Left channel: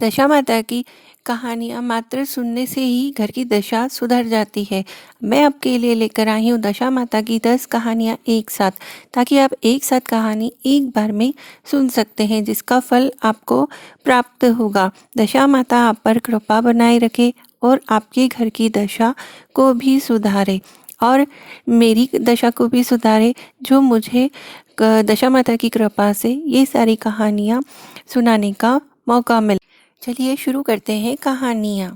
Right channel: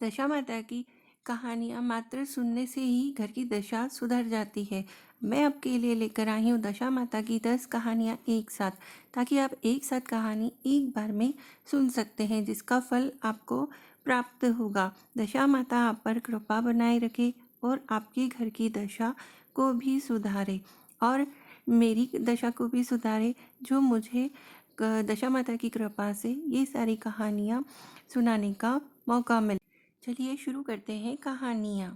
दशा माता की कहानियाँ मात्र सुनने से ही घर की दशा सुधर जाती है। मैं आपके लिए लेकर आई हूँ दशा माता की 10 कहानियाँ एक साथ, ताकि आप एक साथ कहानी एक बार में सुन सकते हैं, जिसका फल आपको प्राप्त होगा। दशा माता आप पर कृपा बनाए रखे और आपके घर की दशा को भी सुधारे और मेरी दशा को भी सुधारे, जो मुझे दशा माता की कृपा से ये सारी कहानियाँ सुनाने का मौका मिला। चलिए शुरू करते हैं कहानियाँ।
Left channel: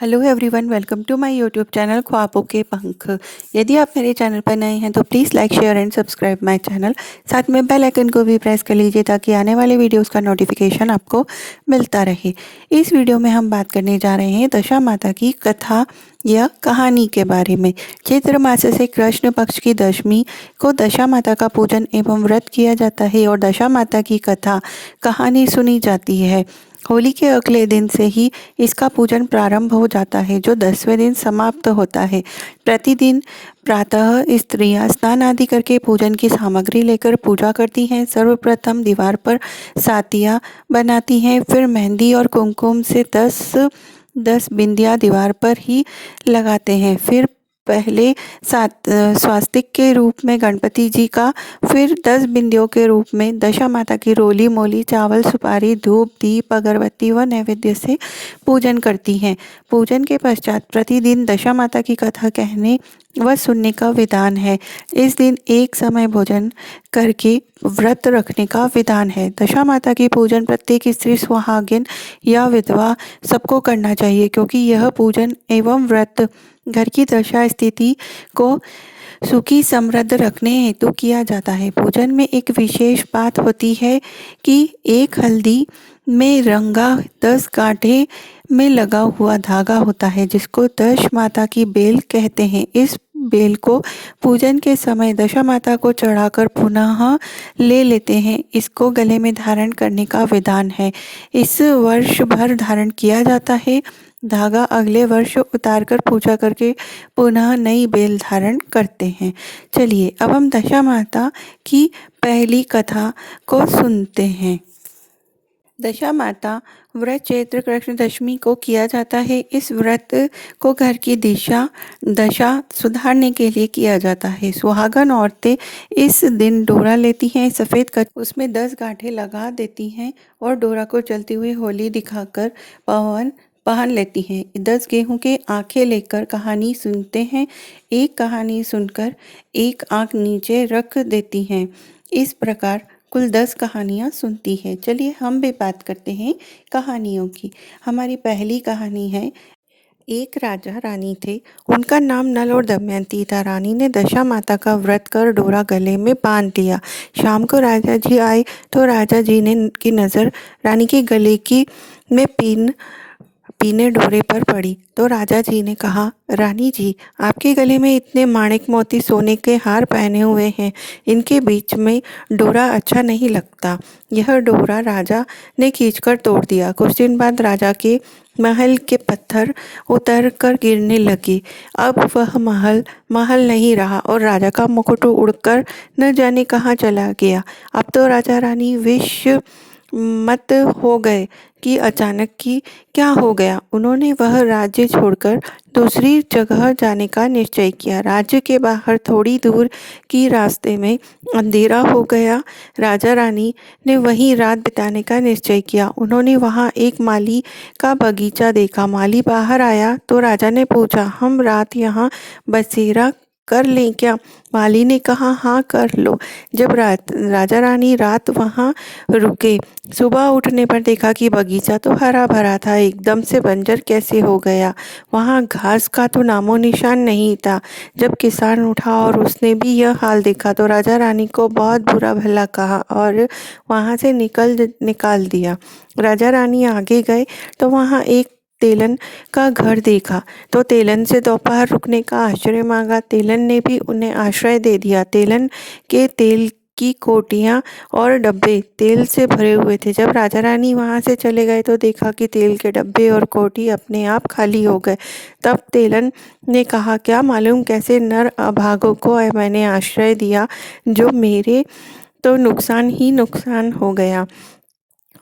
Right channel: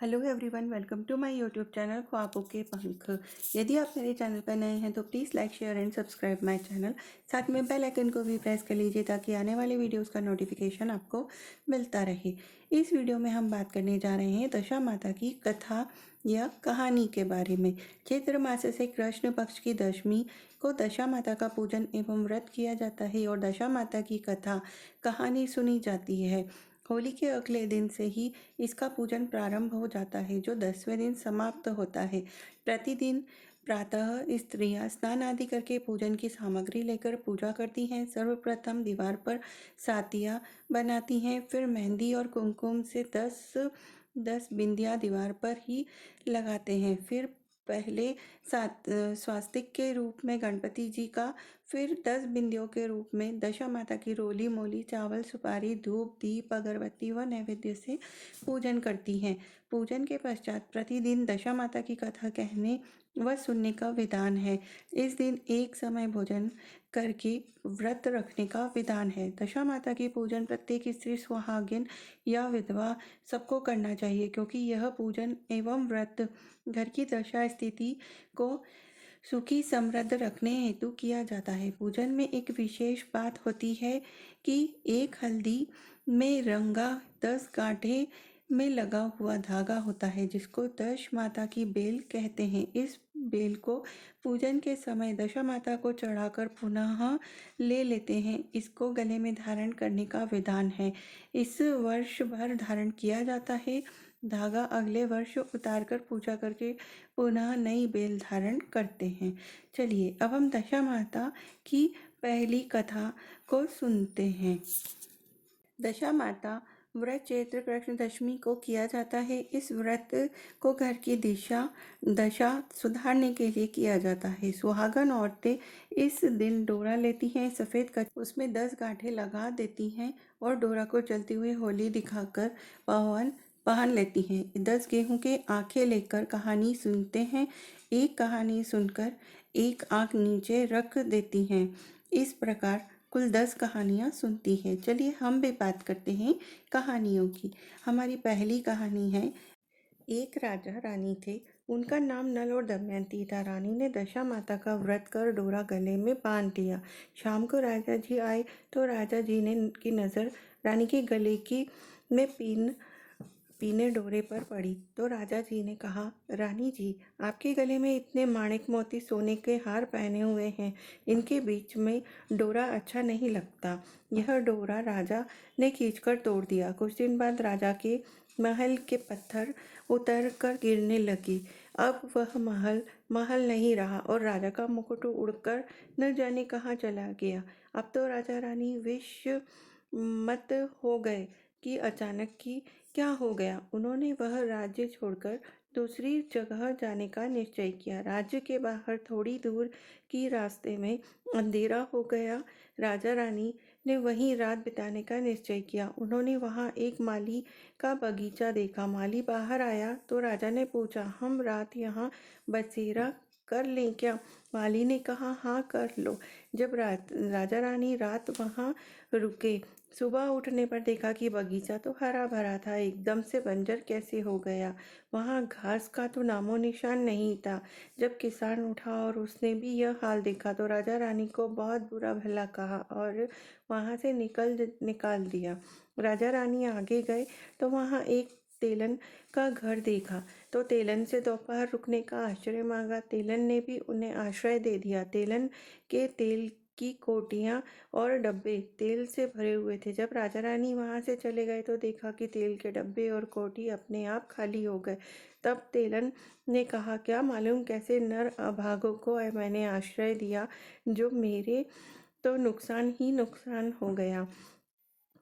Hello everyone, welcome to my YouTube channel ख्वाबों के पंख। यदि आप मेरे चैनल पर नए हैं तो please like share and subscribe my channel. साथ में बेल आइकन को भी प्रेस कर लीजिए ताकि आने वाले वीडियोस का नोटिफिकेशन आपको मिलता रहे। इस वीडियो में हम बात करने जा रहे हैं दशा माता की कथा या कहानी के बारे में। चैत्र मास से कृष्ण पक्ष की दशमी को दशा माता का पूजन एवं व्रत किया जाता है और दशा माता की कथा कहानी सुनी जाती है। होली के अगले दिन से ही इसका पूजन प्रारंभ हो जाता है, जो 10वें दिन समाप्त होता है। प्रतिदिन प्रातः स्त्रियां स्नान आदि करके पूजन की सामग्री लेकर पूजा करती हैं। सर्वप्रथम दीवार पर सातिया बनाती हैं, फिर मेहंदी और कुमकुम से 10 बिंदियां दीवार पर ही लगाते हैं। फिर पहले स्वास्तिक के रूप में गणपति जी का, फिर 10 बिंदियों के रूप में दशा माता की रोली मोली चावल सुपारी धूप दीप अगरबत्ती व नैवेद्य से पूजन करती हैं। पूजन के पश्चात प्रतिदिन दशा माता की कथा कहने व सुनने का विधान है। इस दिन एक समय भोजन करके व्रत रखने का विधान है। दशा माता की पूजन प्रत्येक स्त्री सुहागिन या विधवा सबको करना चाहिए, क्योंकि यह पूजन एवं व्रत घर की दशा स्थिति को सुखी समृद्ध रखने हेतु किया जाता है। पूजन में एक विशेष बात होती है कि एक हल्दी में रंगा 10 गांठे में लगा हुआ धागा होता है, जिसको दश माता की बेल कहते हैं। इस बेल को पूजन के समय दशा माता को चढ़ाकर पुनः ले लेते हैं। इसको गले में धारण करने का विधान है। इस वर्ष भर धारण किया जाता है। धागा अगले वर्ष उतारकर पूजा करके पुनः नई बेल धारण करते हैं। चलिए अब हम दशा माता की पहली कथा को सुनते हैं। दशा माता व्रत चैत्र कृष्ण दशमी को किया जाता है। इस व्रत को घर की दशा सुधारने के लिए किया जाता है। सुहागन औरतें इस दिन डोरा लेती हैं, सफ़ेद कर उसमें 10 गांठें लगा देती हैं और डोरा को चलती हुई होली दिखाकर पहन लेती हैं। 10 गेहूं के आंखें लेकर कहानी सुनते हैं। एक कहानी सुनकर एक आंख नीचे रख देती हैं। इस प्रकार कुल 10 कहानियाँ सुनती है। चलिए हम भी बात करते हैं कहानियों की। हमारी पहली कहानी है, एक राजा रानी थे। उनका नाम नल और दमयंती था। रानी ने दशा माता का व्रत कर डोरा गले में बांध दिया। शाम को राजा जी आए तो राजा जी ने की नज़र रानी के गले की में पीने डोरे पर पड़ी तो राजा जी ने कहा, रानी जी, आपके गले में इतने माणिक मोती सोने के हार पहने हुए हैं, इनके बीच में डोरा अच्छा नहीं लगता। यह डोरा राजा ने खींचकर तोड़ दिया। कुछ दिन बाद राजा के महल के पत्थर उतर कर गिरने लगे। अब वह महल नहीं रहा और राजा का मुकुट उड़कर न जाने कहाँ चला गया। अब तो राजा रानी विष मत हो गए कि अचानक की क्या हो गया। उन्होंने वह राज्य छोड़कर दूसरी जगह जाने का निश्चय किया। राज्य के बाहर थोड़ी दूर की रास्ते में अंधेरा हो गया। राजा रानी ने वहीं रात बिताने का निश्चय किया। उन्होंने वहां एक माली का बगीचा देखा। माली बाहर आया तो राजा ने पूछा, हम रात यहाँ बसेरा कर लें क्या? माली ने कहा, हाँ कर लो। जब राजा रानी रात वहाँ रुके, सुबह उठने पर देखा कि बगीचा तो हरा भरा था, एकदम से बंजर कैसे हो गया। वहाँ घास का तो नामो निशान नहीं था। जब किसान उठा और उसने भी यह हाल देखा तो राजा रानी को बहुत बुरा भला कहा और वहाँ से निकाल दिया। राजा रानी आगे गए तो वहाँ एक तेलन का घर देखा तो तेलन से दोपहर रुकने का आश्रय मांगा। तेलन ने भी उन्हें आश्रय दे दिया। तेलन के तेल की कोटियाँ और डब्बे तेल से भरे हुए थे। जब राजा रानी वहाँ से चले गए तो देखा कि तेल के डब्बे और कोटी अपने आप खाली हो गए। तब तेलन ने कहा, क्या मालूम कैसे नर अभागों को मैंने आश्रय दिया, जो मेरे तो नुकसान ही नुकसान हो गया।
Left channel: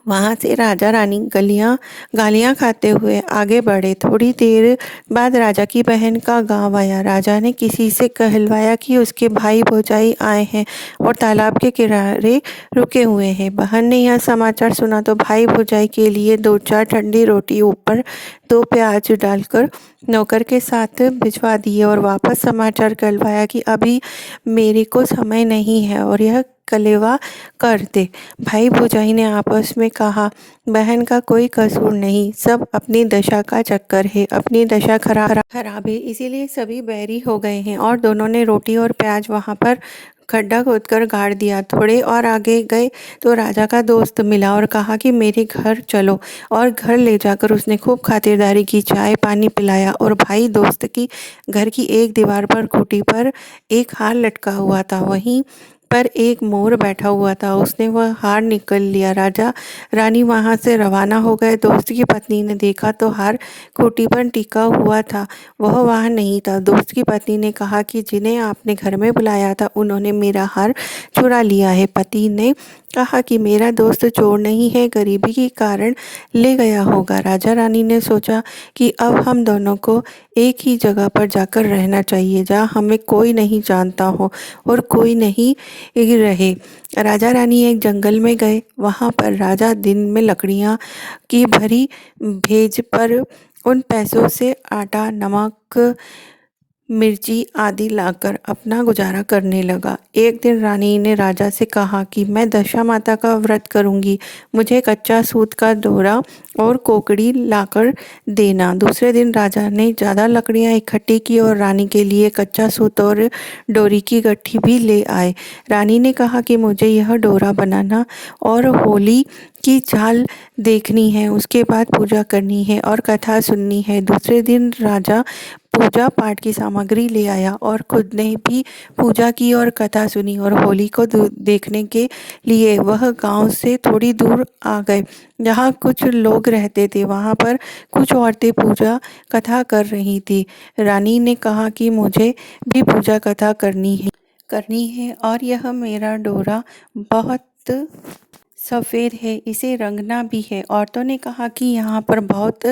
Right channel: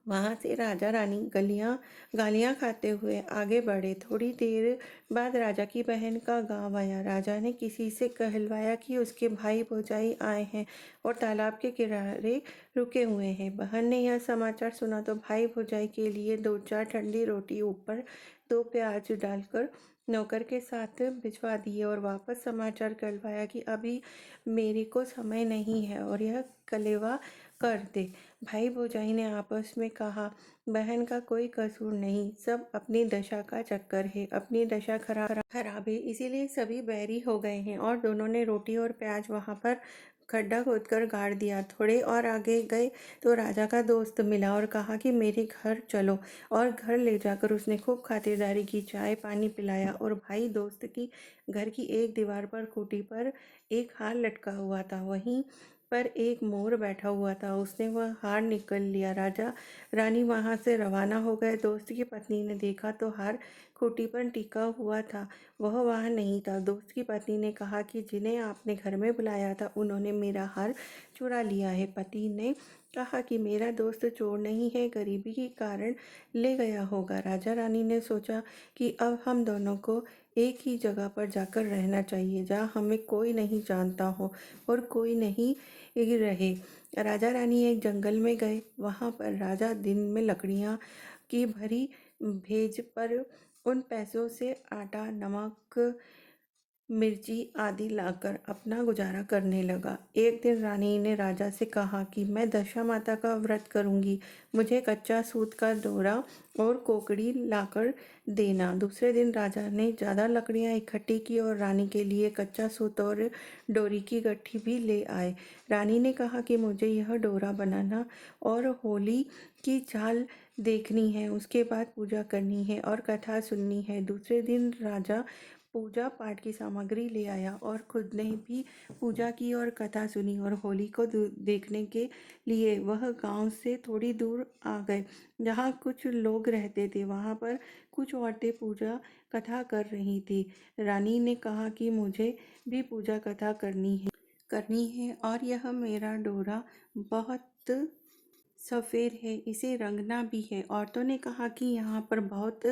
वहाँ से राजा रानी गालियाँ खाते हुए आगे बढ़े। थोड़ी देर बाद राजा की बहन का गांव आया। राजा ने किसी से कहलवाया कि उसके भाई भौजाई आए हैं और तालाब के किनारे रुके हुए हैं। बहन ने यह समाचार सुना तो भाई भौजाई के लिए 2-4 ठंडी रोटी ऊपर 2 प्याज डालकर नौकर के साथ भिजवा दिए और वापस समाचार कहलवाया कि अभी मेरे को समय नहीं है और यह कलेवा कर दे। भाई भौजाई ने आपस में कहा, बहन का कोई कसूर नहीं, सब अपनी दशा का चक्कर है, अपनी दशा खराब है इसीलिए सभी बैरी हो गए हैं। और दोनों ने रोटी और प्याज वहाँ पर खड्डा खोदकर गाड़ दिया। थोड़े और आगे गए तो राजा का दोस्त मिला और कहा कि मेरे घर चलो, और घर ले जाकर उसने खूब खातिरदारी की, चाय पानी पिलाया। और भाई दोस्त की घर की एक दीवार पर खूंटी पर एक हार लटका हुआ था, वहीं पर एक मोर बैठा हुआ था। उसने वह हार निकल लिया। राजा रानी वहां से रवाना हो गए। दोस्त की पत्नी ने देखा तो हार खूंटी पर टिका हुआ था, वह वहां नहीं था। दोस्त की पत्नी ने कहा कि जिन्हें आपने घर में बुलाया था उन्होंने मेरा हार चुरा लिया है। पति ने कहा कि मेरा दोस्त चोर नहीं है, गरीबी के कारण ले गया होगा। राजा रानी ने सोचा कि अब हम दोनों को एक ही जगह पर जाकर रहना चाहिए, जहाँ हमें कोई नहीं जानता हो और कोई नहीं रहे। राजा रानी एक जंगल में गए। वहाँ पर राजा दिन में लकड़ियाँ की भरी भेज पर उन पैसों से आटा, नमक, मिर्ची आदि लाकर अपना गुजारा करने लगा। एक दिन रानी ने राजा से कहा कि मैं दशा माता का व्रत करूंगी, मुझे कच्चा सूत का डोरा और कोकड़ी लाकर देना। दूसरे दिन राजा ने ज़्यादा लकड़ियां इकट्ठी की और रानी के लिए कच्चा सूत और डोरी की गट्ठी भी ले आए। रानी ने कहा कि मुझे यह डोरा बनाना और होली की चाल देखनी है, उसके बाद पूजा करनी है और कथा सुननी है। दूसरे दिन राजा पूजा पाठ की सामग्री ले आया और खुद ने भी पूजा की और कथा सुनी। और होली को देखने के लिए वह गांव से थोड़ी दूर आ गए, जहाँ कुछ लोग रहते थे। वहाँ पर कुछ औरतें पूजा कथा कर रही थी। रानी ने कहा कि मुझे भी पूजा कथा करनी है और यह मेरा डोरा बहुत सफ़ेद है, इसे रंगना भी है। औरतों ने कहा कि यहाँ पर बहुत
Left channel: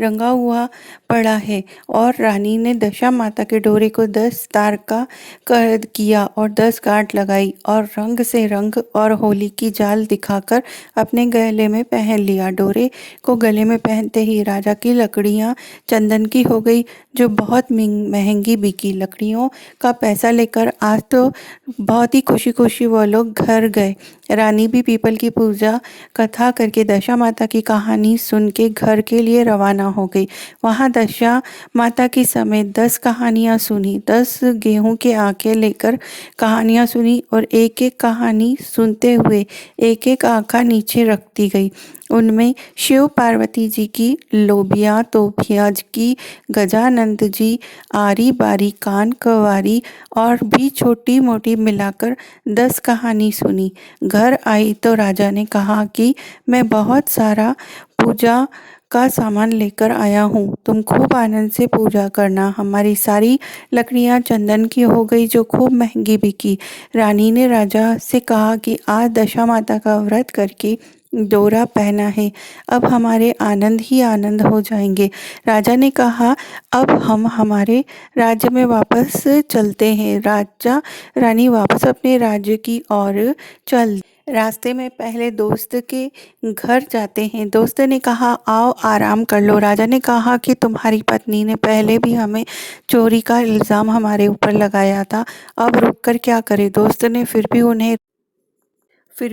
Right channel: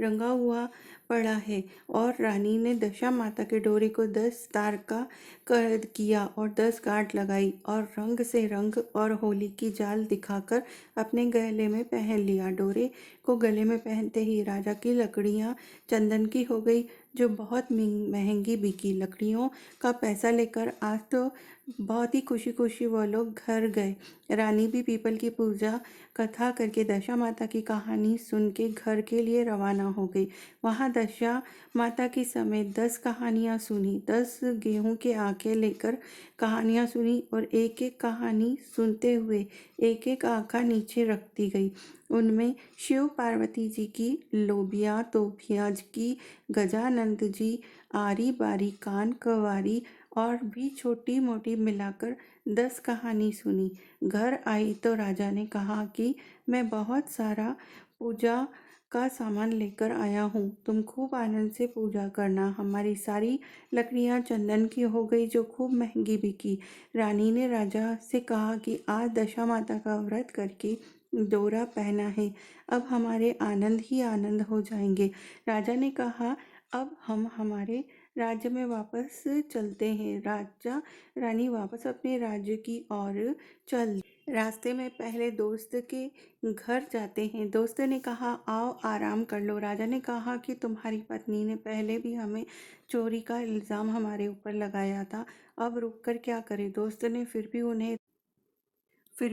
रंगा हुआ पड़ा है। और रानी ने दशा माता के डोरे को 10 तार का कर किया और 10 गांठ लगाई और रंग से रंग और होली की जाल दिखाकर अपने गले में पहन लिया। डोरे को गले में पहनते ही राजा की लकड़ियाँ चंदन की हो गई, जो बहुत महंगी बिकी। लकड़ियों का पैसा लेकर आज तो बहुत ही खुशी खुशी वो लोग घर गए। रानी भी पीपल की पूजा कथा करके दशा माता की कहानी सुन के घर के लिए रवाना हो गई। वहाँ दशा माता की समेत 10 कहानियाँ सुनी। 10 गेहूं के आंखें लेकर कहानियाँ सुनी और एक एक कहानी सुनते हुए एक एक आंखा नीचे रखती गई। उनमें शिव पार्वती जी की, लोबिया तोबिया की, गजानंद जी, आरी बारी कान कवारी और भी छोटी मोटी मिलाकर 10 कहानी सुनी। घर आई तो राजा ने कहा कि मैं बहुत सारा पूजा का सामान लेकर आया हूँ, तुम खूब आनंद से पूजा करना। हमारी सारी लकड़ियाँ चंदन की हो गई, जो खूब महंगी बिकी। रानी ने राजा से कहा कि आज दशा माता का व्रत करके डोरा पहना है, अब हमारे आनंद ही आनंद हो जाएंगे। राजा ने कहा, अब हम हमारे राज्य में वापस चलते हैं। राजा रानी वापस अपने राज्य की ओर चल। रास्ते में पहले दोस्त के घर जाते हैं। दोस्त ने कहा, आओ आराम कर लो। राजा ने कहा कि तुम्हारी पत्नी ने पहले भी हमें चोरी का इल्ज़ाम हमारे ऊपर लगाया था, अब रुक कर क्या करें। दोस्त ने फिर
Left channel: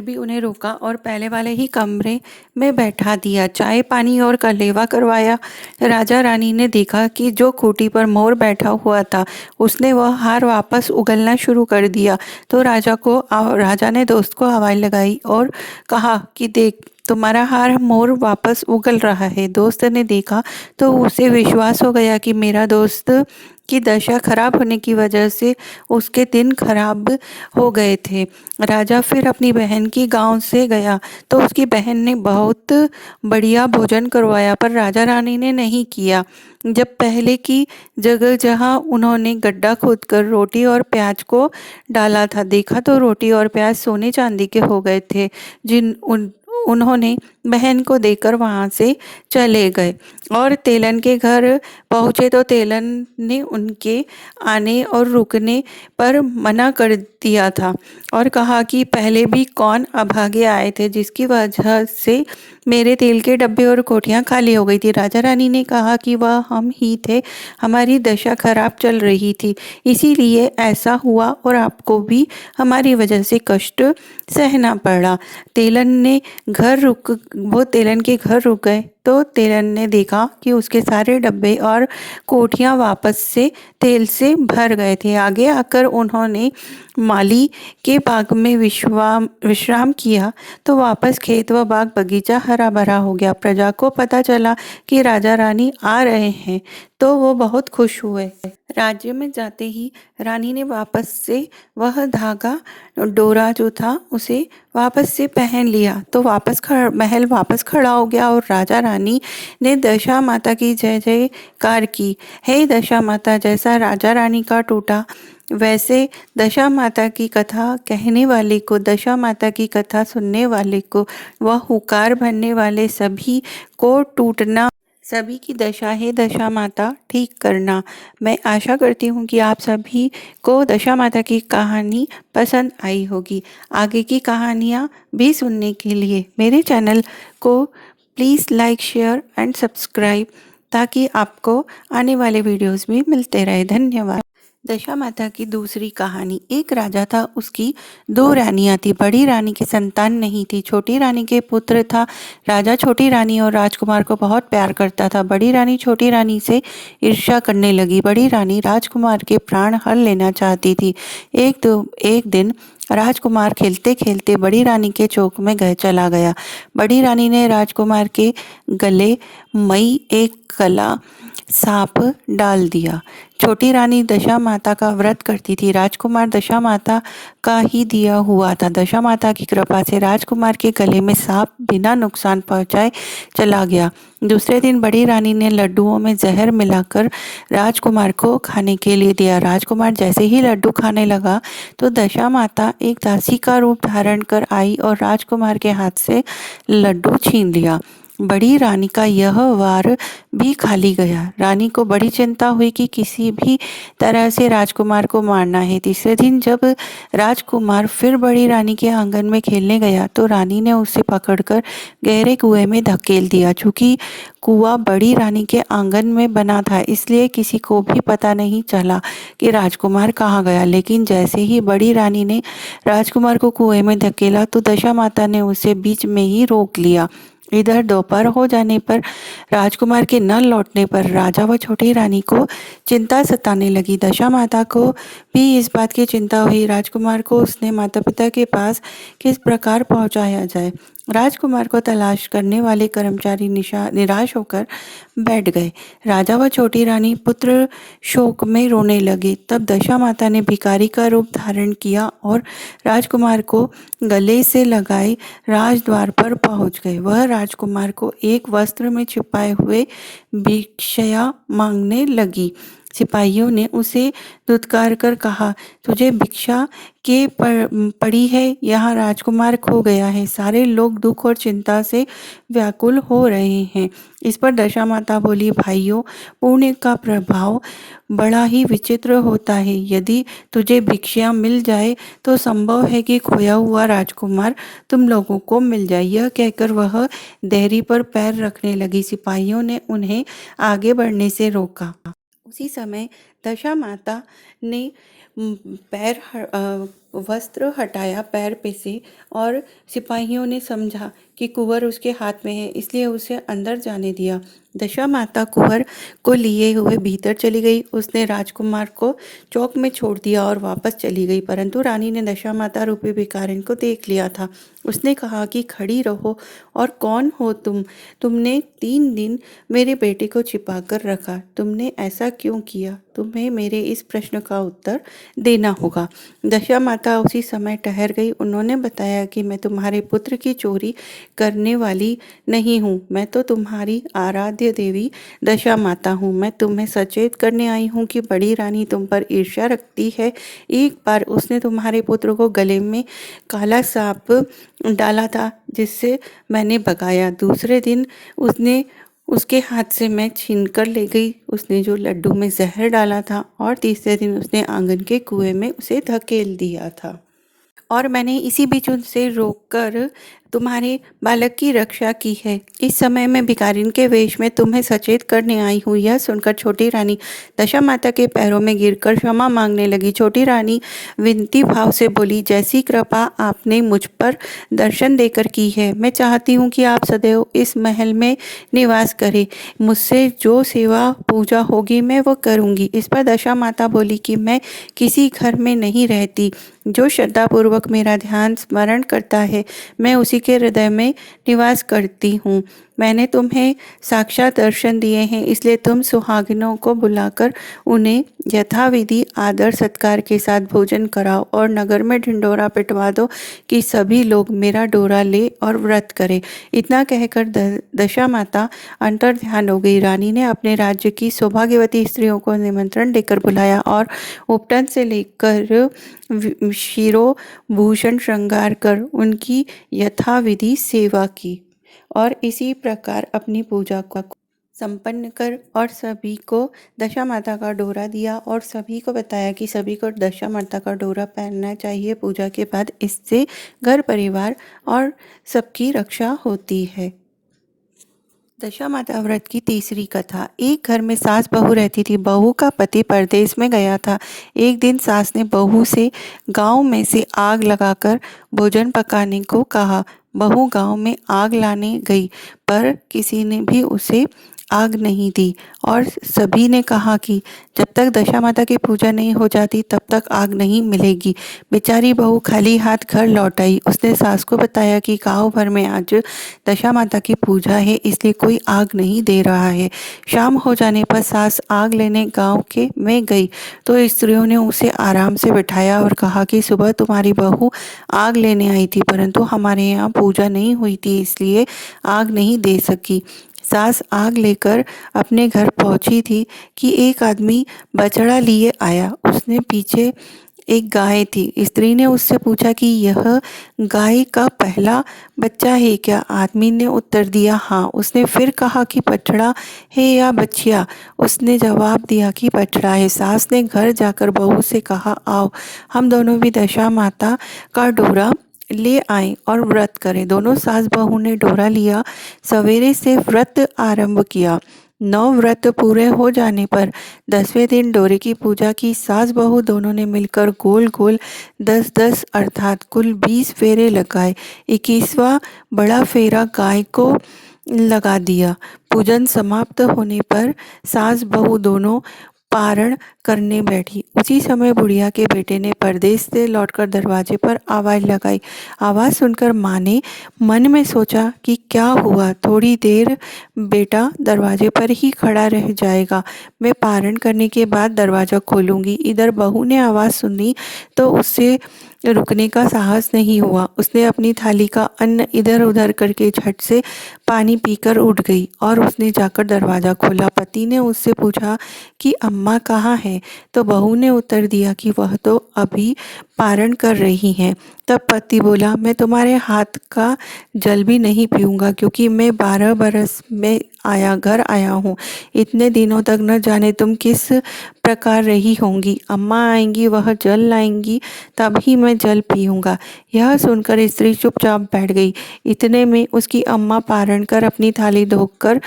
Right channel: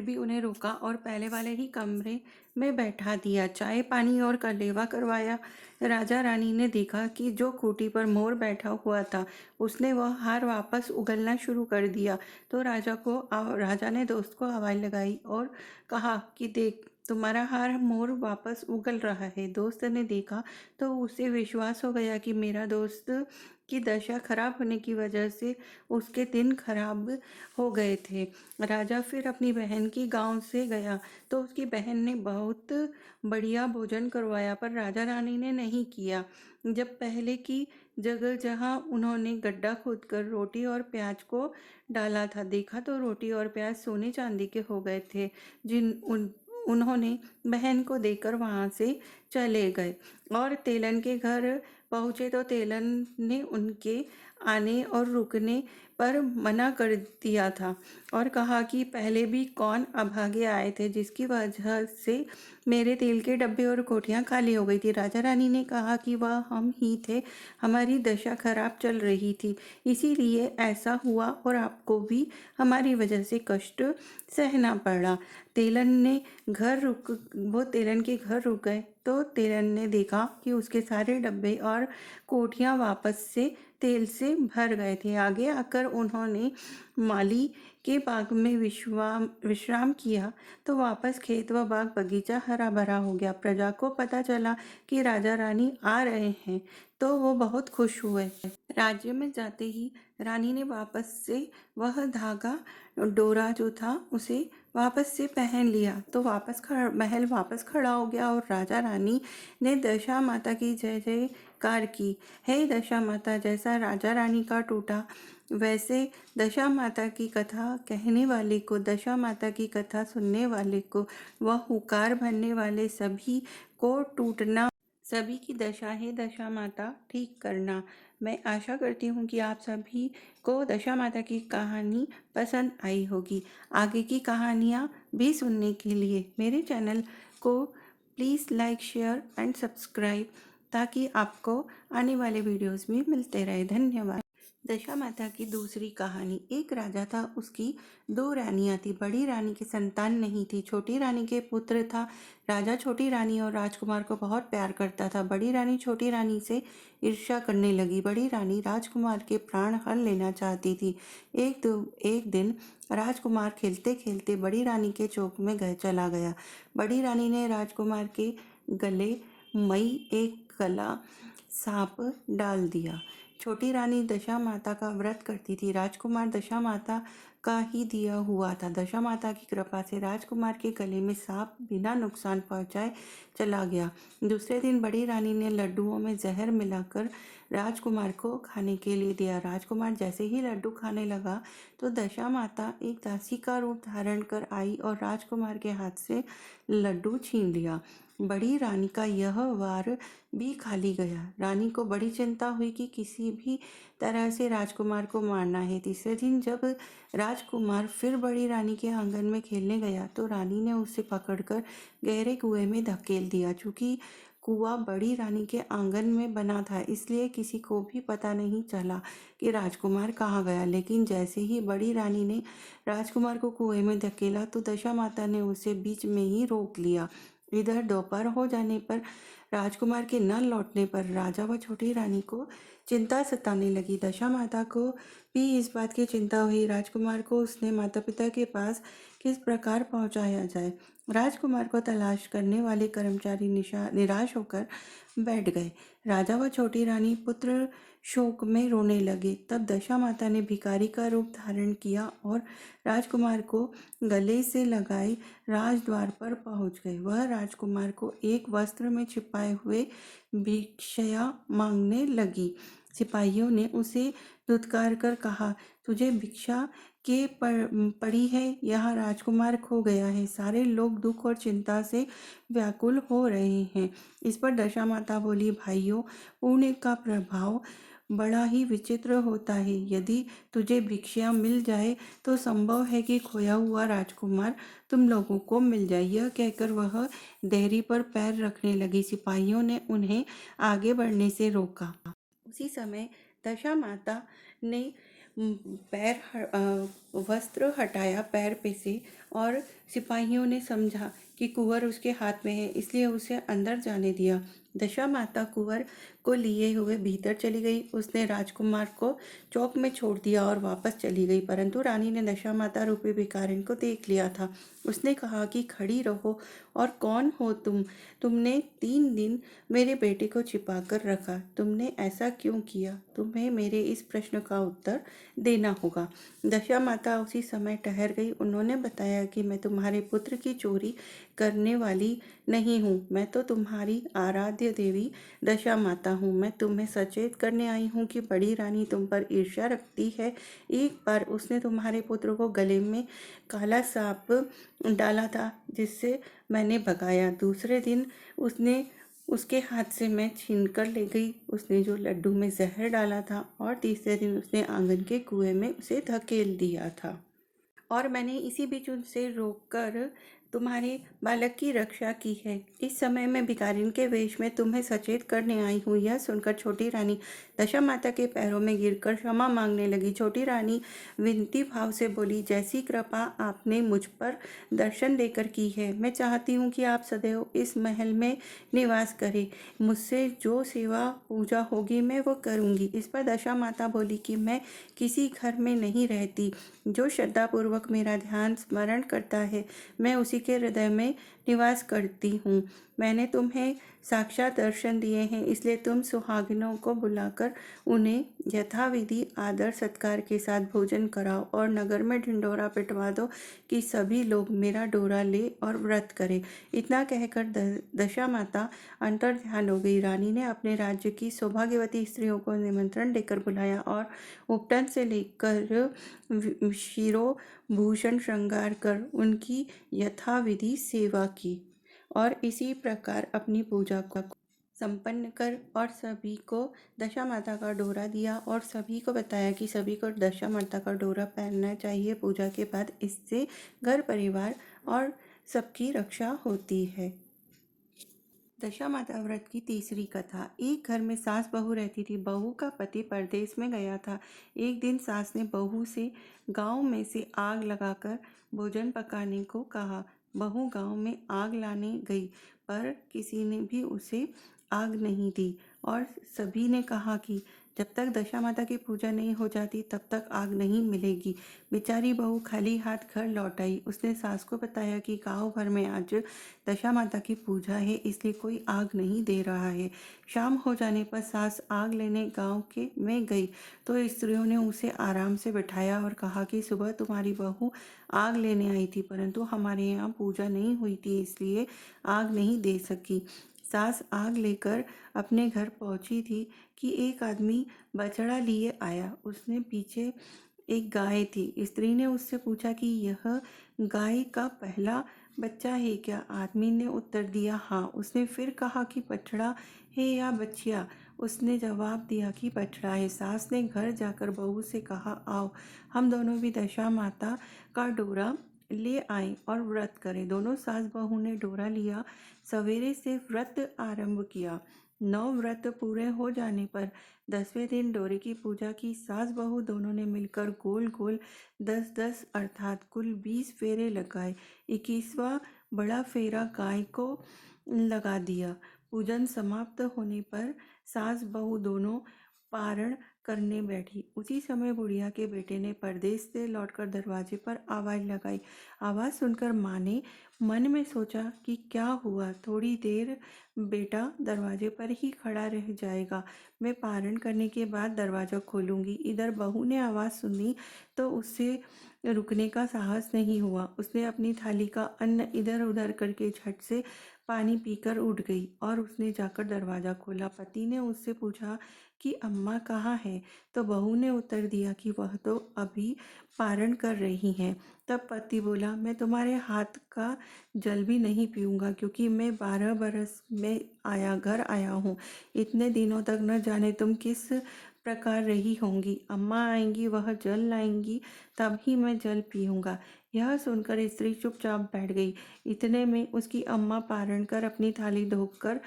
भी उन्हें रोका और पहले वाले ही कमरे में बैठा दिया, चाय पानी और कलेवा करवाया। राजा रानी ने देखा कि जो खूंटी पर मोर बैठा हुआ था उसने वह हार वापस उगलना शुरू कर दिया। तो राजा ने दोस्त को आवाज़ लगाई और कहा कि देख, तुम्हारा हार मोर वापस उगल रहा है। दोस्त ने देखा तो उसे विश्वास हो गया कि मेरा दोस्त की दशा खराब होने की वजह से उसके दिन खराब हो गए थे। राजा फिर अपनी बहन की गांव से गया तो उसकी बहन ने बहुत बढ़िया भोजन करवाया, पर राजा रानी ने नहीं किया। जब पहले की जगह जहां उन्होंने गड्ढा खोदकर रोटी और प्याज को डाला था, देखा तो रोटी और प्याज सोने चांदी के हो गए थे, उन्होंने बहन को देकर वहाँ से चले गए और तेलन के घर पहुँचे तो तेलन ने उनके आने और रुकने पर मना कर दिया था और कहा कि पहले भी कौन अभागे आए थे जिसकी वजह से मेरे तेल के डब्बे और कोठियाँ खाली हो गई थी। राजा रानी ने कहा कि वह हम ही थे, हमारी दशा खराब चल रही थी, इसीलिए ऐसा हुआ और आपको भी हमारी वजह से कष्ट सहना पड़ा। तेलन ने वो तेलन के घर रुक गए तो तेलन ने देखा कि उसके सारे डब्बे और कोठियाँ वापस से तेल से भर गए थे। आगे आकर उन्होंने माली के बाग में विश्राम किया तो वापस खेत व बाग बगीचा हरा भरा हो गया। प्रजा को पता चला कि राजा रानी आ रहे हैं तो वो बहुत खुश हुए। राज्य में जाते ही रानी ने वापस से वह धागा डोरा जो था उसे वापस से पहन लिया तो महल वापस खड़ा हो गया और राजा रानी ने दशा माता की जय जयकार की। हे दशा माता, जैसा राजा रानी का टूटा वैसे दशा माता की कथा कहने वाले को, दशा माता की कथा सुनने वाले को, वह हुकार भरने वाले सभी को टूटना, सभी की दशा है दशा माता ठीक करना। मैं आशा करती हूँ कि आप सभी को दशा माता की कहानी पसंद आई होगी। आगे की कहानियाँ भी सुनने के लिए मेरे चैनल को please like, share and subscribe ताकि आपको आने वाले वीडियोस भी मिलते रहे। धन्यवाद। दशा माता की दूसरी कहानी। एक राजा था, उसकी दो रानियां थी। बड़ी रानी की संतान नहीं थी, छोटी रानी के पुत्र था। राजा छोटी रानी और राजकुमार को बहुत प्यार करता था। बड़ी रानी छोटी रानी से ईर्ष्या करने लगी। बड़ी रानी राजकुमार के प्राण हर लेना चाहती थी। एक दिन राजकुमार खेलते खेलते बड़ी रानी के चौक में चला गया। बड़ी रानी ने राजकुमार के गले मई एक कला सांप डाल दिया। छोटी रानी दशा माता का व्रत करती थी। राजकुमार दशा माता का ही दिया हुआ था। दशा माता की कृपा से राजकुमार के गले में सांप बिना नुकसान पहुंचाए चला गया। दूसरे दिन बड़ी रानी ने लड्डुओं में जहर मिलाकर राजकुमार को खाने के लिए दिया। राजकुमार जैसे ही लड्डू खाने लगा तो दशा माता एक दासी का रूप धारण कर आई और राजकुमार के हाथ से लड्डू छीन लिया। बड़ी रानी का यह वार भी खाली गया। रानी को बड़ी चिंता हुई कि किसी भी तरह से राजकुमार को मारना है। तीसरे दिन जब राजकुमार फिर बड़ी रानी के आंगन में खेलने गया तो रानी ने उसे पकड़कर गहरे कुएं में धकेल दिया। चूंकि कुआं बड़ी रानी के आंगन में बना था इसलिए किसी को भी पता नहीं चला कि राजकुमार कहाँ गया। लेकिन जैसे ही बड़ी रानी ने राजकुमार को कुएं में धकेला तो दशा माता ने उसे बीच में ही रोक लिया। इधर दोपहर हो जाने पर राजकुमार के न लौटने पर राजा व छोटी रानी को चिंता सताने लगी। दशा माता को भी इस बात की चिंता हुई। राजकुमार को उसने माता पिता के पास किस प्रकार पहुंचाया जाए। राजकुमार को तलाश करने वाले कर्मचारी निराश होकर बैठ गए। राजा व छोटी रानी पुत्र शोक में रोने लगे। तब दशा माता ने भिखारी का रूप धारण किया और राजकुमार को गले से लगाए राजद्वार पर पहुंच गए। वह राजकुमार को एक वस्त्र में छिपाए हुए भिक्षया मांगने लगी। सिपाहियों ने उसे धुतकार कर कहा, तुझे भिक्षा के पड़ी है, यहाँ राजकुमार खो गया है। सारे लोग दुख और चिंता से व्याकुल हो रहे हैं। इस पर दशा माता बोली, भाइयों, पुण्य का प्रभाव बड़ा ही विचित्र होता है। यदि तुझे भिक्षा मिल जाए तो संभव है कि खोया हुआ राजकुमार तुम लोगों को मिल जाए। यह कहकर वह देहरी पर पैर रखने लगी। सिपाहियों ने उन्हें आगे बढ़ने से रोका। उसी समय दशा माता ने वस्त्र हटाया पैर पे से और सिपाहियों ने समझा कि कुंवर उसके हाथ में है इसलिए उसे अंदर जाने दिया। दशा माता कुंवर को लिए हुए भीतर चली गई। उसने राजकुमार को चौक में छोड़ दिया और वापस चली गई। परंतु रानी ने दशा माता रूपी भिखारिन को देख लिया था। उसने कहा कि खड़ी रहो और कौन हो तुमने 3 दिन मेरे बेटे को छिपा कर रखा, तुमने ऐसा क्यों किया? तुम्हें मेरे इस प्रश्न का उत्तर देना होगा। दशा माता उसी समय ठहर गई। उन्होंने बताया कि मैं तुम्हारे पुत्र की चोरी करने वाली नहीं हूँ, मैं तो तुम्हारी आराध्य आराध्य देवी दशा माता हूँ। मैं तुम्हें सचेत करने आई हूँ कि बड़ी रानी तुम पर ईर्ष्या रखती है। एक बार उसने तुम्हारे पुत्र को गले में काला सांप डाला था, जिससे मैंने भगाया। दूसरे दिन उसने उसके हाथ से मैं छीन कर ले गई उसने जो लड्डू में जहर डाला था, और तीसरे दिन उसने आंगन के कुएं में उसे धकेल दिया था। और मैंने इसी बीच उनसे रोककर तुम्हारे बालक की रक्षा की है। इस समय मैं भिखारिन के वेश में तुम्हें सचेत करने आई हूँ। यह सुनकर छोटी रानी दशा माता के पैरों में गिरकर क्षमा मांगने लगी। छोटी रानी विनती भाव से बोली, जैसी कृपा आपने मुझ पर दर्शन देकर की है, मैं चाहती हूँ कि आप सदैव इस महल में निवास करें। मुझसे जो सेवा पूजा होगी मैं वो करूँगी। इस पर दशा माता बोली कि मैं किसी घर में नहीं रहती। जो श्रद्धापूर्वक मेरा ध्यान स्मरण करता है, मैं उसी के हृदय में निवास करती हूँ। मैंने तुम्हें साक्षात दर्शन दिए हैं, इसलिए तुम सुहागिनों को बुलाकर उन्हें यथाविधि आदर सत्कार के साथ भोजन कराओ और नगर में ढिंढोरा पिटवा दो कि सभी लोग मेरा डोरा ले और व्रत करें। इतना कहकर दशा माता अंतर ध्यान हो गई। रानी ने अपने राज्य की सौभाग्यवती स्त्रियों को निमंत्रण देकर बुलाया और उपटन से लेकर शिरोभूषण श्रृंगार कर उनकी यथाविधि सेवा की और इसी प्रकार अपनी पूजा को संपन्न कर और सभी को दशा माता का डोरा दिया और सभी को बताया कि सभी को दशा माता का डोरा पहनना चाहिए। पूजा के बाद इससे घर परिवार और सबकी रक्षा होती है। दशा माता व्रत की तीसरी कथा। एक घर में सास बहू रहती थी। बहू का पति परदेश में गया था। एक दिन सास ने बहू से गांव में से आग लगाकर भोजन पकाने को कहा। बहू गांव में आग लाने गई, पर किसी ने भी उसे आग नहीं दी और सभी ने कहा कि जब तक दशा माता की पूजा नहीं हो जाती तब तक आग नहीं मिलेगी। बेचारी बहू खाली हाथ घर लौट आई। उसने सास को बताया कि गांव भर में आज दशा माता की पूजा है, इसलिए कोई आग नहीं दे रहा है। शाम हो जाने पर सास आग लेने गांव के में गई तो स्त्रियों ने उसे आराम से बिठाया और कहा कि सुबह तुम्हारी बहू आग लेने आई थी, परंतु हमारे यहाँ पूजा नहीं हुई थी, इसलिए आग नहीं दे सकी। सास आग लेकर अपने घर पहुंची थी कि एक आदमी बछड़ा लिए आया। उसने पीछे एक गाय थी। स्त्री ने उससे पूछा कि यह गाय का पहला बच्चा है क्या? आदमी ने उत्तर दिया हाँ। उसने फिर कहा कि बछड़ा है या बछिया? उसने जवाब दिया कि बछड़ा है। सास ने घर जाकर बहू से कहा, आओ हम दोनों भी दशा माता का डोरा ले आए और व्रत करें। दोनों सास बहू ने डोरा लिया। सवेरे से व्रत आरंभ किया। 9 व्रत पूरे हो जाने पर 10वें दिन डोरे की पूजा की। सास बहू दोनों ने मिलकर गोल गोल 10-10 अर्थात कुल 20 फेरे लगाए। 21वां बड़ा फेरा गाय को लगा दिया। पूजन समाप्त होने पर सास बहू दोनों पारण करने बैठी। उसी समय बुढ़िया के बेटे ने परदेश से लौटकर दरवाजे पर आवाज़ लगाई। आवाज़ सुनकर माँ ने मन में सोचा कि क्या हुआ, थोड़ी देर बेटा दरवाजे पर ही खड़ा रह जाएगा, मैं पारण करने के बाद दरवाज़ा खोलूँगी। इधर बहू ने आवाज़ सुनी तो उससे रुकने का साहस नहीं हुआ। उसने अपनी थाली का अन्न इधर उधर करके झट से पानी पीकर उठ गई और उसने जाकर दरवाज़ा खोला। पति ने उससे पूछा कि अम्मा कहाँ है? तो बहू ने उत्तर दिया कि वह तो अभी पारण कर रही हैं। तब पति बोला, मैं तुम्हारे हाथ का जल भी नहीं पीऊँगा, क्योंकि मैं 12 बरस में घर आया हूँ। इतने दिनों तक न जाने तुम किस प्रकार रही होंगी। अम्मा आएंगी, वह जल लाएंगी, तब ही मैं जल पीऊँगा। यह सुनकर स्त्री चुपचाप बैठ गई। इतने में उसकी अम्मा पारण कर अपनी थाली धोकर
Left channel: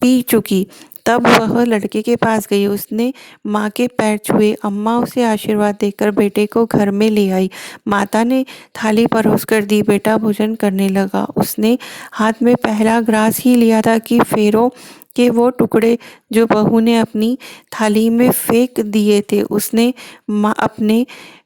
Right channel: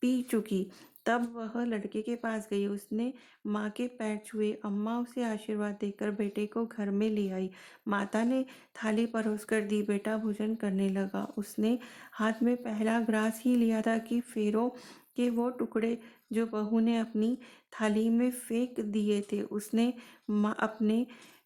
पी चुकी। तब वह लड़के के पास गई। उसने माँ के पैर छुए। अम्मा उसे आशीर्वाद देकर बेटे को घर में ले आई। माता ने थाली परोस कर दी। बेटा भोजन करने लगा। उसने हाथ में पहला ग्रास ही लिया था कि फेरों के वो टुकड़े जो बहू ने अपनी थाली में फेंक दिए थे, उसने माँ अपने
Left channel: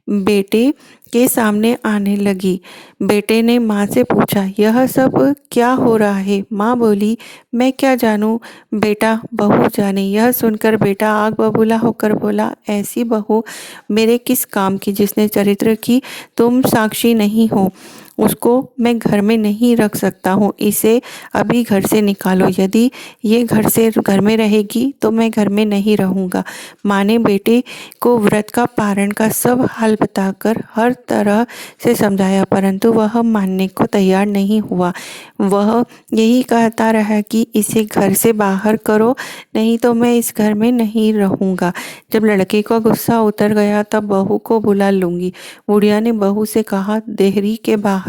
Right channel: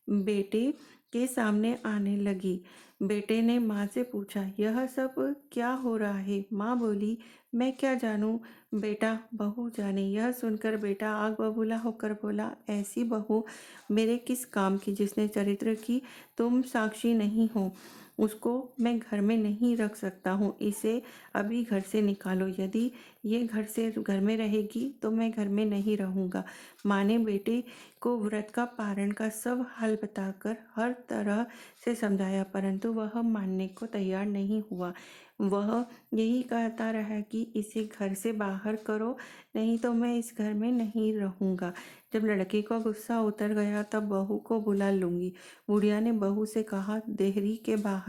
बेटे के सामने आने लगी। बेटे ने माँ से पूछा, यह सब क्या हो रहा है? माँ बोली, मैं क्या जानूँ बेटा, बहू जाने। यह सुनकर बेटा आग बबूला होकर बोला, ऐसी बहू मेरे किस काम की जिसने चरित्र की तुम साक्षी नहीं हो। उसको मैं घर में नहीं रख सकता हूँ, इसे अभी घर से निकालो। यदि ये घर में रहेगी तो मैं घर में नहीं रहूँगा। माँ ने बेटे को व्रत का पारण का सब हाल बताकर हर तरह से समझाया, परंतु वह मानने को तैयार नहीं हुआ। वह यही कहता रहा कि इसे घर से बाहर करो, नहीं तो मैं इस घर में नहीं रहूँगा। जब लड़के का गुस्सा उतर गया तब बहू को बुला लूँगी। बुढ़िया ने बहू से कहा, देहरी के बाहर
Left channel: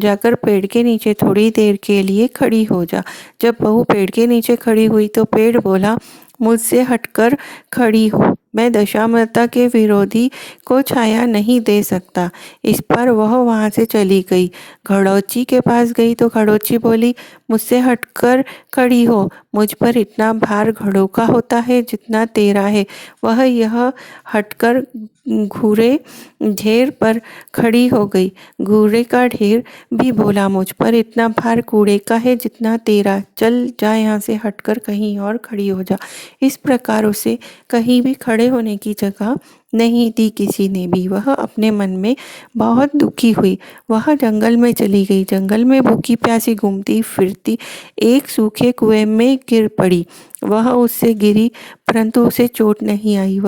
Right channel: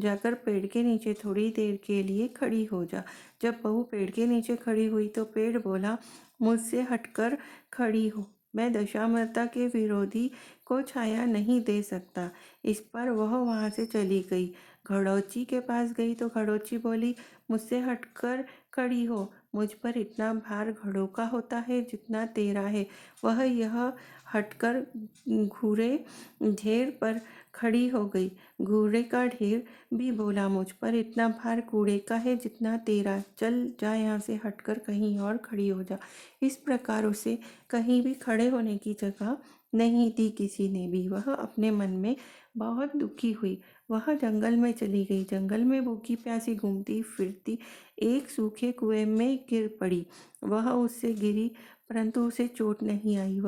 जाकर पेड़ के नीचे थोड़ी देर के लिए खड़ी हो जा। जब बहू पेड़ के नीचे खड़ी हुई तो पेड़ बोला, मुझसे हटकर खड़ी हो, मैं दशामाता के विरोधी को छाया नहीं दे सकता। इस पर वह वहाँ से चली गई। घड़ौची के पास गई तो घड़ौची बोली, मुझसे हटकर खड़ी हो, मुझ पर इतना भार घड़ों का होता है जितना तेरा है। वह यह हटकर घूरे ढेर पर खड़ी हो गई। घूरे का ढेर भी बोला, मुझ पर इतना भार कूड़े का है जितना तेरा, चल जा यहाँ से हटकर कहीं और खड़ी हो जा। इस प्रकार उसे कहीं भी खड़े होने की जगह नहीं दी किसी ने भी। वह अपने मन में बहुत दुखी हुई। वह जंगल में चली गई। जंगल में भूखी प्यासी घूमती फिरती एक सूखे कुएं में गिर पड़ी। वह उससे गिरी परंतु उसे चोट नहीं आई।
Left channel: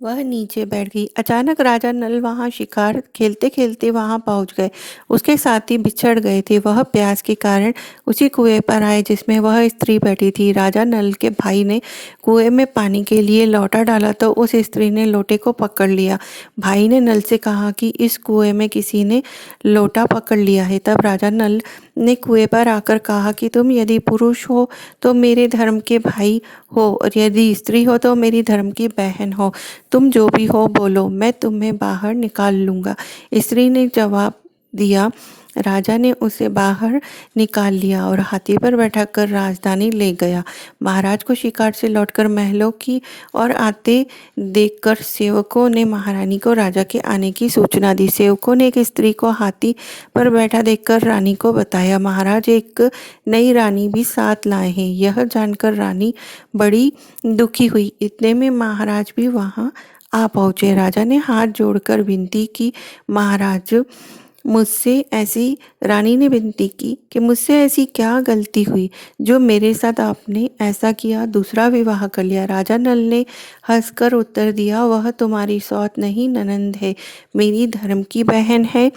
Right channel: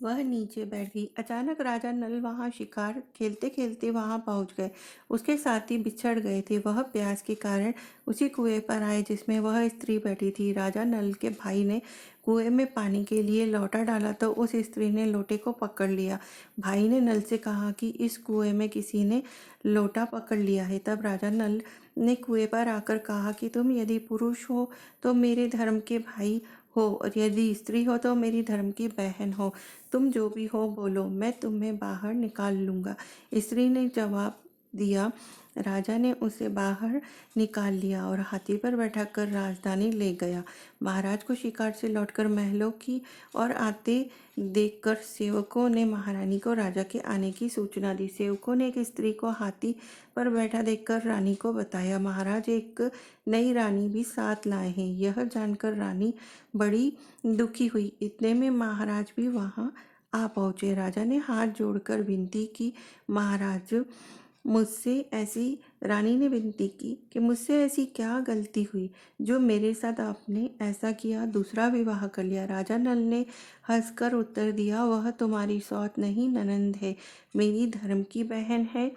वह नीचे बैठ गई। अचानक राजा नल वहां शिकार खेलते खेलते वहां पहुंच गए। उसके साथी बिछड़ गए थे। वह प्यास के कारण उसी कुएं पर आए जिसमें वह स्त्री बैठी थी। राजा नल के भाई ने कुएं में पानी के लिए लोटा डाला तो उस स्त्री ने लोटे को पकड़ लिया। भाई ने नल से कहा कि इस कुएं में किसी ने लोटा पकड़ लिया है। तब राजा नल ने कुएं पर आकर कहा कि तुम यदि पुरुष हो तो मेरे धर्म के भाई हो, और यदि स्त्री हो तो मेरी धर्म की बहन हो। तुम जो भी हो बोलो, मैं तुम्हें बाहर निकाल लूँगा। स्त्री ने जवाब दिया। राजा ने उसे बाहर निकाल लिया और हाथी पर बैठाकर राजधानी ले गया। महाराज को शिकार से लौटकर महलों की ओर आते देखकर सेवकों ने महारानी को राजा के आने की सूचना दी। सेवकों ने एक स्त्री को हाथी पर बैठा देखकर रानी को बताया। महाराज एक नई रानी भी साथ लाए हैं। यह जानकर रानी बड़ी दुखी हुई। इतने में महाराज भी वहां आ पहुंचे। राजा ने हाथ जोड़कर विनती की, महाराज मुझसे ऐसी रानी ने विनती की कि मुझसे ऐसी क्या गलती हुई जो मेरे साथ आपने ऐसा किया, दूसरा विवाह कर लिया। राजा नल ने हंसकर उत्तर दिया, वह तुम्हारी सौत नहीं ननंद है, मेरी धर्म की बहन है।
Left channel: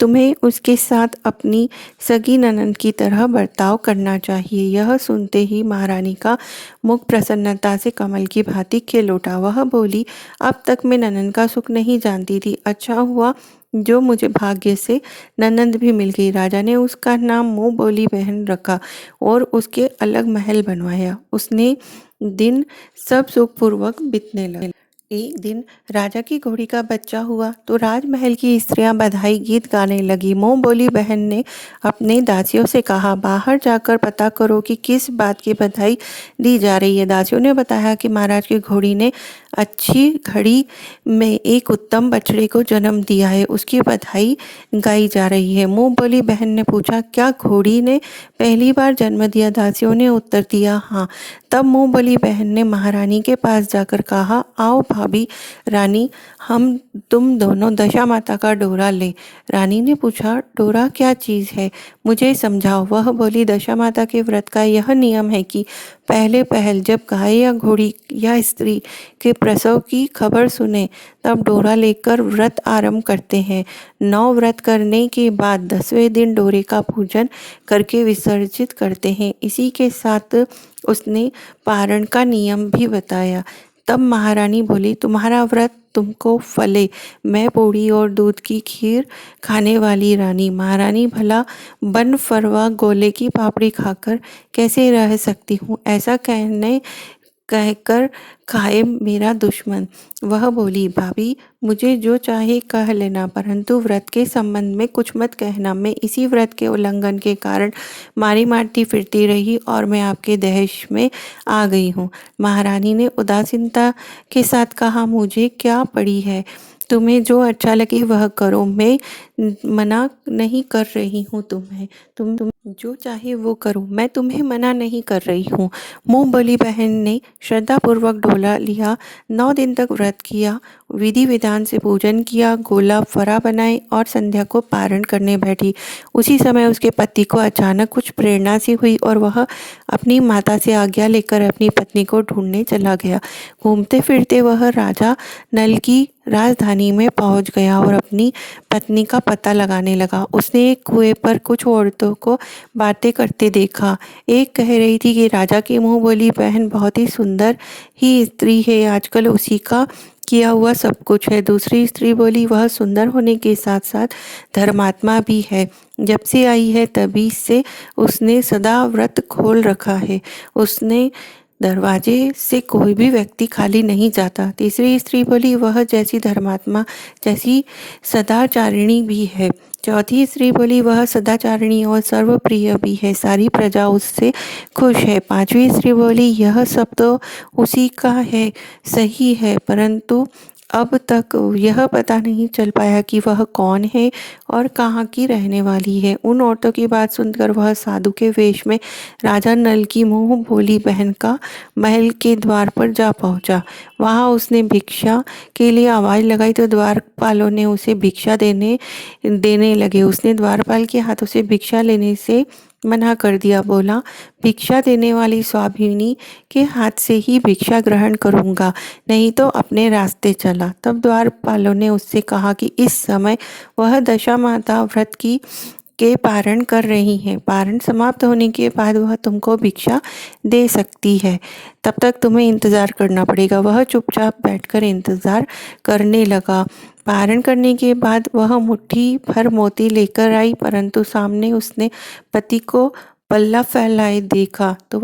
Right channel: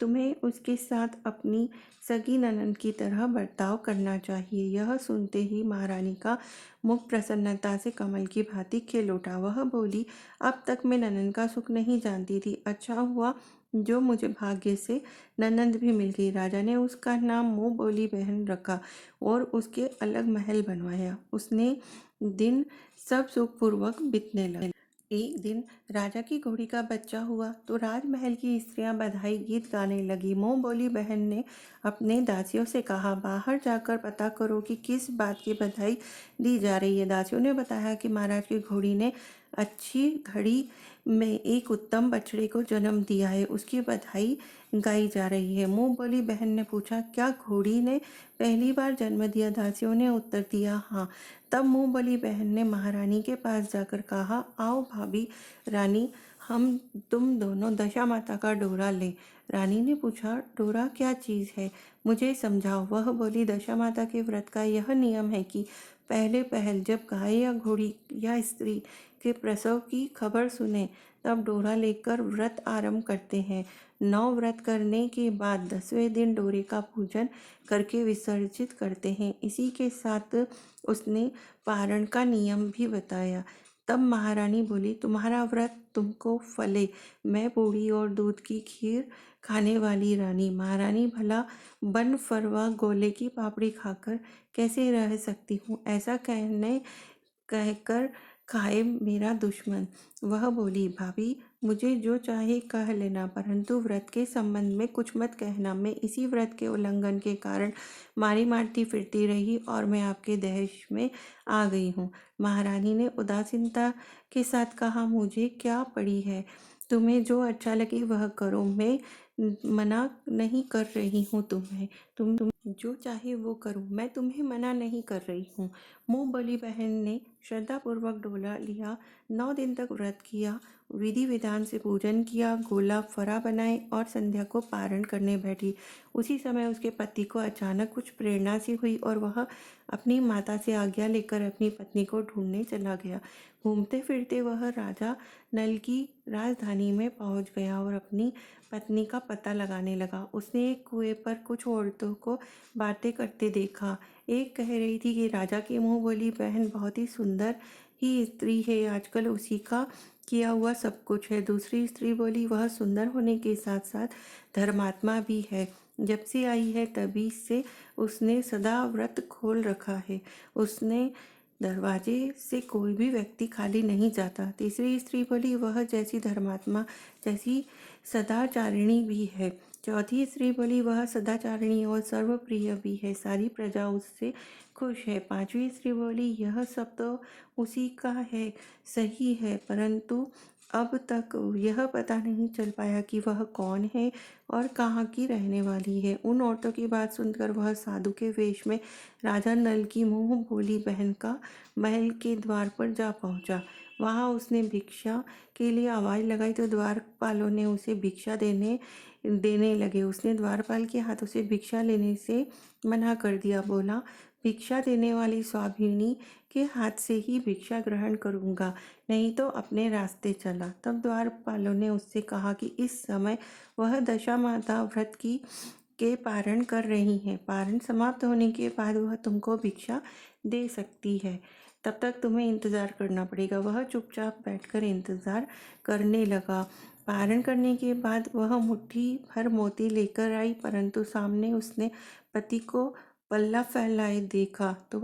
तुम्हें उसके साथ अपनी सगी ननंद की तरह बर्ताव करना चाहिए। यह सुनते ही महारानी का मुख प्रसन्नता से कमल की भांति खिल उठा। वह बोली, अब तक मैं ननंद का सुख नहीं जानती थी, अच्छा हुआ जो मुझे भाग्य से ननंद भी मिल गई। राजा ने उसका नाम मुँह बोली बहन रखा और उसके अलग महल बनवाया। उसने दिन सब सुखपूर्वक बीतने लगे। एक दिन राजा की घोड़ी का बच्चा हुआ तो राजमहल की स्त्रियां बधाई गीत गाने लगी। मुँह बोली बहन ने अपने दासियों से कहा, बाहर जाकर पता करो कि किस बात की बधाई दी जा रही है। दासियों ने बताया कि महाराज की घोड़ी ने अच्छी घड़ी में एक उत्तम बछड़े को जन्म दिया है, उसकी बधाई गाई जा रही है। मुँह बोली बहन ने पूछा, क्या घोड़ी ने पहली बार जन्म दिया? दासियों ने उत्तर दिया, हाँ। तब मुँह बोली बहन ने महारानी के पास जाकर कहा, आओ भाभी रानी, हम तुम दोनों दशा माता का डोरा ले। रानी ने पूछा, डोरा क्या चीज़ है, मुझे समझाओ। वह बोली, दशा माता के व्रत का यह नियम है कि पहले पहल जब गाय या घोड़ी या स्त्री के प्रसव की खबर सुने तब डोरा लेकर व्रत आरंभ करते हैं। 9 व्रत करने के बाद 10वें दिन डोरे का पूजन करके विसर्जित करते हैं। इसी के साथ उसने पारण का नियम भी बताया। तब महारानी बोली, तुम्हारा व्रत तुमको फले, मैं पूड़ी और दूध की खीर खाने वाली रानी। महारानी, भला बन फरवा गोले की पापड़ी खाकर कैसे रह सकती हूँ, ऐसा कहकर खाए मेरा दुश्मन। वह बोली, भाभी मुझे जो चाहे कह लेना, परंतु व्रत के संबंध में कुछ मत कहना। मैं इसी व्रत के उल्लंघन के कारण मारी मारती फिरती रही और मैं आपके दहेश में आ गई हूँ। महारानी ने उदासीनता के साथ कहा, मुझे क्या पड़ी है, तुम्हें जो अच्छा लगे वह करो, मैं मना नहीं कर रही हूँ तुम्हें। तुम जो चाहे वो करो, मैं तुम्हें मना नहीं कर रही हूँ। मुँह बोली बहन ने श्रद्धापूर्वक डोला लिया। 9 दिन तक व्रत किया, विधि विधान से पूजन किया, गोला फरा बनाए और संध्या को पारण करने बैठी। उसी समय उसके पति को अचानक कुछ प्रेरणा सी हुई और वह अपनी माता से आज्ञा लेकर अपनी पत्नी को ढूंढने चला गया। घूमते फिरते वह राजा नल की राजधानी में पहुंच गया और अपनी पत्नी का पता लगाने लगा। उसने एक कुएं पर कुछ औरतों को बातें करते देखा। एक कह रही थी कि राजा की मुंह बोली बहन बहुत ही सुंदर ही स्त्री है, आजकल उसी का किया हुआ सब कुछ है। दूसरी स्त्री बोली वह सुंदर होने के साथ साथ धर्मात्मा भी है, जब से आई है तभी से उसने सदा व्रत खोल रखा है, उसने दरवाजे से कोई भी व्यक्ति खाली नहीं जाता। तीसरी स्त्री बोली वह जैसी धर्मात्मा जैसी सदाचारिणी भी है। चौथी स्त्री बोली वह सदाचारिणी और सर्वप्रिय भी है, सारी प्रजा उससे खुश है। पांचवी स्त्री बोली यह सब तो उसी का है, सही है, परंतु अब तक यह पता नहीं चल पाया कि वह कौन है और कहाँ की रहने वाली है। उन औरतों की बात सुनकर वह साधु के वेश में राजा नल की मुंह बोली बहन का महल के द्वार पर जा पहुंचा। वहां उसने भिक्षा के लिए आवाज़ लगाई तो द्वारपालों ने उसे भिक्षा देने देने लगे। उसने द्वारपाल के हाथों से भिक्षा लेने से मना कर दिया। बोला भिक्षा देने वाली स्वाभिनी के हाथ से ही भिक्षा ग्रहण करूंगा, नहीं तो अपने रास्ते चला। तब द्वारपालों ने उससे कहा कि इस समय वह दशा माता व्रत की के पारण कर रही हैं, पारण समाप्त होने के बाद वह तुमको भिक्षा दे सकती है, तब तक तुम्हें इंतज़ार करना पड़ेगा। वह चुपचाप बैठकर इंतज़ार करने लगा। पारण करने के बाद वह मुट्ठी भर मोती लेकर आई, परंतु सामने उसने पति को पल्ला फैलाए देखा तो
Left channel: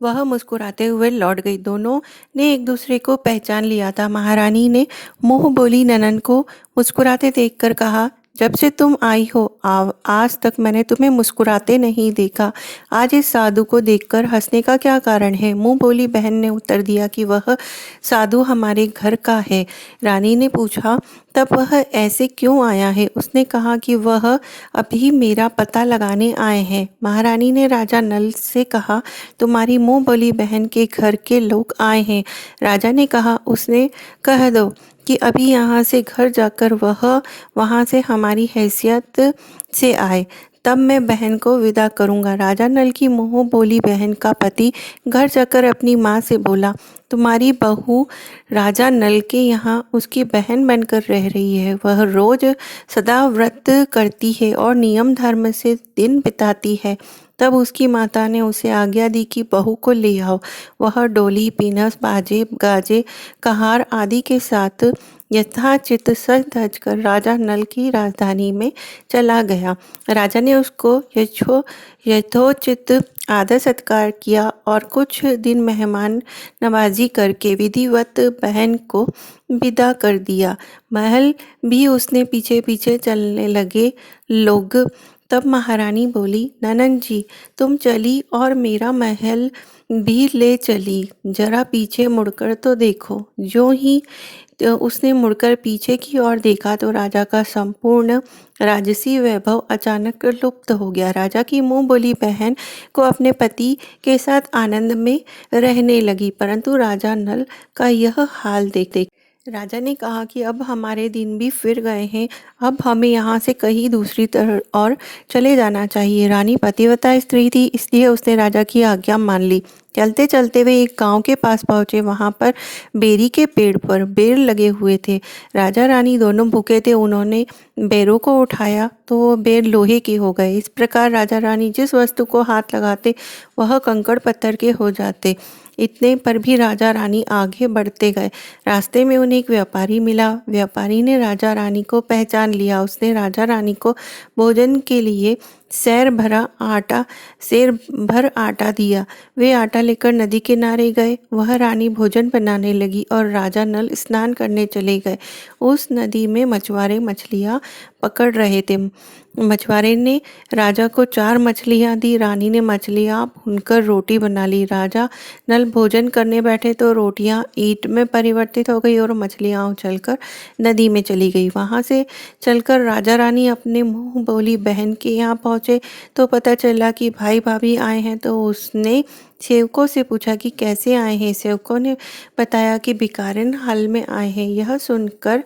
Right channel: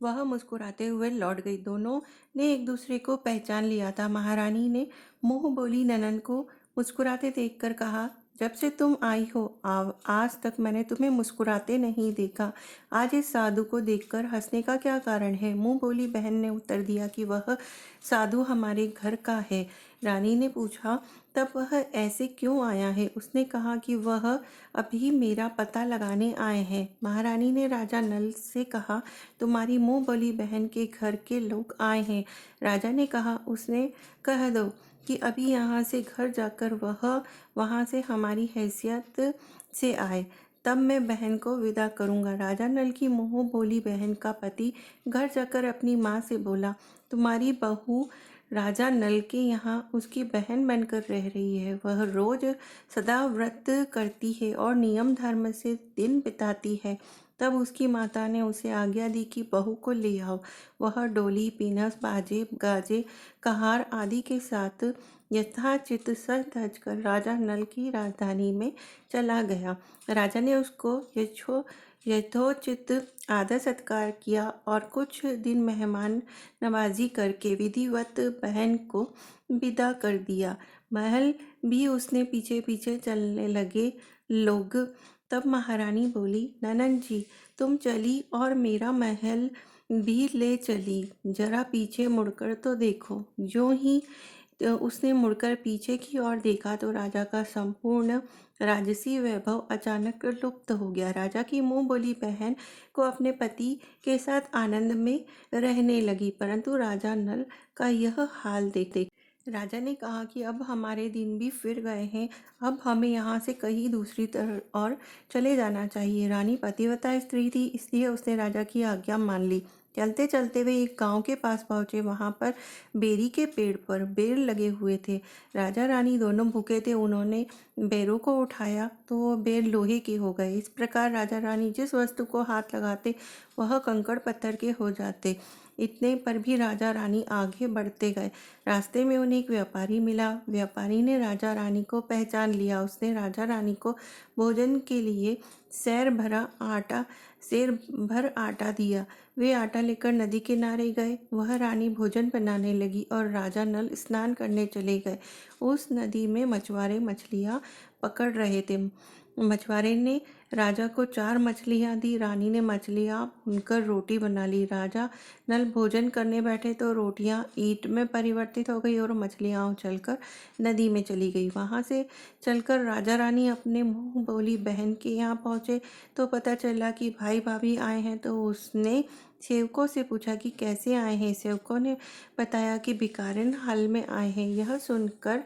वह मुस्कुराते हुए लौट गई। दोनों ने एक दूसरे को पहचान लिया था। महारानी ने मुंह बोली ननन को मुस्कुराते देखकर कहा जब से तुम आई हो आज तक मैंने तुम्हें मुस्कुराते नहीं देखा, आज इस साधु को देखकर हंसने का क्या कारण है। मुंह बोली बहन ने उत्तर दिया कि वह साधु हमारे घर का है। रानी ने पूछा तब वह ऐसे क्यों आया है। उसने कहा कि वह अभी मेरा पता लगाने आए हैं। महारानी ने राजा नल से कहा तुम्हारी मुंह बोली बहन के घर के लोग आए हैं। राजा ने कहा उसने कह दो कि अभी यहाँ से घर जाकर वह वहाँ से हमारी हैसियत से आए, तब मैं बहन को विदा करूँगा। राजा नल की मुँह बोली बहन का पति घर जाकर अपनी माँ से बोला तुम्हारी बहू राजा नल के यहाँ उसकी बहन बनकर रह रही है। वह रोज सदा व्रत करती है और नियम धर्म से दिन बिताती है। तब उसकी माता ने उसे आज्ञा दी कि बहू को ले आओ। वह डोली पीनस बाजे गाजे कहार आदि के साथ यथाचित सज धज कर राजा नल की राजधानी में चला गया। राजा ने उसको यथोचित आदर सत्कार किया और कुछ दिन मेहमान नवाजी करके विधिवत बहन को विदा कर दिया। महल भी उसने पीछे पीछे चलने लगे लोग। तब महारानी बोली ननन जी तुम चली और मेरा महल भी ले चली, जरा पीछे मुड़कर तो देखो। जो ही तो उसने मुड़कर पीछे की ओर देखा तो राजा का संपूर्ण राजसी वैभव अचानक लुप्त हो गया। राजा की मुंह बोली बहन को अपने पति के साथ आनंद में रहने लगी, परंतु राजा नल का यह हाल देख राजा ने कहा कि अब हमारे दिन भी फिर गए हैं, अब हमें यहाँ से कहीं दूसरी तरफ और चले जाना चाहिए। रानी पतिव्रता स्त्री थी, इसलिए उसने राजा की आज्ञा मान ली। चलते चलते वे एक गांव के पास पहुंचे। वहां पर बेरी के पेड़ पर बेर लगे हुए थे। राजा रानी दोनों भूखे थे। उन्होंने बेरों को उठाया तो वो बेर लोहे के हो गए। इस प्रकार राजा रानी जिस वस्तु को हाथ लगाते वह कंकड़ पत्थर के हो जाते। इतने पर भी राजा रानी आगे बढ़ते गए। रास्ते में उन्हें एक व्यापारी मिला। व्यापारी ने राजा रानी को पहचान लिया। उसने राजा रानी को भोजन के लिए सेर भर आटा दिया। वे आटा लेकर नदी किनारे गए। वह रानी भोजन बनाने लगी और राजा नल स्नान करने चले गए। उस नदी में मछुआरे मछलियाँ पकड़ रहे थे। मछुआरे ने राजा को 4 मछलियाँ दी। रानी ने मछलियाँ भूनकर रोटी बना ली। राजा नल भोजन करने बैठे तो रोटियाँ ईंट में परिवर्तित हो गई और मछलियाँ उछलकर नदी में चली गई। वहाँ से चलकर राजा रानी अपने मुँह बोली बहन के यहाँ पहुँचे तो पता चला कि भाई भाभी आए हैं। तो उसने सेवकों से पूछा कि कैसे आए हैं। सेवकों ने बताया कि भिखारिन हाल में आए हैं। यह सुनकर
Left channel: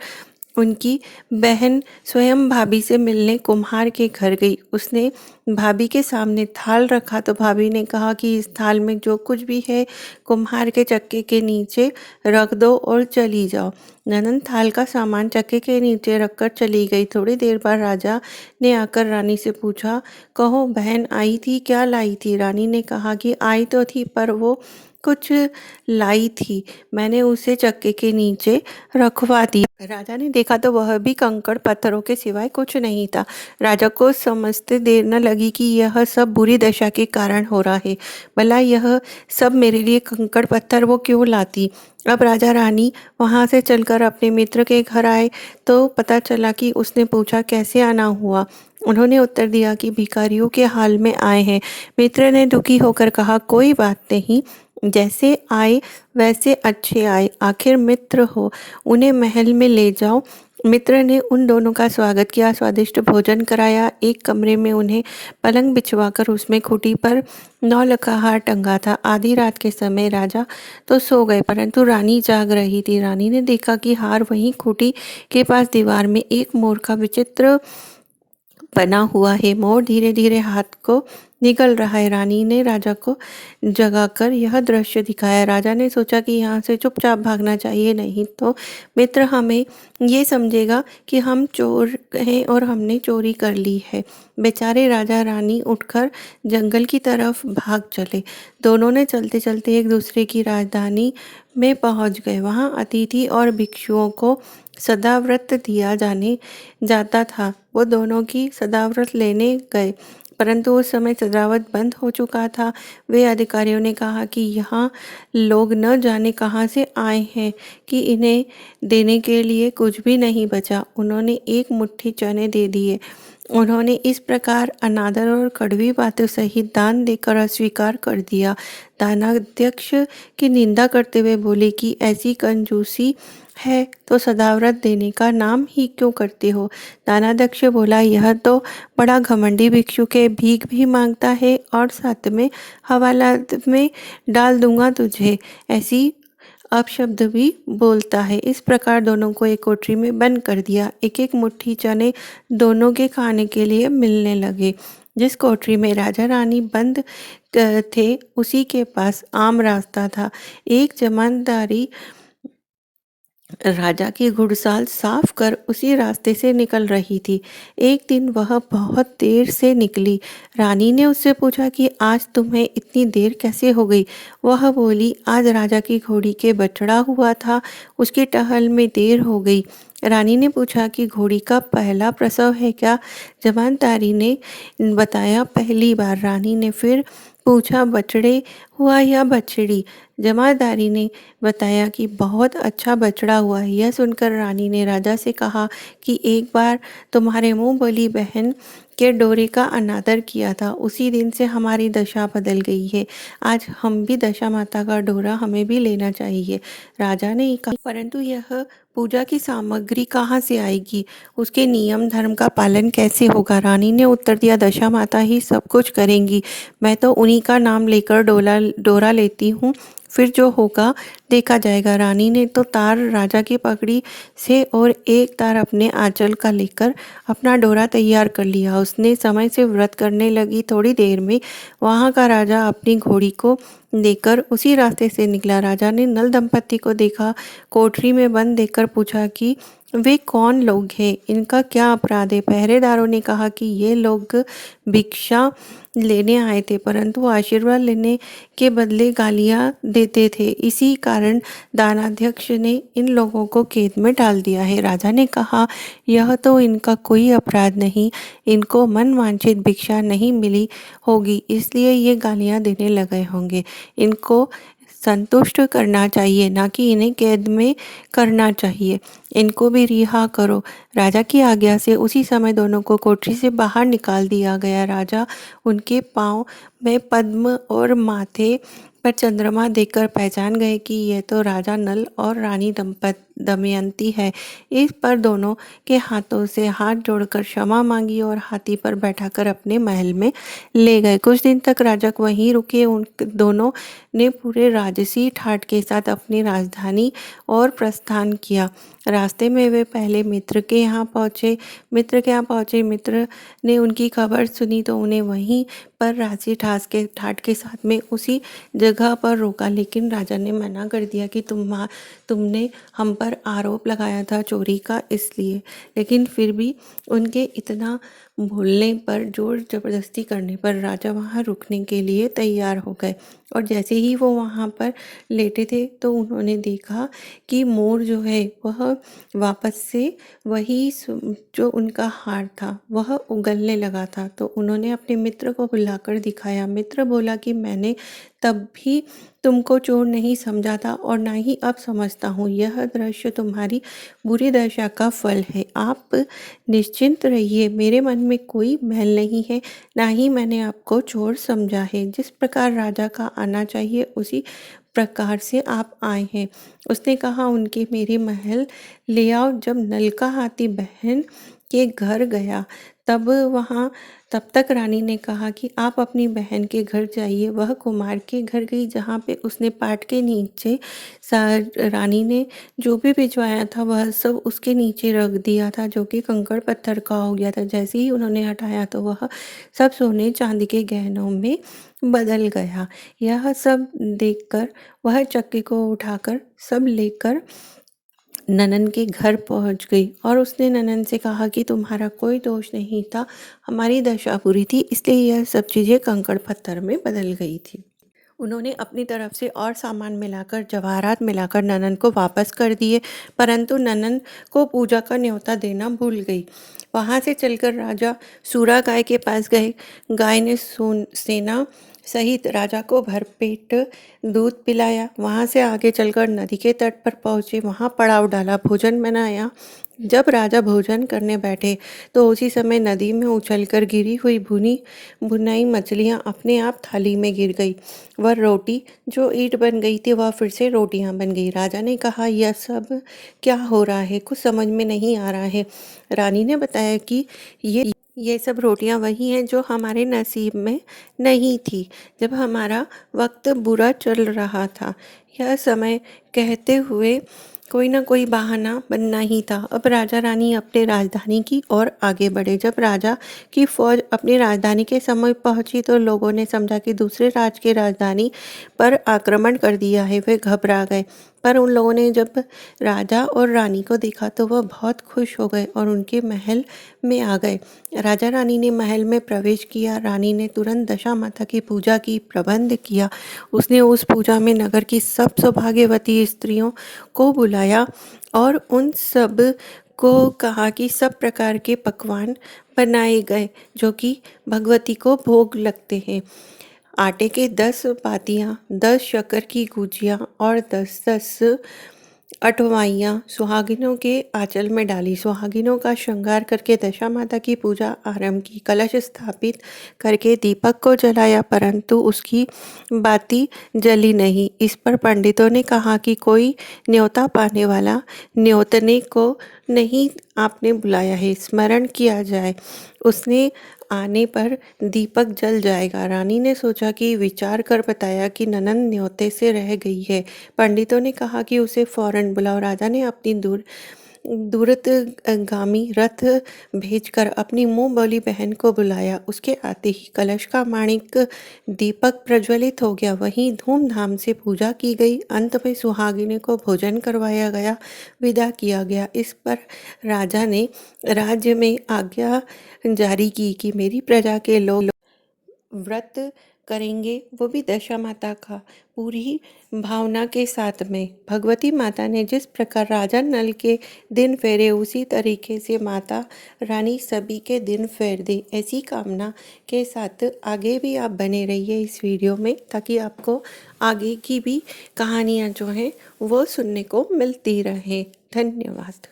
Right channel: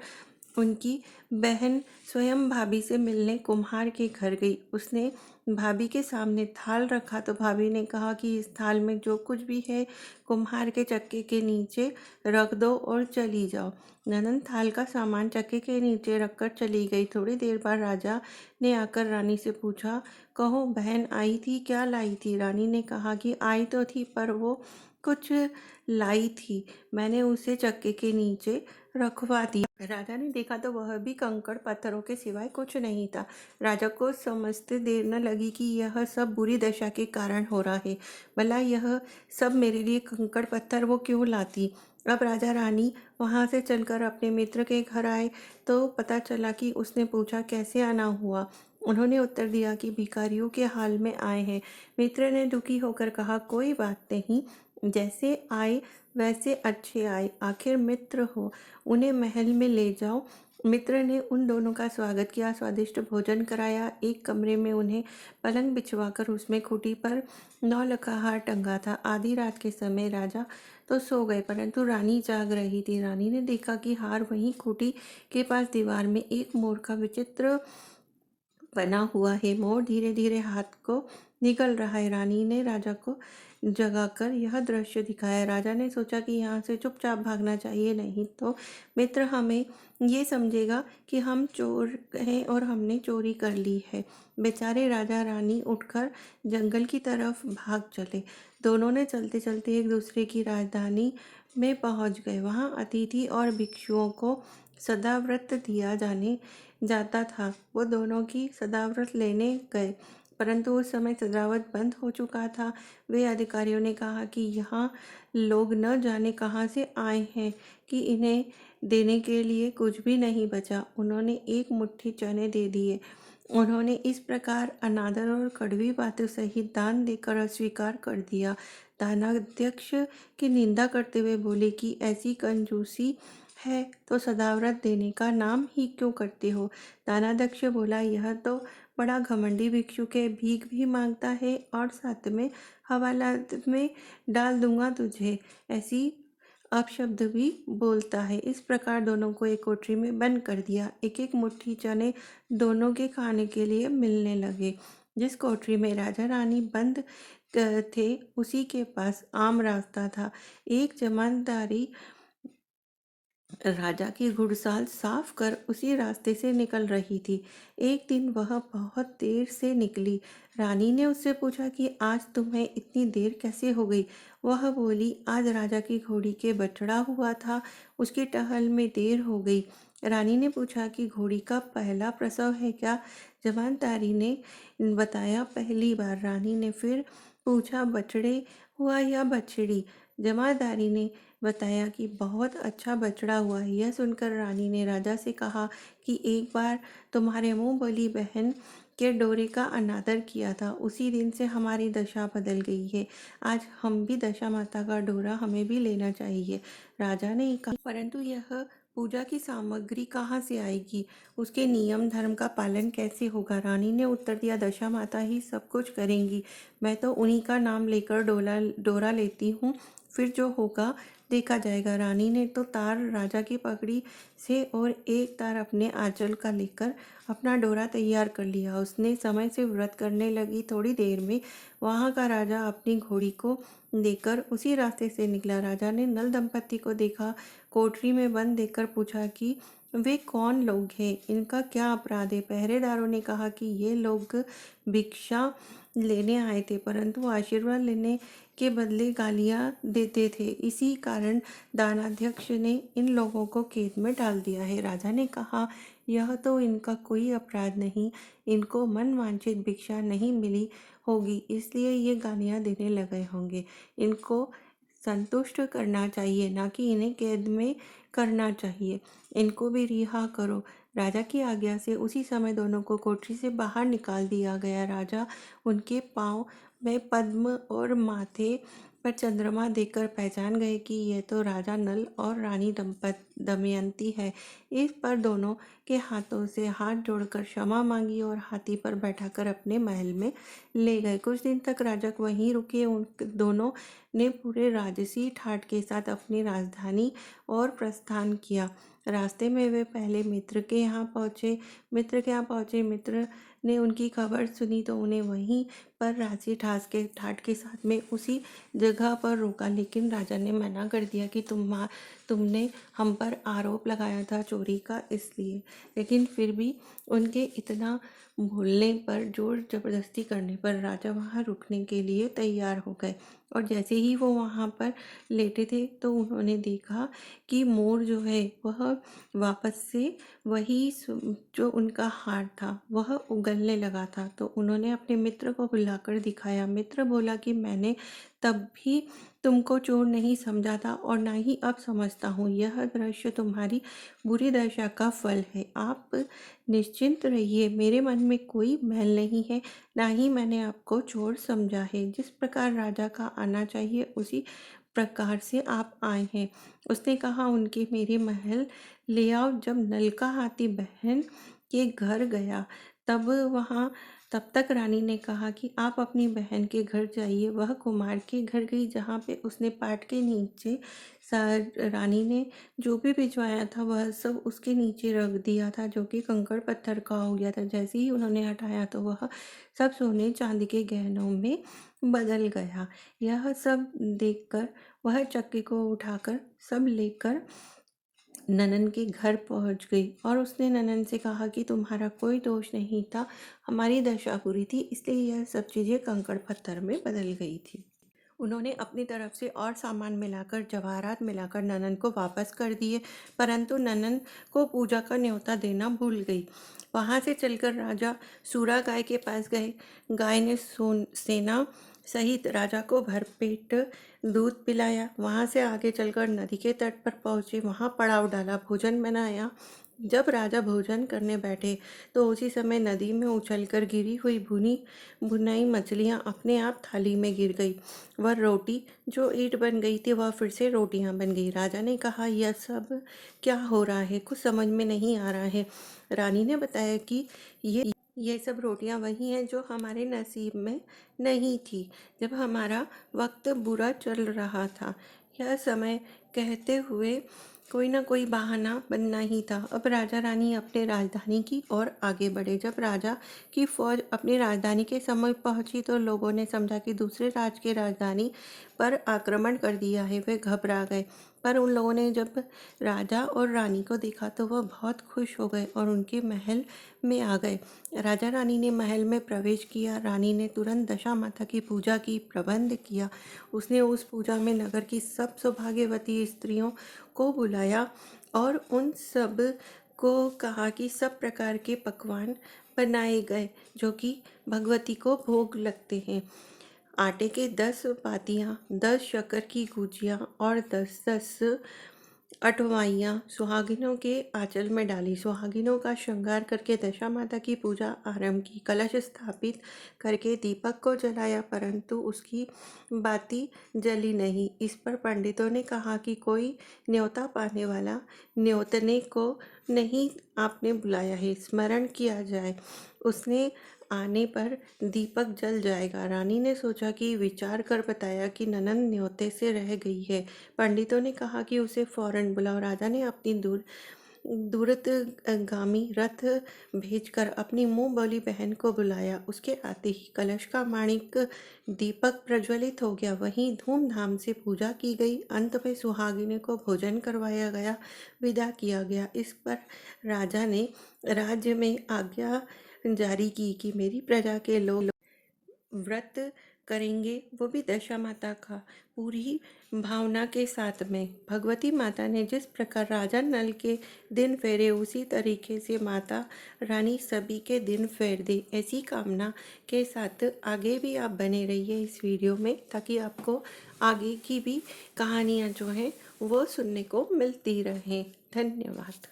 उनकी बहन स्वयं भाभी से मिलने कुम्हार के घर गई। उसने भाभी के सामने थाल रखा तो भाभी ने कहा कि इस थाल में जो कुछ भी है कुम्हार के चक्के के नीचे रख दो और चली जाओ। ननंद थाल का सामान चक्के के नीचे रखकर चली गई। थोड़ी देर बाद राजा ने आकर रानी से पूछा, कहो बहन आई थी, क्या लाई थी? रानी ने कहा कि आई तो थी पर वो कुछ लाई थी, मैंने उसे चक्के के नीचे रखवा दिया। राजा ने देखा तो वह भी कंकड़ पत्थरों के सिवाय कुछ नहीं था। राजा को समझते देर न लगी कि यह सब बुरी दशा के कारण हो रहा है। भला यह सब मेरे लिए कंकड़ पत्थर वो क्यों लाती? अब राजा रानी वहां से चलकर अपने मित्र के घर आए तो पता चला कि उसने पूछा कैसे आना हुआ। उन्होंने उत्तर दिया कि भिखारियों के हाल में आए हैं। मित्र ने दुखी होकर कहा, कोई बात नहीं, जैसे आए वैसे अच्छे आए, आखिर मित्र हो, उन्हें महल में ले जाओ। मित्र ने उन दोनों का स्वागत किया, स्वादिष्ट भोजन कराया। एक कमरे में उन्हें पलंग बिछवाकर उसमें खूंटी पर नौ का हार टंगा था। आधी रात के समय राजा तो सो गए परंतु रानी जाग रही थी। रानी ने देखा कि हार वहीं खूंटी के पास दीवार में एक मोर का विचित्र बना हुआ है। मोर धीरे धीरे हाथ को निकल रहा है। रानी ने राजा को जगाकर यह दृश्य दिखाया। राजा ने सोचा कि यहाँ से चुपचाप भागना चाहिए, नहीं तो मित्र हमें ये समझेगा कि हम चोर हैं और हमने चोरी कर ली है। बेचारे राजा रानी उठकर जंगल की तरफ भाग चले। दोनों ने चलते चलते एक दूसरे की राजधानी में पहुंच गए। वहां अतिथि और भिक्षुओं को सदाव्रत दिया जाने जाता था। वो दोनों की सदाव्रत लेने गए परंतु उस समय सदाव्रत बंद हो चुका था। वे अधिकारियों ने कहा कि यहाँ लोग न जाने कहाँ से आए हैं कि इन्हें देने के लिए कुछ भी नहीं बचा। उन्होंने एक मुट्ठी चने दे दिए। उन्होंने इस प्रकार अनादर और कड़वी बातों सहित दान देकर अस्वीकार कर दिया। दानाध्यक्ष की निंदा करते हुए बोले कि ऐसी कंजूसी है तो सदाव्रत देने का नाम ही क्यों करते हो? दानाध्यक्ष बोला, यह तो बड़ा घमंडी भिक्षुक है, भीख भी मांगता है और साथ में हवालात में डाल दूंगा तुझे ऐसी अपशब्द भी बोलता है। इस प्रकार दोनों को एक कोठरी में बंद कर दिया। एक एक मुट्ठी चने दोनों के खाने के लिए मिलने लगे। जिस कोठरी में राजा रानी बंद थे उसी के पास आम रास्ता था। एक जमानदारी राजा की घुड़साल साफ कर उसी रास्ते से निकल रही थी। एक दिन वह बहुत देर से निकली। रानी ने उससे पूछा कि आज तुम्हें इतनी देर कैसे हो गई? वह बोली, आज राजा की घोड़ी के बछड़ा हुआ था, उसकी टहल में देर हो गई। रानी ने पूछा कि घोड़ी का पहला प्रसव है क्या? जमानदारी ने बताया, पहली बार। रानी ने फिर पूछा, बछड़े हुआ या बछड़ी? जमादारी ने बताया कि बहुत अच्छा बछड़ा हुआ है। यह सुनकर रानी ने राजा से कहा कि एक बार तुम्हारे मुंह बोली बहन के डोरे का अनादर किया था, उसी दिन से हमारी दशा बदल गई है। आज हम भी दशा माता का डोरा हमें भी लेना चाहिए। राजा ने कहा, परंतु यह पूजा की सामग्री कहाँ से आएगी? उसके नियम धर्म का पालन कैसे होगा? रानी ने उत्तर दिया, दशा माता ही सब कुछ करेंगी, मैं तो उन्हीं का नाम लेकर डोरा लेती हूँ, फिर जो होगा देखा जाएगा। रानी ने तो तार राजा की पगड़ी से और एक तार अपने आंचल का लेकर अपना डोरा तैयार कर लिया। उसने समय से व्रत करने लगी। थोड़ी देर में वहाँ का राजा अपनी घोड़ी को लेकर उसी रास्ते से निकला। राजा ने नल दंपत्ति को देखा, कोठरी में बंद देखकर पूछा कि वे कौन लोग हैं, इनका क्या अपराध है? पहरेदारों ने कहा कि ये लोग भिक्षा लेने आए थे परंतु आशीर्वाद लेने के बदले गालियां देते थे, इसी कारण दानाध्यक्ष ने इन लोगों को कैद में डाल दिया है। राजा ने कहा, यह तो इनका कोई अपराध नहीं, इनको मन वांछित भिक्षा नहीं मिली होगी इसलिए ये गालियां देने लगे होंगे। इनको संतुष्ट करना चाहिए, ना कि इन्हें कैद में करना चाहिए। इनको भी रिहा करो। राजा की आज्ञा से उसी समय दोनों को कोठरी से बाहर निकाल दिया गया। राजा उनके पाँव में पद्म और माथे पर चंद्रमा देखकर पहचान गए कि यह तो राजा नल और रानी दमयंती है। इस पर दोनों के हाथों से हाथ जोड़कर क्षमा मांगी और हाथी पर बैठाकर अपने महल में ले गए। कुछ दिन तक राजा वहीं रुके। उन दोनों ने पूरे राजसी ठाट के साथ अपनी राजधानी और प्रस्थान किया। रास्ते में वे पहले मित्र के यहाँ पहुँचे। मित्र ने उनकी खबर सुनी तो उन्हें वहीं पर राजसी ठाट के साथ में उसी जगह पर रोका, लेकिन राजा ने मना कर दिया कि तुमने हम पर आरोप लगाया था चोरी का, इसलिए। लेकिन फिर भी उनके इतना बोलने पर, जोर जबरदस्ती करने पर राजा वहाँ रुकने के लिए तैयार हो गए। और जैसे ही वो वहाँ पर लेटे थे तो उन्होंने देखा कि मोर जो है वह वापस से वही जो उनका हार था वह उगलने लगा था। तो उन्होंने अपने मित्र को बुलाकर दिखाया। मित्र बोला कि मैंने तब भी तुमको चोर नहीं समझा था और ना ही अब समझता हूँ। यह दृश्य तुम्हारी बुरी दशा का फल है। आप निश्चिंत रहिए, मेरे मन में कोई मैल नहीं है, ना ही मैंने आपको चोर समझा है। जिस प्रकार राजा का आना चाहिए उसी प्रकार से आप आए हैं। उसने कहा, उनके मेरे महल ले आओ। जब नल का हाथी बहन के घर गया तब तक रानी ने कहा कि आप अपनी बहन के घर जाइए। वह कुमार के घर गई, जहाँ पे उसने पाट के नीचे रानी ने जो भी भिजवाया था वह सब उसके नीचे रख दिया था, जो कि कंकड़ पत्थर का हो गया था। जैसे ही उन्होंने हटाया तो वह सब सोने चांदी के गहनों में बदल गया। यह सब देखकर वह चक्की को उठाकर सब लेकर ननन के घर पहुंच गई और उसने ननन से कहा कि तुम्हारा कोई दोष नहीं था, हमारी दशा बुरी थी, इसलिए यह सब चीज़ें कंकड़ पत्थर में बदल गई थी। उन्होंने अपनी तरफ से और सामान मिलाकर, जवाहरात मिलाकर ननन को वापस कर दिए, परंतु ननन को पूजा का न्योता देना भूल गई। वहाँ से चलकर राजा सूरा गाय के पास गए। गाय ने सेना सहित राजा को भरपेट दूध पिलाया। वहाँ से आगे चलकर नदी के तट पर पहुँचे, वहाँ पड़ाव डाला, भोजन बनाया। जब राजा भोजन करने बैठे तो उसी समय नदी में उछलकर गिरी हुई भुनाई मछलियाँ अपने आप थाली में गिर गई। वह रोटी जो ईंट बन गई थी वह फिर से रोटियां बन गई। राजा ने कहा, यह सब क्या हो रहा है, कुछ समझ में नहीं आ रहा है। रानी ने बताया कि ये सब रोटियां वही हैं जो हमारे नसीब में नहीं थी जब हमारा वक्त बुरा चल रहा था। यह समय कहते हुए कोई ना कोई बहाना बनना ही था। अब राजा रानी अपने राजधानी की ओर आगे बढ़े। जब राजा की फौज अपनी राजधानी के समीप पहुंची तो लोगों ने समझा कि दूसरे राज की राजधानी पर आक्रमण कर दिया है। वे घबरा गए, पर उन लोगों ने जब राजा और रानी को देखा तो वह बहुत खुश हो गए और उनके महल में आ गए। राजा रानी ने महल में प्रवेश किया। रानी ने तुरंत दशा माता की पूजा की प्रबंध किया। उसने उस पूजा में नगर की सब सौभाग्यवती स्त्रियों को बुलाया और उन सब को कहा कि सब प्रकार के पकवान बनाए गए जो कि भगवती को भोग लगते हैं। आटे के 10 पातियाँ, 10 शक्कर की गुजिया और 10-10 अठवाइयाँ सुहागिनों के आंचल में डाली। सुहागिनों का श्रृंगार करके दशा माता की पूजा आरंभ की। कलश स्थापित करके दीपक को जलाया, परंतु उसकी बाती जली नहीं। इस पर पंडितों ने कहा कि कोई न्योता पाने वाला न्योतने को नहीं आपने बुलाया है, स्मरण किया जाए, उसने आने पर दीपक जल जाएगा। रानी ने सोचा कि विचार कर बताया कि ननन न्योते से रह गई है। पंडितों ने कहा कि उसे फौरन बुलाओ। राजा ने अपनी दूरगामी रथ भेजकर अपनी मुंह बोली बहन को बुलाया। उसके आते ही कलश का माणिक दीपक प्रज्वलित हो गया। वहीं धूमधाम से पूजा की गई। अंत में सुहागिनी को भोजन करवाया गया, विदा किया गया। इस पर राजा ने राज्य में आज्ञा जारी की कि मेरी प्रजा के लोग व्रत करेंगे, वो भी दशा माता का पूरी भावना के साथ में। भगवती माता ने जिस प्रकार राजा नल के दिन फेरे, उसी तरीके से माता रानी सभी के दिन फेर दे, ऐसी कामना के साथ आगे भी आप बने रहिए इस वीडियो में, ताकि आपको आगे की भी कहानियाँ जो हैं वो सुनने को मिलती रहे। धन्यवाद।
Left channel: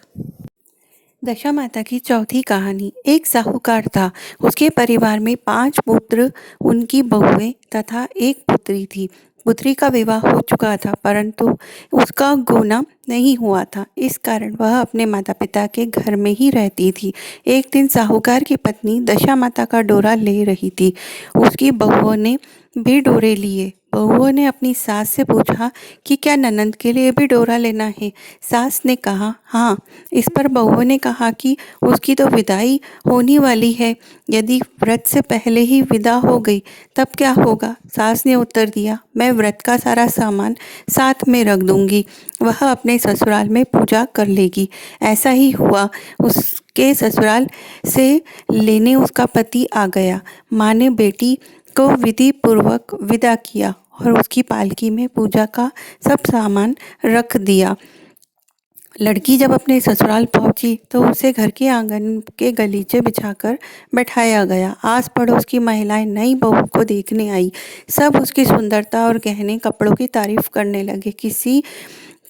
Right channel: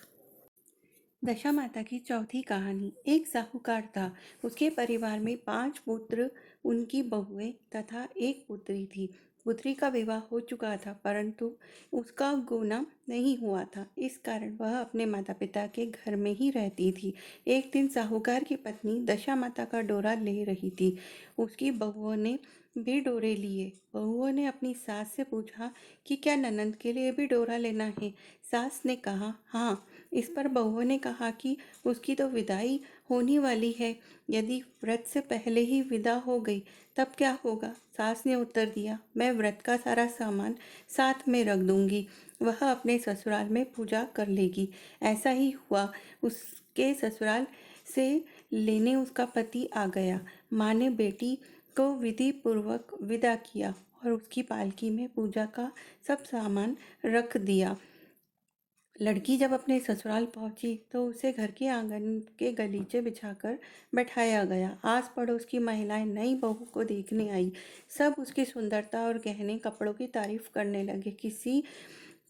दशा माता की चौथी कहानी। एक साहूकार था। उसके परिवार में 5 पुत्र, उनकी बहुएं तथा एक पुत्री थी। पुत्री का विवाह हो चुका था, परंतु उसका गोना नहीं हुआ था। इस कारण वह अपने माता पिता के घर में ही रहती थी। एक दिन साहूकार की पत्नी दशा माता का डोरा ले रही थी। उसकी बहुओं ने भी डोरे लिए। बहुओं ने अपनी सास से पूछा कि क्या ननंद के लिए भी डोरा लेना है। सास ने कहा हाँ। इस पर बहुओं ने कहा कि उसकी तो विदाई होने वाली है, यदि व्रत से पहले ही विदा हो गई तब क्या होगा। सास ने उत्तर दिया, मैं व्रत का सारा सामान साथ में रख दूंगी, वह अपने ससुराल में पूजा कर लेगी। ऐसा ही हुआ। उसके ससुराल से लेने उसका पति आ गया। माँ ने बेटी को विधि पूर्वक विदा किया और उसकी पालकी में पूजा का सब सामान रख दिया। लड़की जब अपने ससुराल पहुंची तो उसे घर के आंगन के गलीचे बिछाकर बैठाया गया। आस पड़ोस की महिलाएं नई बहू को देखने आई। सब उसकी सुंदरता और गहने कपड़ों की तारीफ करने लगे। किसी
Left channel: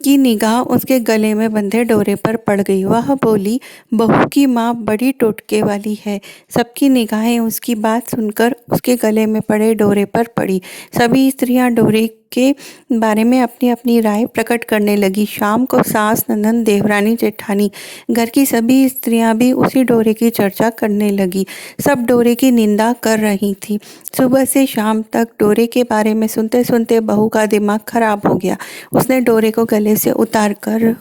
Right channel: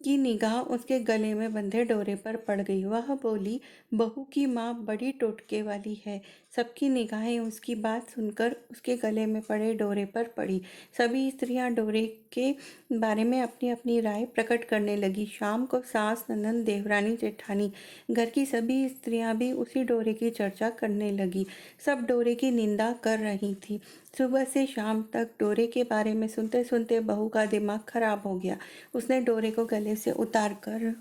की निगाह उसके गले में बंधे डोरे पर पड़ गई। वह बोली, बहू की माँ बड़ी टोटके वाली है। सबकी निगाहें उसकी बात सुनकर उसके गले में पड़े डोरे पर पड़ी। सभी स्त्रियां डोरे के बारे में अपनी अपनी राय प्रकट करने लगी। शाम को सास, ननंद, देवरानी, जेठानी, घर की सभी स्त्रियां भी उसी डोरे की चर्चा करने लगी। सब डोरे की निंदा कर रही थी। सुबह से शाम तक डोरे के बारे में सुनते सुनते बहू का दिमाग खराब हो गया। उसने डोरे को गले से उतारकर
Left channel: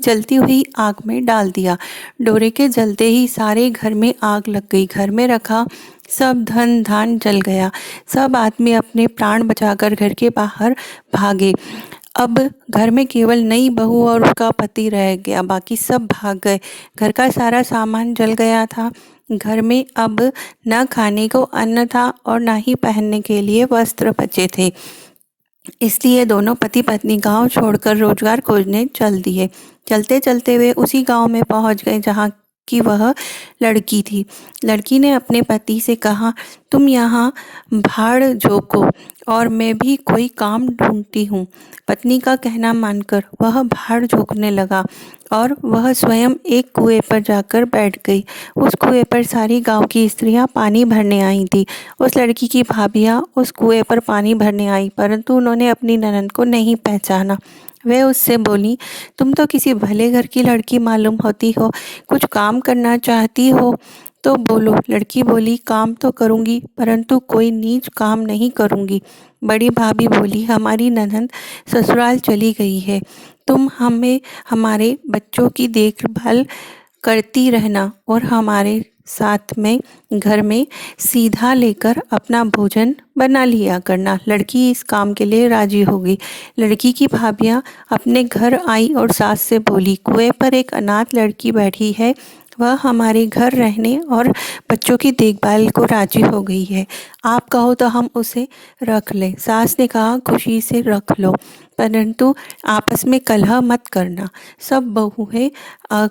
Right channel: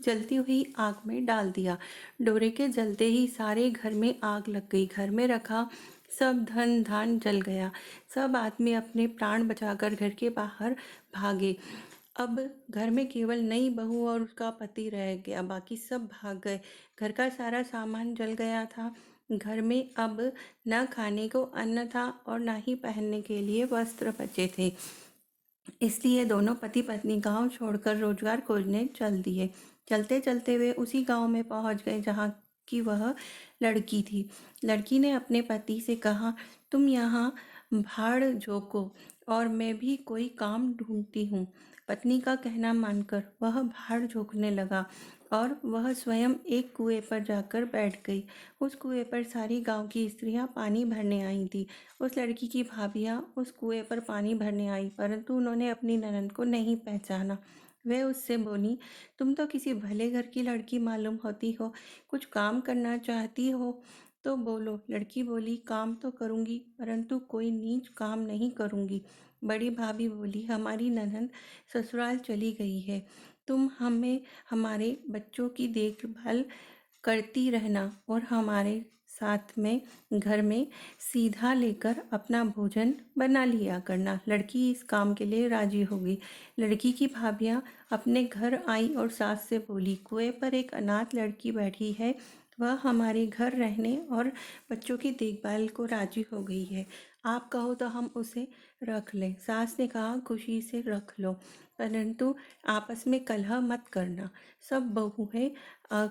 जलती हुई आग में डाल दिया। डोरे के जलते ही सारे घर में आग लग गई। घर में रखा सब धन धान जल गया। सब आदमी अपने प्राण बचाकर घर के बाहर भागे। अब घर में केवल नई बहू और उसका पति रह गया, बाकी सब भाग गए। घर का सारा सामान जल गया था। घर में अब न खाने को अन्न था और न ही पहनने के लिए वस्त्र बचे थे। इसलिए दोनों पति पत्नी गांव छोड़कर रोजगार खोजने चल दिए। चलते चलते वे उसी गांव में पहुंच गए जहां की वह लड़की थी। लड़की ने अपने पति से कहा, तुम यहाँ भाड़ झोंको और मैं भी कोई काम ढूंढती हूँ। पत्नी का कहना मानकर वह भाड़ झोंकने लगा और वह स्वयं एक कुएं पर जाकर बैठ गई। उस कुएं पर सारी गांव की स्त्रियां पानी भरने आई थी। उस लड़की की भाभियां उस कुएं पर पानी भरने आई, परंतु उन्होंने अपनी ननद को नहीं पहचाना। वे उससे बोली, तुम तो किसी भले घर की लड़की मालूम होती हो, कुछ काम करना चाहती हो तो बोलो। लड़की बोली, काम तो करूँगी, परंतु कोई नीच काम नहीं करूँगी। बड़ी भाभी बोली, हमारी ननद ससुराल चली गई है, तुम हमें हमारे बच्चों की देखभाल करती रहना और हमारे साथ में घर में सीधा लेकर अपना भोजन बना लिया करना। लड़की इस काम के लिए राजी हो गई। लड़की की भाभियाँ अपने घर आई और सास से बोली, कुएं पर एक अनाथ लड़की बैठी है, वह हमारे घर रहने और बच्चों की देखभाल को राजी हो गई है। आप कहो तो हम उसे रख लें। सास ने कहा, खुशी से रख लो, परंतु आपस में कलह मत करना। सब बहुएं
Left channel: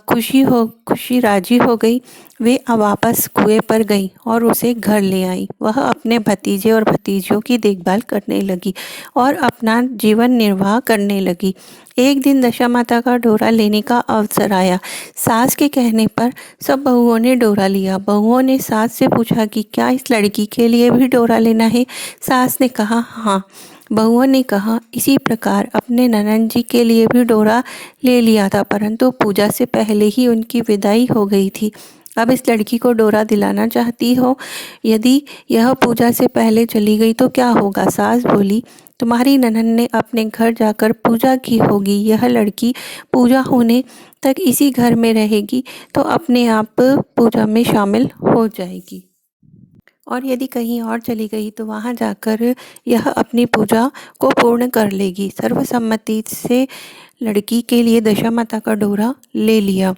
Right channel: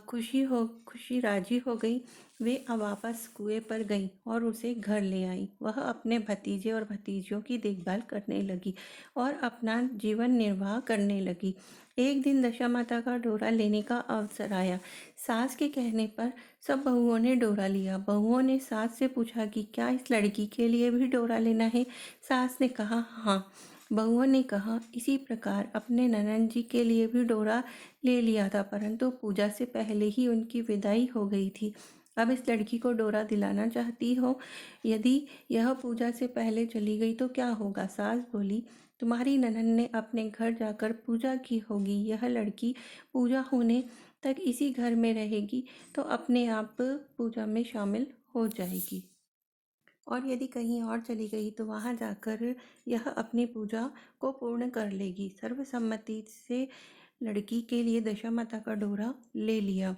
खुशी राजी हो गई। वे वापस कुएं पर गई और उसे घर ले आई। वह अपने भतीजे और भतीजियों की देखभाल करने लगी और अपना जीवन निर्वाह करने लगी। एक दिन दशा माता का डोरा लेने का अवसर आया। सास के कहने पर सब बहुओं ने डोरा लिया। बहुओं ने सास से पूछा कि क्या इस लड़की के लिए भी डोरा लेना है। सास ने कहा हाँ। बहुओं ने कहा, इसी प्रकार अपने ननंद जी के लिए भी डोरा ले लिया था, परंतु पूजा से पहले ही उनकी विदाई हो गई थी। अब इस लड़की को डोरा दिलाना चाहती हो, यदि यह पूजा से पहले चली गई तो क्या होगा। सास बोली, तुम्हारी ननंद ने अपने घर जाकर पूजा की होगी, यह लड़की पूजा होने तक इसी घर में रहेगी तो अपने आप पूजा में शामिल हो जाएगी, और यदि कहीं और चली गई तो वहाँ जाकर यह अपनी पूजा को पूर्ण कर लेगी। सर्वसम्मति से लड़की के लिए दशा माता का डोरा ले लिया।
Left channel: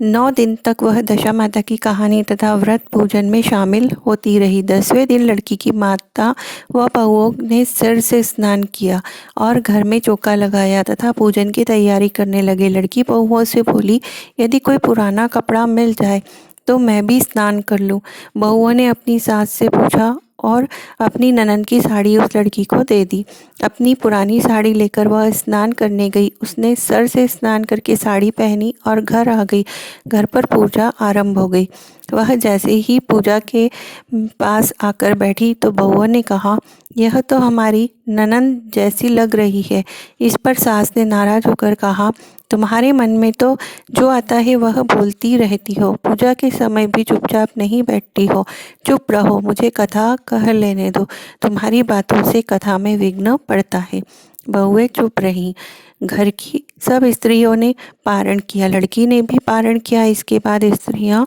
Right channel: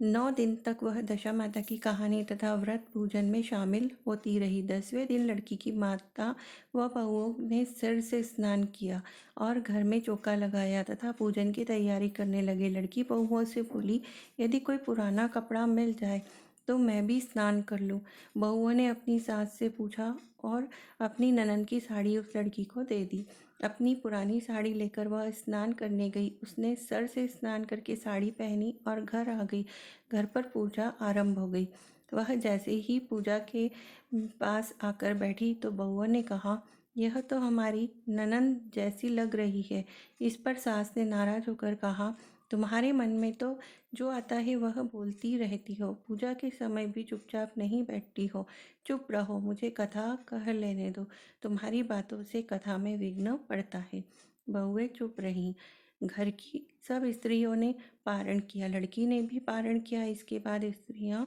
9 दिन तक वह दशा माता की कहानी तथा व्रत पूजन में शामिल होती रही। 10वें दिन लड़की की माता व बहुओं ने सिर से स्नान किया और घर में चौका लगाया तथा पूजन की तैयारी करने लगे। लड़की बहुओं से बोली, यदि कोई पुराना कपड़ा मिल जाए तो मैं भी स्नान कर लूं। बहुओं ने अपनी सास से पूछा और अपनी ननद की साड़ी उस लड़की को दे दी। अपनी पुरानी साड़ी लेकर वह स्नान करने गई। उसने सर से स्नान करके साड़ी पहनी और घर आ गई। घर पर पूजा आरंभ हो गई। वह जैसे ही पूजा के पास आकर बैठी तो बहुओं ने कहा, यह तो हमारी ननद जैसी लग रही है। इस पर सास ने नाराज होकर कहा, तुम्हारे मन में तो जो आता है वह बोलती रहती हो। पूजा के समय भी चुपचाप नहीं बैठती हो। चुप रहो, मुझे कथा कह लेने दो। तुम्हारी बातों से कथा में विघ्न पड़ता है। बहुएं चुप रहीं। घर की सब स्त्रियों ने पारण किया। लड़की ने भी पारण किया। इसके बाद स्त्रियां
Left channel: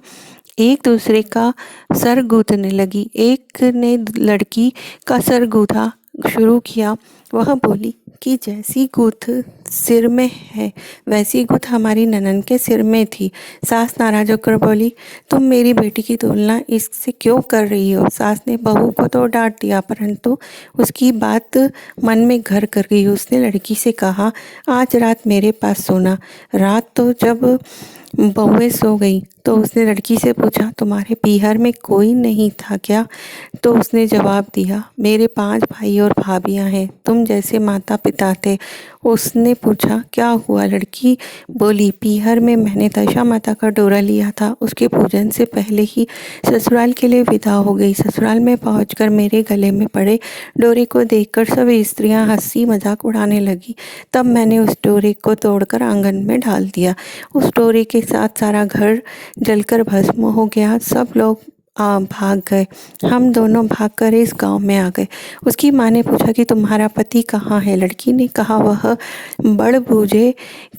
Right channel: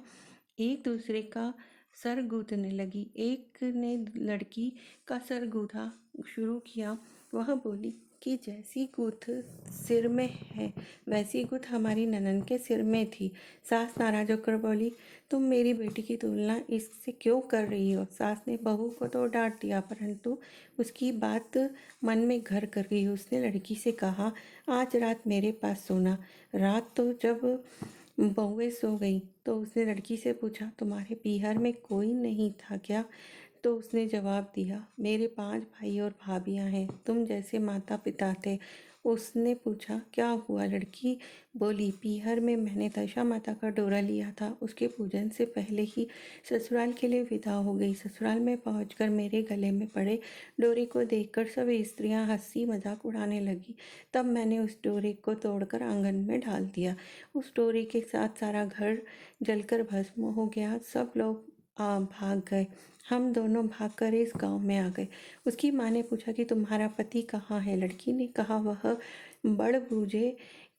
एक दूसरे का सर गूंथने लगी। एक ने लड़की का सर गूंथा शुरू किया। वह बोली कि जैसी गूंथ सिर में है वैसी गूंथ हमारी ननद के सिर में थी। सास नाराज होकर बोली, तुम मेरी बेटी की तुलना इससे क्यों कर रही हो। सास ने बहू को तो डांट दिया परंतु उसकी बात मन में घर कर गई। उसने लड़की से कहा, आज रात मेरे पास सोना। रात तो जब बहुएं सो गई तो उसने लड़की से पूछा, तुम्हारे पीहर में कोई नहीं था क्या। तो उसने जवाब दिया, मेरे 5 भाई और भाभियां हैं, तुम जैसे माता पिता थे। उसने पूछा, क्या हुआ। लड़की बोली, पीहर में मैंने दशा माता का डोरा लिया था। उसके पूजन से पहले ही ससुराल के लिए विदा हो गई। ससुराल में पहुंचकर मेरे गले में पड़े डोरे को देखकर सब स्त्रियां हंसी मजाक उड़ाने लगी। तब मैंने उस डोरे को तोड़कर आंगन में डाल दिया। उस डोरे के साथ सारा घर जलकर भस्म हो गया। सब लोग भाग गए। हम दोनों भागकर इस गांव में आ गए। उसकी माँ ने पूछा कि तुम्हारा पति कहाँ है। लड़की ने कहा, वह बड़ बूझे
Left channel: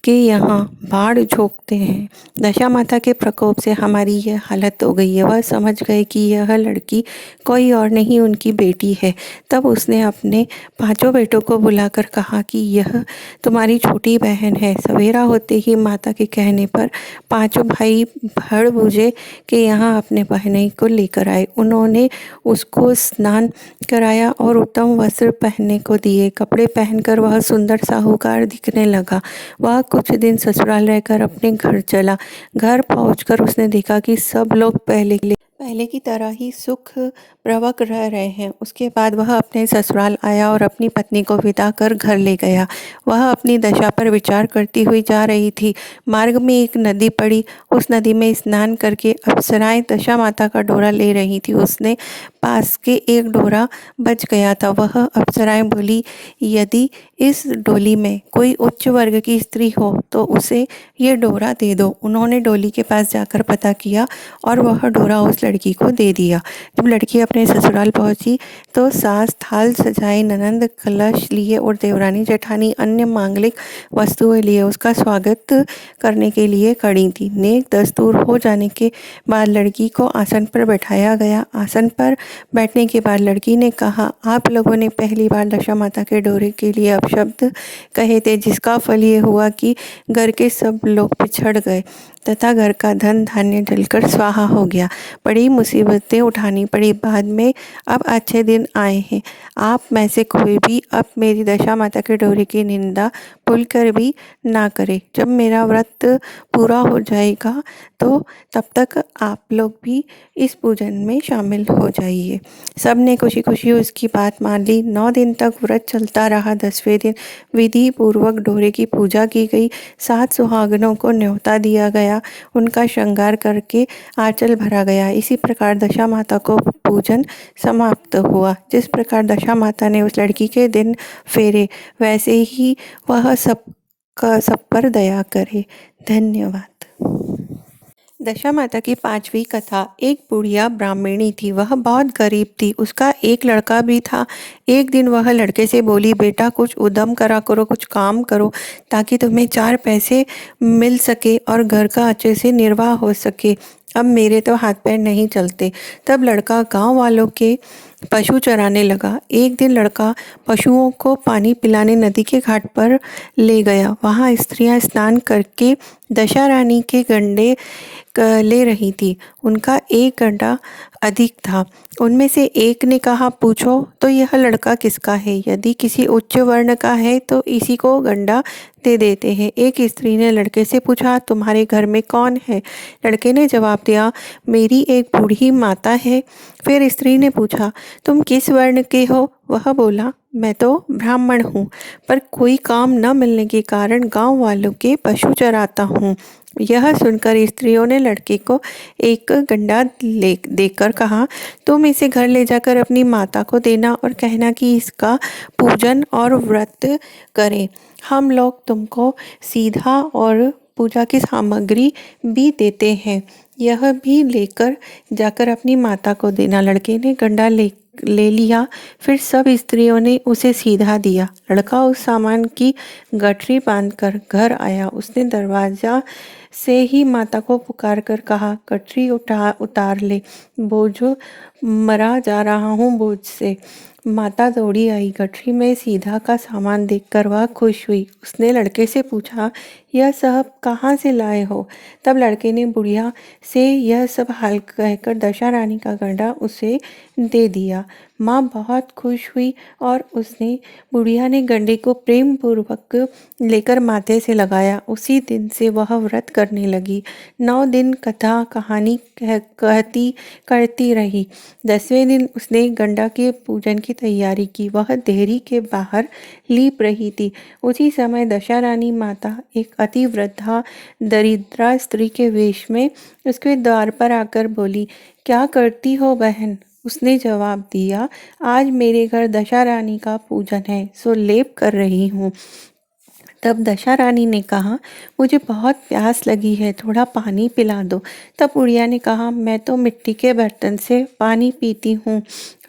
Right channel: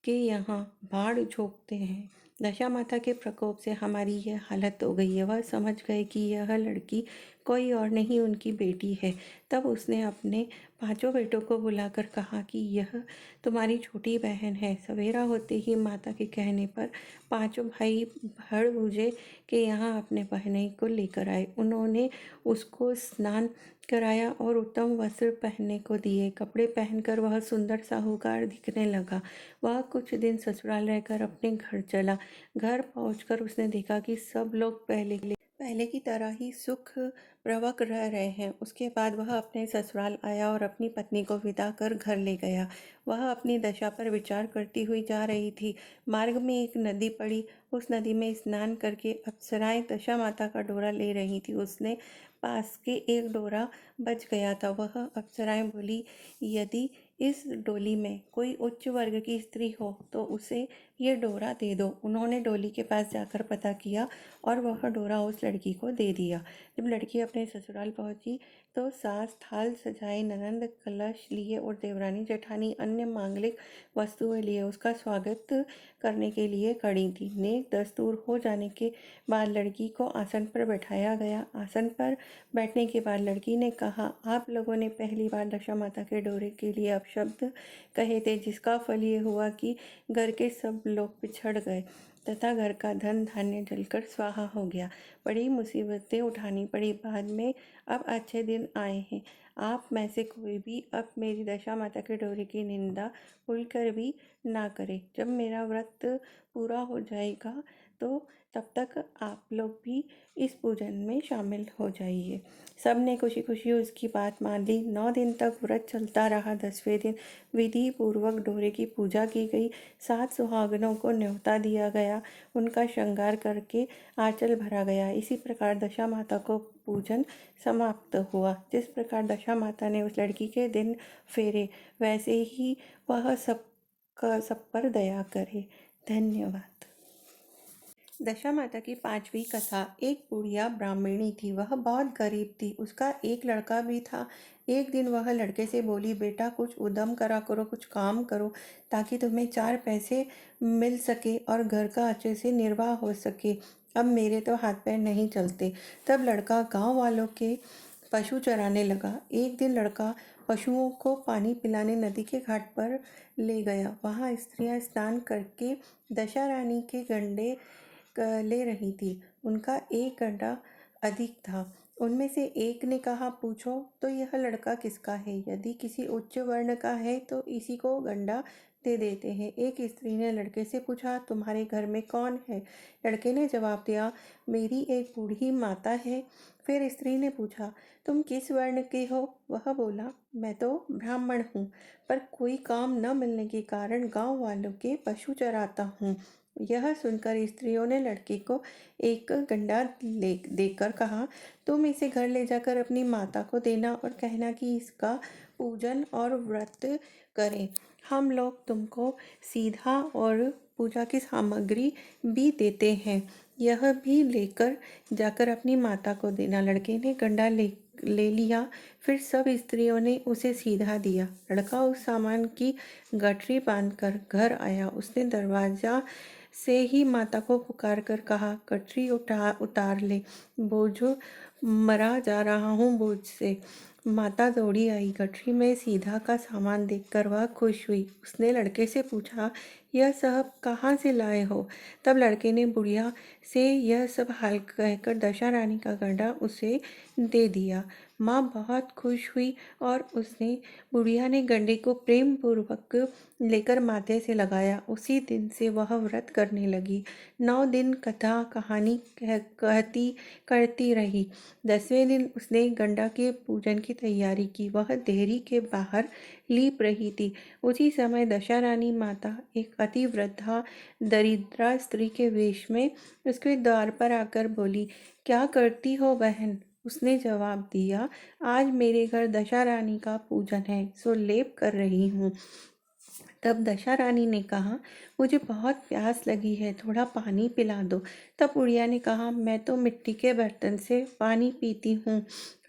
के यहाँ बाढ़ झोंकते हैं। दशा माता के प्रकोप से हमारी यह हालत हो गई है। वह समझ गए कि यह लड़की कोई और नहीं उनकी बेटी है। तब उसने अपने 5 बेटों को बुलाकर कहा कि यह तुम्हारी छोटी बहन है। सवेरा होते ही माता के कहने पर 5 भाई भड़ बूझे के यहाँ अपने बहनोई को लेकर आए। उन्होंने उसको स्नान कराया और उत्तम वस्त्र पहनने को दिए। कपड़े पहनकर वह सुंदर साहूकार दिखने लगा। वह कुछ दिन ससुराल रहकर अपने घर चला। घर पहुंचकर उसने देखा कि सब लोग पहले की तरह ही सुख प्रवक रह रहे हैं। उसके बाद वह अपने ससुराल आया और अपनी पत्नी को विदा कर घर ले गया। वह अपनी दशा पर विचार करती हुई जा रही थी। मार्ग में एक नदी पड़ी। उस नदी में स्नान करके अप्सराएं दशा माता का डोरा ले रही थी। उसने पास के एक डोरा बच गया था। वह अप्सराएं बोली, यदि इस डोली में कोई उच्च वर्ग की स्त्री हो तो उसे ये डोरा दे दो। उन्होंने डोली के पास जाकर पता किया और वह डोरा उस लड़की को दे दिया। जब लड़की अपने ससुराल पहुंची तो सास थाल सजाए, ननंद कलश लिए और देवरानी जेठानी अन्य मांगलिक वस्तुएं लिए उसका स्वागत करने के लिए खड़ी थी। नेक दस्तूर हो जाने के बाद लड़की को आसन पर बैठाया गया। आसन पर बैठने के बाद लड़की ने कहा, आप लोगों ने पहली बार दशा माता के डोरे के लिए अपशब्द कहे थे, जिसका फल ये हुआ कि घर के सब लोग पिछड़ गए तथा घर का धन धान्य जलकर स्वाहा हो गया। बड़ी मुसीबतें उठानी पड़ी। बाद में अब अच्छे दिन आए हैं। आप में से कोई भी अब मेरी दशा माता के डोरे की निंदा भूल कर भी ना करे। जब मेरा व्रत पूरा हो जाएगा तो तब तक आप लोग भी इस पूजन में शामिल हो जाइए। सब ने खुशी खुशी उसकी बात मान ली। 9 दिन तक व्रत चलता रहा। 10वें दिन विधि पूर्वक डोरे की पूजा की गई। 7 सुहागनों को न्योता दिया गया। उनका श्रृंगार करके आंचल भरा गया। इसी प्रकार दशा माता को पूजन समाप्त हुआ। जिस प्रकार दशा माता ने उस लड़की के दिन फेरे वैसे ही वह सब पर दया करे। धन्यवाद। दशा माता की 5वीं कथा। एक बुढ़िया ब्राह्मणी थी। वह बहुत गरीब थी। उसका एक लड़का भी था। एक दिन वह लड़के से बोली, बेटा कुछ उद्यम करा करो, कुछ काम करो ताकि तुम्हें 4 पैसे मिल सके और घर का अच्छे से निर्वाह हो सके। अब मेरे तो हाथ पैर नहीं चलते। तब लड़का गांव वालों के पशु चराने लगा। एक दिन लड़का पशुओं को पानी पिलाने नदी के घाट पर ले गया। वहाँ स्त्रियां स्नान करके दशा रानी के गंडे ले रही थी। उनका एक गड्ढा अधिक था। उनमें से एक ने कहा, पूछो तो यह लड़का किसका है? यदि किसी उच्च वर्ण का है तो इसी को गंडा दे देते हैं। एक स्त्री ने लड़के से पूछा, तुम्हारे घर में कौन है? लड़के ने जवाब दिया, मेरी एक बूढ़ी माता है। फिर स्त्री ने पूछा, तुम किस वर्ण के हो? वह बोला, मैं तो ब्राह्मण हूँ, पर कोई काम न मिलने के कारण गांव वालों के पशु चराता हूँ। यह सुनकर स्त्रियों ने लड़के को एक गंडा ले देकर कहा, तुम इसे घर ले जाकर अपनी माता को देना और कहना कि इसका पूजन और व्रत करें। हम लोग तुमको सीधा और पूजा की सामग्री भी देते हैं। यह भी लेकर जाकर अपनी माता को देना। लड़के ने गंडा ले लिया। फिर सब स्त्रियों ने उसे सीधा दिया। लड़का उस सामान की गठरी बांधकर घर आया। उसने दरवाजा से ही माता को पुकार कर कहा, गठरी उतार ले, बोझ मरा जा रहा हूँ बोझ से। माता दौड़ी आई। गठरी में सीधा का सामान देखकर वह खुश हुई। उसने लड़के से पूछा, यह सब कहाँ से लाए हो? तब लड़के ने बुढ़िया से यह सब हाल कहकर दशा रानी का गंडा उसे दे दिया। माँ बहुत खुश हुई और उसने बुढ़िया ने गंडे को प्रेम पूर्वक लेकर माथे से लगाया। उसी दिन से वह व्रत करने लगी। 9 दिन कथा कहानी कहती करती रही। 10वें दिन उसने गंडा के पूजन की तैयारी की। वह देहरी के बाहर लीप रही थी। उसी समय दशा रानी माता एक अति वृद्धा दरिद्रा स्त्री के वेश में उसके द्वार पर आकर बोली, क्या करती हो बहन? उसने जवाब दिया, आज मेरे घर दशा रानी का पूजन है, सो लेप कर रही हूँ। तब दशा रानी ने कहा, मुझे बहुत प्यास लगी है, थोड़ा पानी पिला दो। तब बुढ़िया ने कहा, मैं तो मिट्टी के बर्तन से पानी पीती हूँ,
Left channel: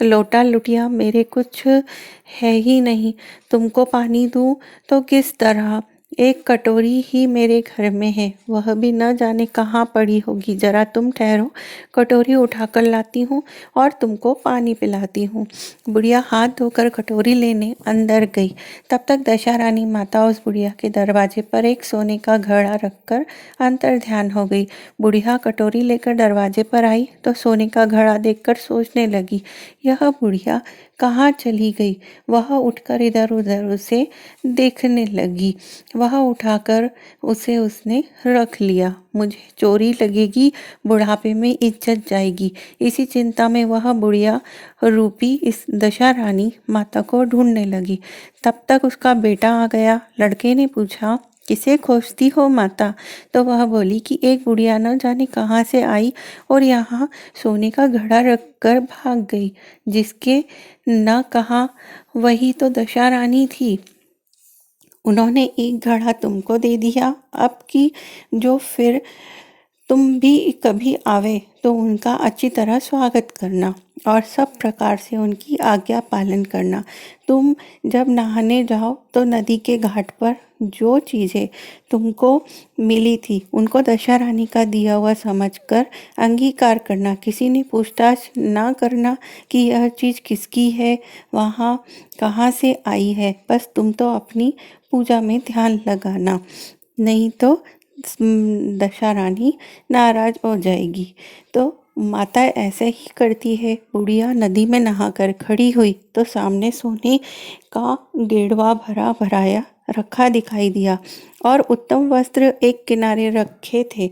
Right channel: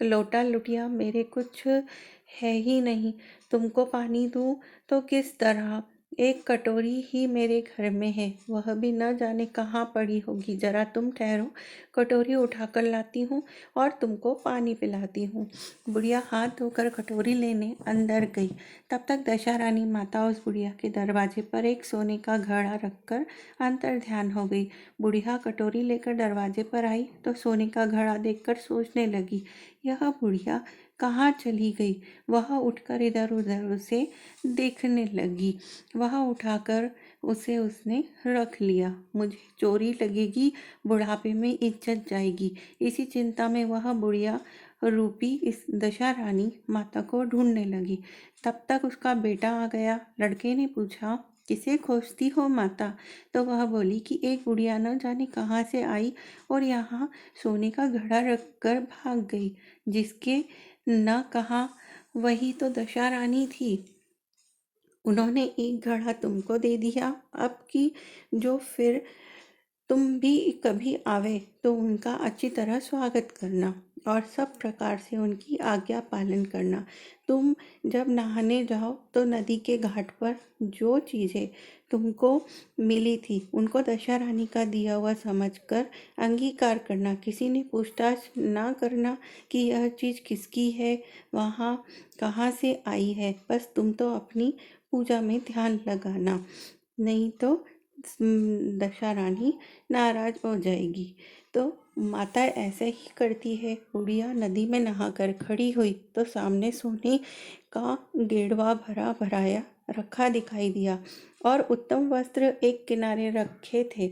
लोटा लुटिया मेरे कुछ है ही नहीं, तुमको पानी दूँ तो किस तरह? एक कटोरी ही मेरे घर में है, वह भी न जाने कहाँ पड़ी होगी। जरा तुम ठहरो, कटोरी उठाकर लाती हूँ और तुमको पानी पिलाती हूँ। बुढ़िया हाथ धोकर कटोरी लेने अंदर गई। तब तक दशा रानी माता उस बुढ़िया के दरवाजे पर एक सोने का घड़ा रखकर अंतर ध्यान हो गई। बुढ़िया कटोरी लेकर दरवाजे पर आई तो सोने का घड़ा देखकर सोचने लगी, यह बुढ़िया कहाँ चली गई? वह उठकर इधर उधर उसे देखने लगी। वह उठाकर उसे उसने रख लिया। मुझे चोरी लगेगी, बुढ़ापे में इज्जत जाएगी। इसी चिंता में वह बुढ़िया रूपी इस दशा रानी माता को ढूंढने लगी। तब तक उसका बेटा आ गया। लड़के ने पूछा, किसे खोजती हो माता? तो वह बोली कि एक बुढ़िया न जाने कहाँ से आई और यहाँ सोने का घड़ा रखकर भाग गई। जिसके न कहा वही तो दशा रानी थी। उन्होंने एक घड़ा तुमको दे दिया। अब की जो फिर तुम भी कभी आवे तो उनका अच्छी तरह स्वागत करना और सब प्रकार से उनकी आज्ञा पालन करना। तुम जब नहाने जाओ तो नदी के घाट पर जो चीज़ें तुमको मिली थी उनको दशा रानी का दिया हुआ समझकर अंगीकार करना। किसी ने पूछताछ ना करना कि यह चीज़ किसकी है, वहाँ कहाँ से आई है। बस तुम तो अपनी पूजा में ध्यान लगाना, नहीं तो दशा रानी नाराज हो जाएगी। तो माता ऐसे ही करती है। बुढ़िया नदी में नहाकर खड़ी हुई तो सामने सोने का गेड़वा भरा भराया रखा दिखाई दिया और उत्तम वस्त्र एक किनारे रखे थे।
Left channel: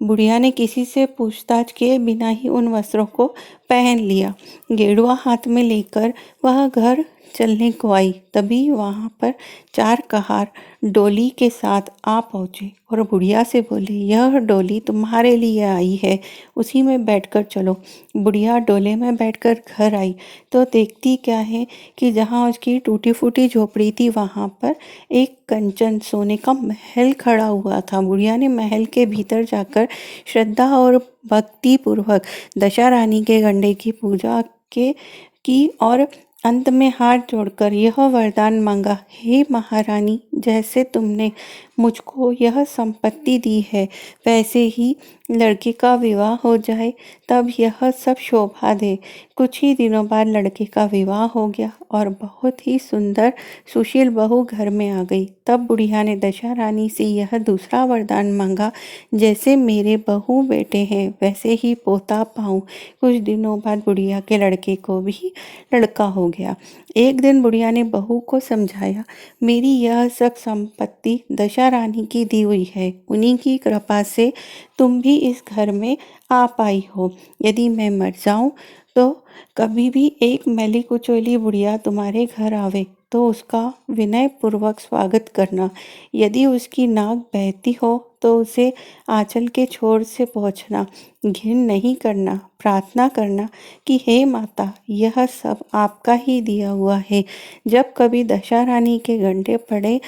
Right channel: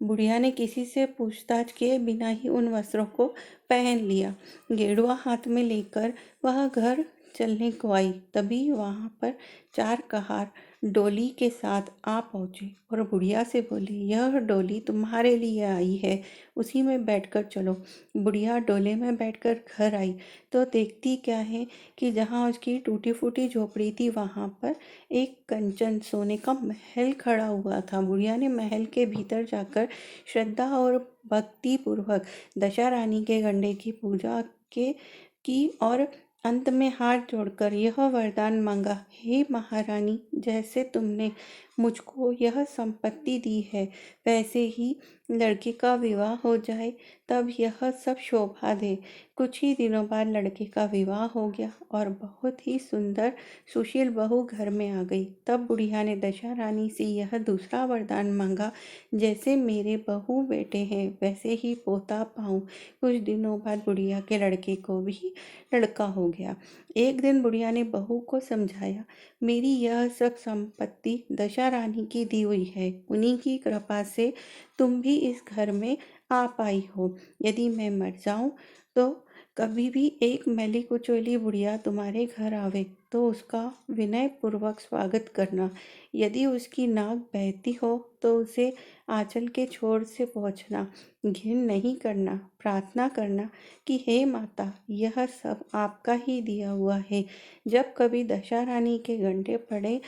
बुढ़िया ने किसी से पूछताछ किए बिना ही उन वस्त्रों को पहन लिया। गेड़ुआ हाथ में लेकर वह घर चलने को आई। तभी वहाँ पर 4 कहार डोली के साथ आ पहुँचे और बुढ़िया से बोले, यह डोली तुम्हारे लिए आई है, उसी में बैठकर चलो। बुढ़िया डोले में बैठकर घर आई तो देखती क्या है कि जहाँ उसकी टूटी फूटी झोपड़ी थी वहाँ पर एक कंचन सोने का महल खड़ा हुआ था। बुढ़िया ने महल के भीतर जाकर श्रद्धा और भक्ति पूर्वक दशा रानी के गंडे की पूजा की और अंत में हाथ जोड़कर यह वरदान मांगा, हे महारानी, जैसे तुमने मुझको यह संपत्ति दी है वैसे ही लड़के का विवाह हो जाए तब यह सब शोभा दे। कुछ ही दिनों बाद लड़के का विवाह हो गया और बहुत ही सुंदर सुशील बहू घर में आ गई। तब बुढ़िया ने दशा रानी से यह दूसरा वरदान मांगा, जैसे मेरे बहू बेटे हैं वैसे ही पोता पाऊँ। कुछ दिनों बाद बुढ़िया के लड़के को भी लड़का हो गया। एक दिन बुढ़िया ने बहू को समझाया, मेरी यह सब संपत्ति दशा रानी की दी हुई है, उन्हीं की कृपा से तुम भी इस घर में आ पाई हो। यदि मैं मर जाऊं तो कभी भी एक मैली कुचैली बुढ़िया तुम्हारे घर आवे तो उसका विनय पूर्वक स्वागत करना। यदि उसकी नाक बहती हो तो उसे आंचल के छोर से पोंछना, घिन नहीं करना, प्रार्थना करना कि हे माता, यह सब आपका ही दिया हुआ है। जब कभी दशा रानी के घंटे पड़े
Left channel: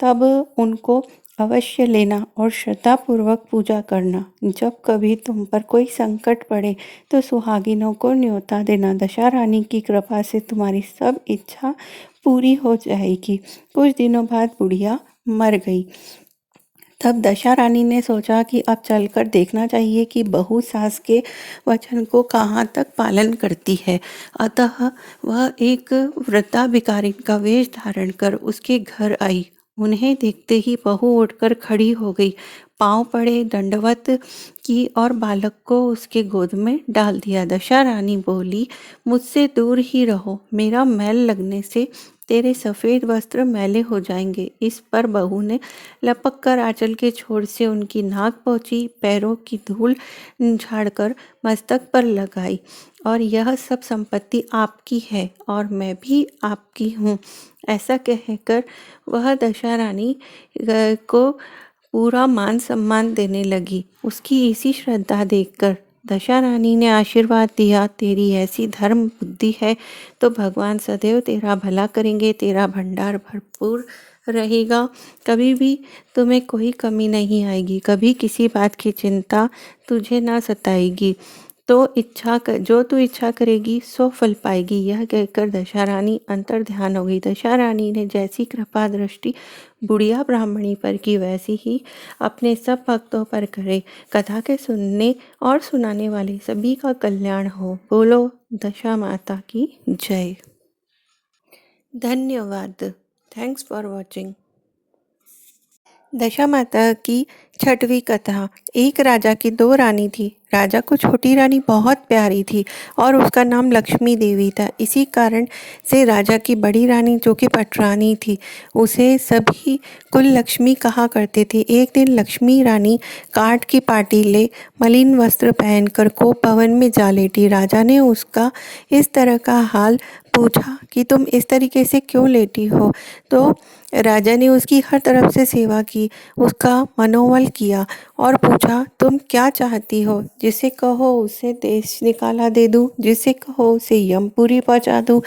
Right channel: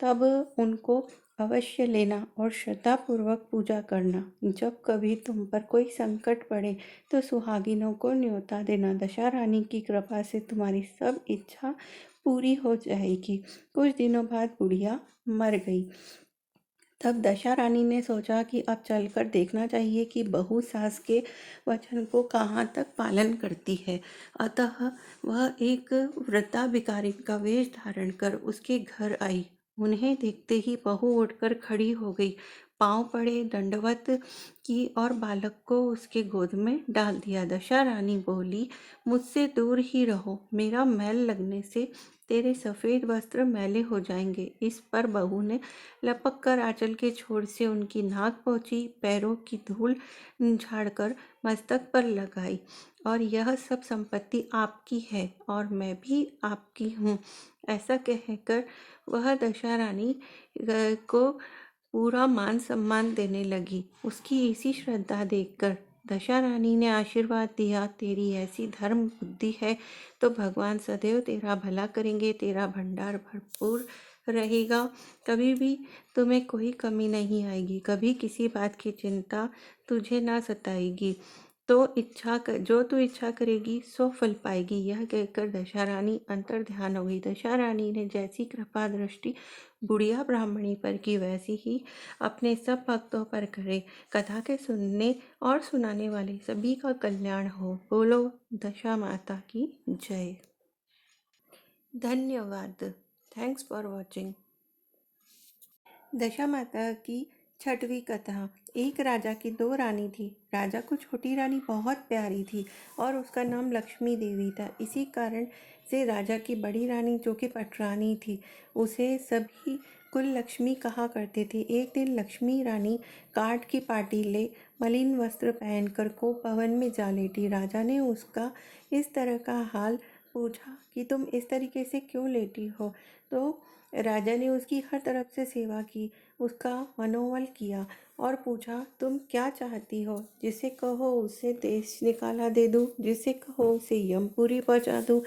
तब उनको अवश्य लेना और श्रद्धापूर्वक पूजा करना। जब कभी तुम पर कोई संकट पड़े तो सुहागिनों को न्योता देना। दशा रानी की कृपा से तुम्हारी सब इच्छा पूरी हो जाएगी। कुछ दिनों बाद बुढ़िया मर गई। तब दशा रानी ने सोचा कि अब चलकर देखना चाहिए कि बहू सास के वचन को कहाँ तक पालन करती है। अतः वह एक वृद्धा भिखारिन का वेश धारण कर उसके घर आई। उन्हें देखते ही बहू उठकर खड़ी हो गई, पांव पड़े, दंडवत की और बालक को उसके गोद में डाल दिया। दशा रानी बोली, मुझसे दूर ही रहो, मेरा मैल लगने से तेरे सफ़ेद वस्त्र मैले हो जाएंगे। इस पर बहू ने लपक कर आंचल के छोर से उनकी नाक पोंछी, पैरों की धूल झाड़कर मस्तक पर लगाई और यह सब संपत्ति आपकी है और मैं भी आपकी हूँ। ऐसा कहकर वह दशा रानी को पूरा मान सम्मान देने लगी। उसकी इसी श्रद्धा देखकर दशा रानी ने आशीर्वाद दिया, तेरी ऐसी धर्म बुद्धि है तो भगवान सदैव तेरा भला करेंगे, तेरा भंडार भरपूर रहेगा, कभी भी तुम्हें कोई कमी नहीं आएगी, कभी किसी बात की चिंता तुझे ना सताएगी। जो तू इच्छा करेगी सो फल पाएगी। यह कहकर दशा रानी अंतर ध्यान हो गई। दशा रानी ने जैसी कृपा दृष्टि बुढ़िया ब्राह्मणी पर की वैसी ही अपने सब भक्तों पर करे। कथा के सुनने और सुनाने वाले सभी का कल्याण हो। बोलो दशा माता की जय। धन्यवाद। Thanks for watching. दशा माता की छठवीं कथा। एक राजा की दो रानी थी। राजा को छोटी रानी बहुत प्यारी थी और उसका नाम लक्ष्मी देवी था। इसी कारण से राजा की बड़ी रानी, जो कि पटरानी थी, उसे सभी कुल लक्ष्मी कहा करते थे। एक दिन लक्ष्मी रानी काठ की पाटी ले मलिन वस्त्र पहनकर कोप भवन में जा लेटी। राजा ने उसका इस तरह का हाल पूछा कि तुम इस तरीके से क्यों लेटी हो। तो राजा ने उसकी हर तरफ से सेवा की, उसका मनोबल किया और पूछा, तुम क्या चाहती हो? जिसे कहो उसे देश निकाला दे दूँ, जिसे कहो उसे यमपुरी पहुँचा दूँ,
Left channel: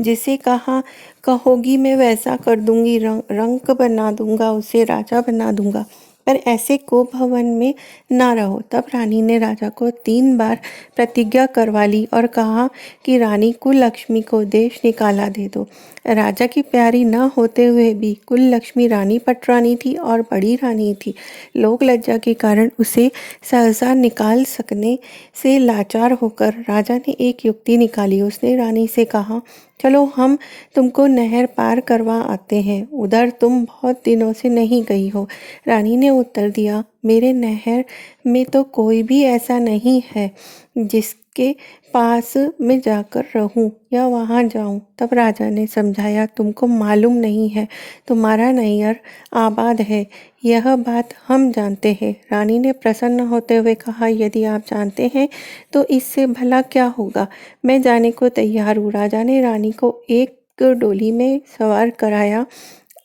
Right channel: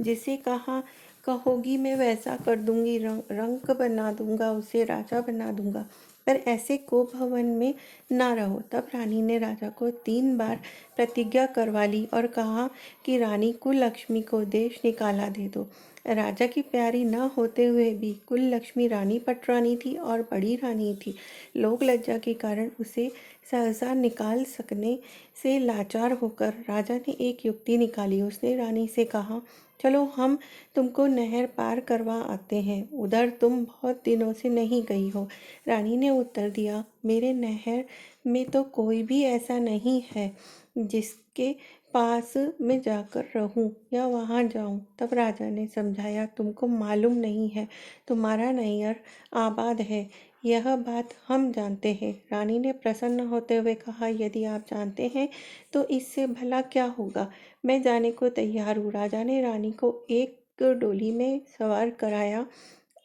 जिसे कहोगी मैं वैसा कर दूंगी, रंक बना दूंगा, उसे राजा बना दूंगा, पर ऐसे कोप भवन में ना रहो। तब रानी ने राजा को 3 बार प्रतिज्ञा करवा ली और कहा कि रानी कुल लक्ष्मी को देश निकाला दे दो। राजा की प्यारी न होते हुए भी कुल लक्ष्मी रानी पटरानी थी और बड़ी रानी थी। लोक लज्जा के कारण उसे सहसा निकाल सकने से लाचार होकर राजा ने एक युक्ति निकाली। उसने रानी से कहा, चलो हम तुमको नहर पार करवा आते हैं, उधर तुम बहुत दिनों से नहीं गई हो। रानी ने उत्तर दिया, मेरे नहर में तो कोई भी ऐसा नहीं है जिसके पास मैं जाकर रहूं या वहां जाऊं। तब राजा ने समझाया, तुमको मालूम नहीं है, तुम्हारा नैयर आबाद है, यह बात हम जानते हैं। रानी ने प्रसन्न होते हुए कहा, यदि आप जानते हैं तो इससे भला क्या होगा, मैं जाने को तैयार हूँ। राजा ने रानी को एक डोली में सवार कराया।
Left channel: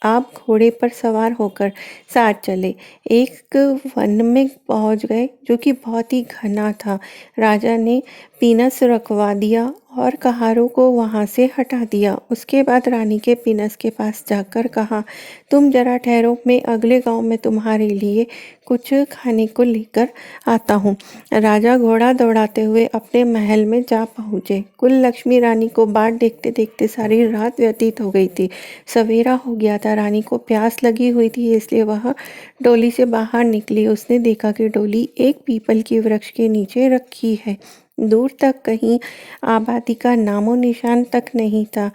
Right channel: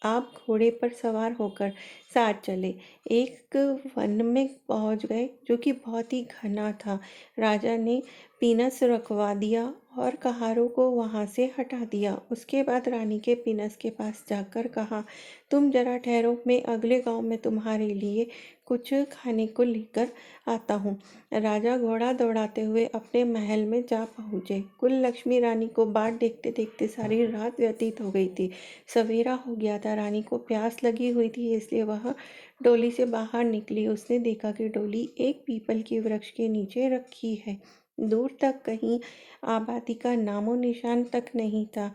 आप घोड़े पर सवार होकर साथ चले। एक वन में पहुंच गए जो कि बहुत ही घना था। राजा ने पीनस रखवा दिया और कहारों को वहाँ से हटा दिया। उसके बाद रानी के पीनस के पास जाकर कहा, तुम जरा ठहरो, मैं अगले गांव में तुम्हारे लिए कुछ खाने को लेकर आता हूँ। राजा घोड़ा दौड़ाते हुए अपने महल में जा पहुँचे। कुल लक्ष्मी रानी को बाट देखते देखते सारी रात व्यतीत हो गई थी। सवेरा हो गया था। रानी को प्यास लगी हुई थी, इसलिए वह डोली से बाहर निकली। उसने देखा कि डोली एक पीपल के वृक्ष के नीचे रखी है। दूर तक कहीं आबादी का नामो निशान तक नहीं था।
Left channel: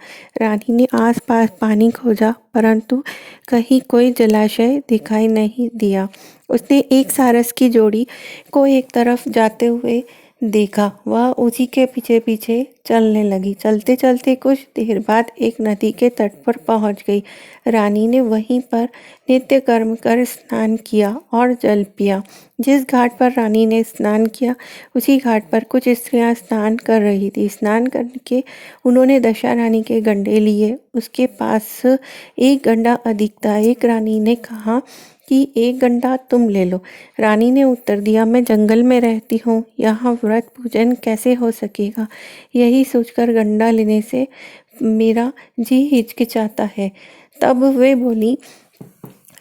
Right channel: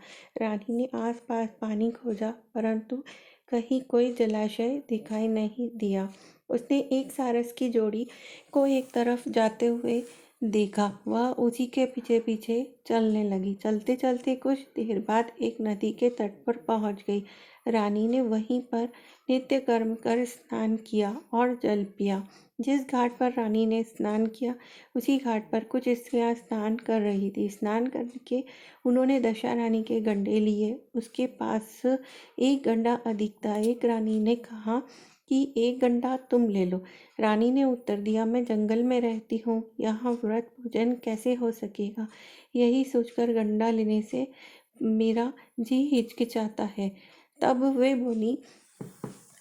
रानी ने आसपास पानी खोजा, परंतु कहीं कोई जलाशय दिखाई नहीं दिया। उसने एक सारस की जोड़ी को एक तरफ जाते हुए देखा। वह उसी के पीछे पीछे चलने लगी। चलते चलते कुछ देर बाद एक नदी के तट पर पहुंच गई। रानी ने वहीं पर नित्य कर्म कर स्नान किया और जल पिया। जिस घाट पर रानी ने स्नान किया, उसी घाट पर कुछ स्त्रियां स्नान कर रही थी। स्नान करके उन्होंने दशा रानी के गंडे लिए। उसके पास एक गंडा अधिक था। एक रानी ने कहा कि एक गंडा तुम ले लो। रानी ने उत्तर दिया, मैं जंगल में रहती हूँ, यहाँ व्रत पूजन कैसे हो सकेगा। यही सोचकर गंडा लेने से मेरा जी हिचकिचाता है। तब वे बोली,